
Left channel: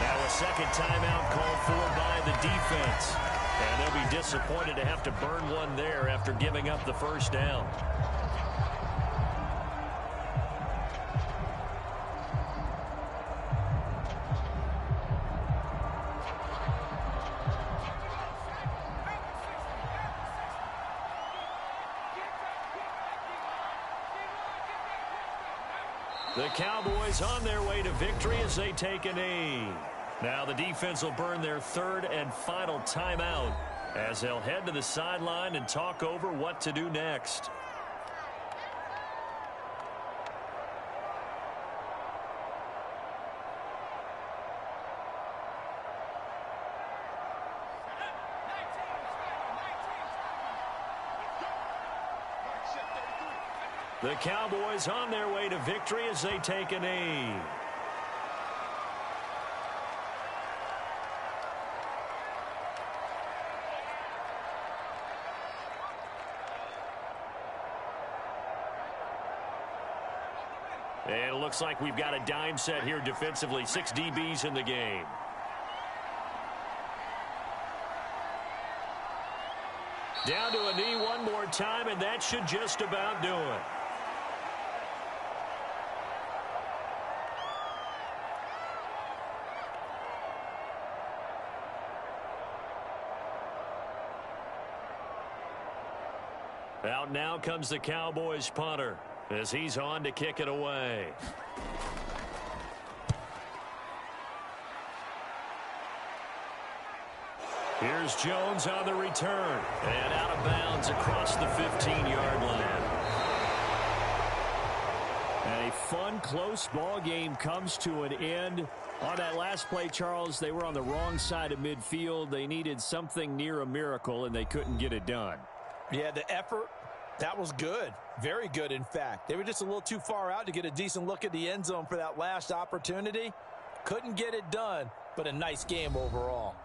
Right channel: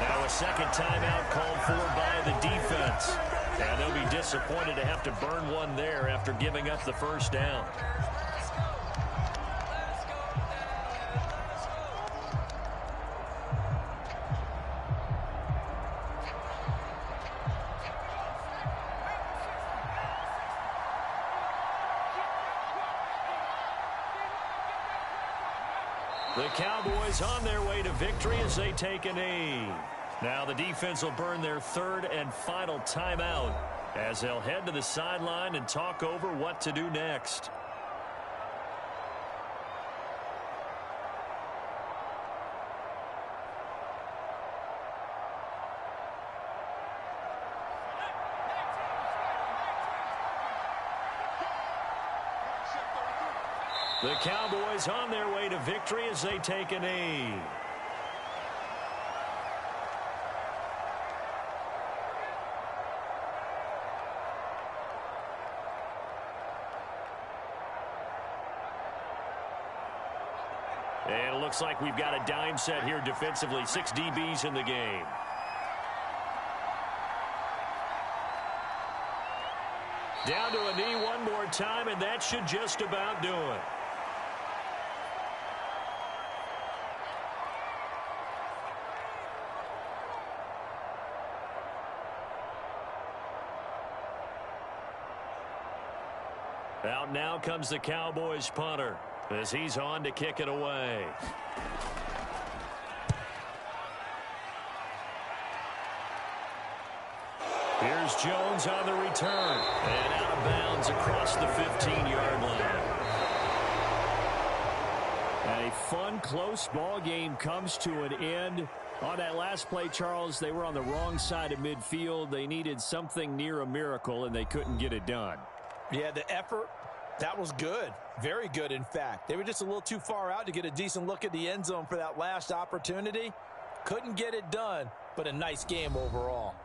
Now a second timeout called for by the defense. And they'll be disappointed to have to burn one there after giving up the first down. The Cowboys on their way to victory as they take a knee. Now the defense will burn their third and final timeout as they'll head to the sideline and talk over what to do next. The Cowboys on their way to victory as they take a knee. And it looks like we've got a dime set here defensively. 6 DBs in the game. Down to a knee one more time, and that should just about do it. Out now comes the Cowboys punter as he's on to kick it away. Here's Jones on the return. And out of bounds across the 15-yard line. And a fun, close ball game comes to an end. On that last play, Charles, they were on the wrong side of midfield. They needed something near a miracle, and they couldn't get it done. Yeah, the effort, that was good. Very good, in fact. They were just a little too far out to get a decent look at the end zone for that last opportunity. Couldn't get it done, but a nice game overall.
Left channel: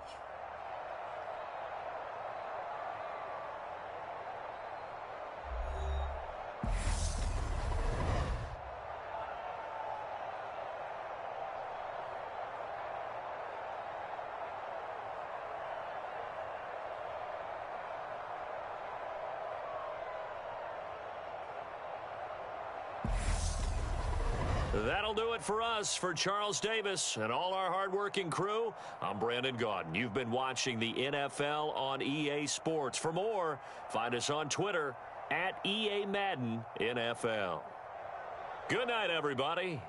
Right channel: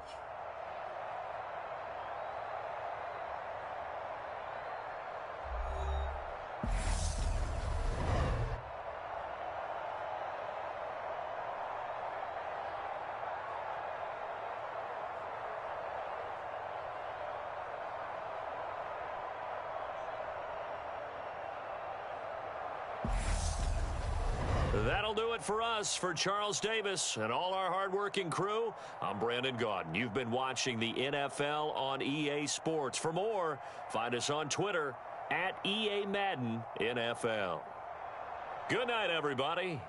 That'll do it for us. For Charles Davis and all our hardworking crew, I'm Brandon Gaudin. You've been watching the NFL on EA Sports. For more, find us on Twitter at EA Madden NFL. Good night, everybody.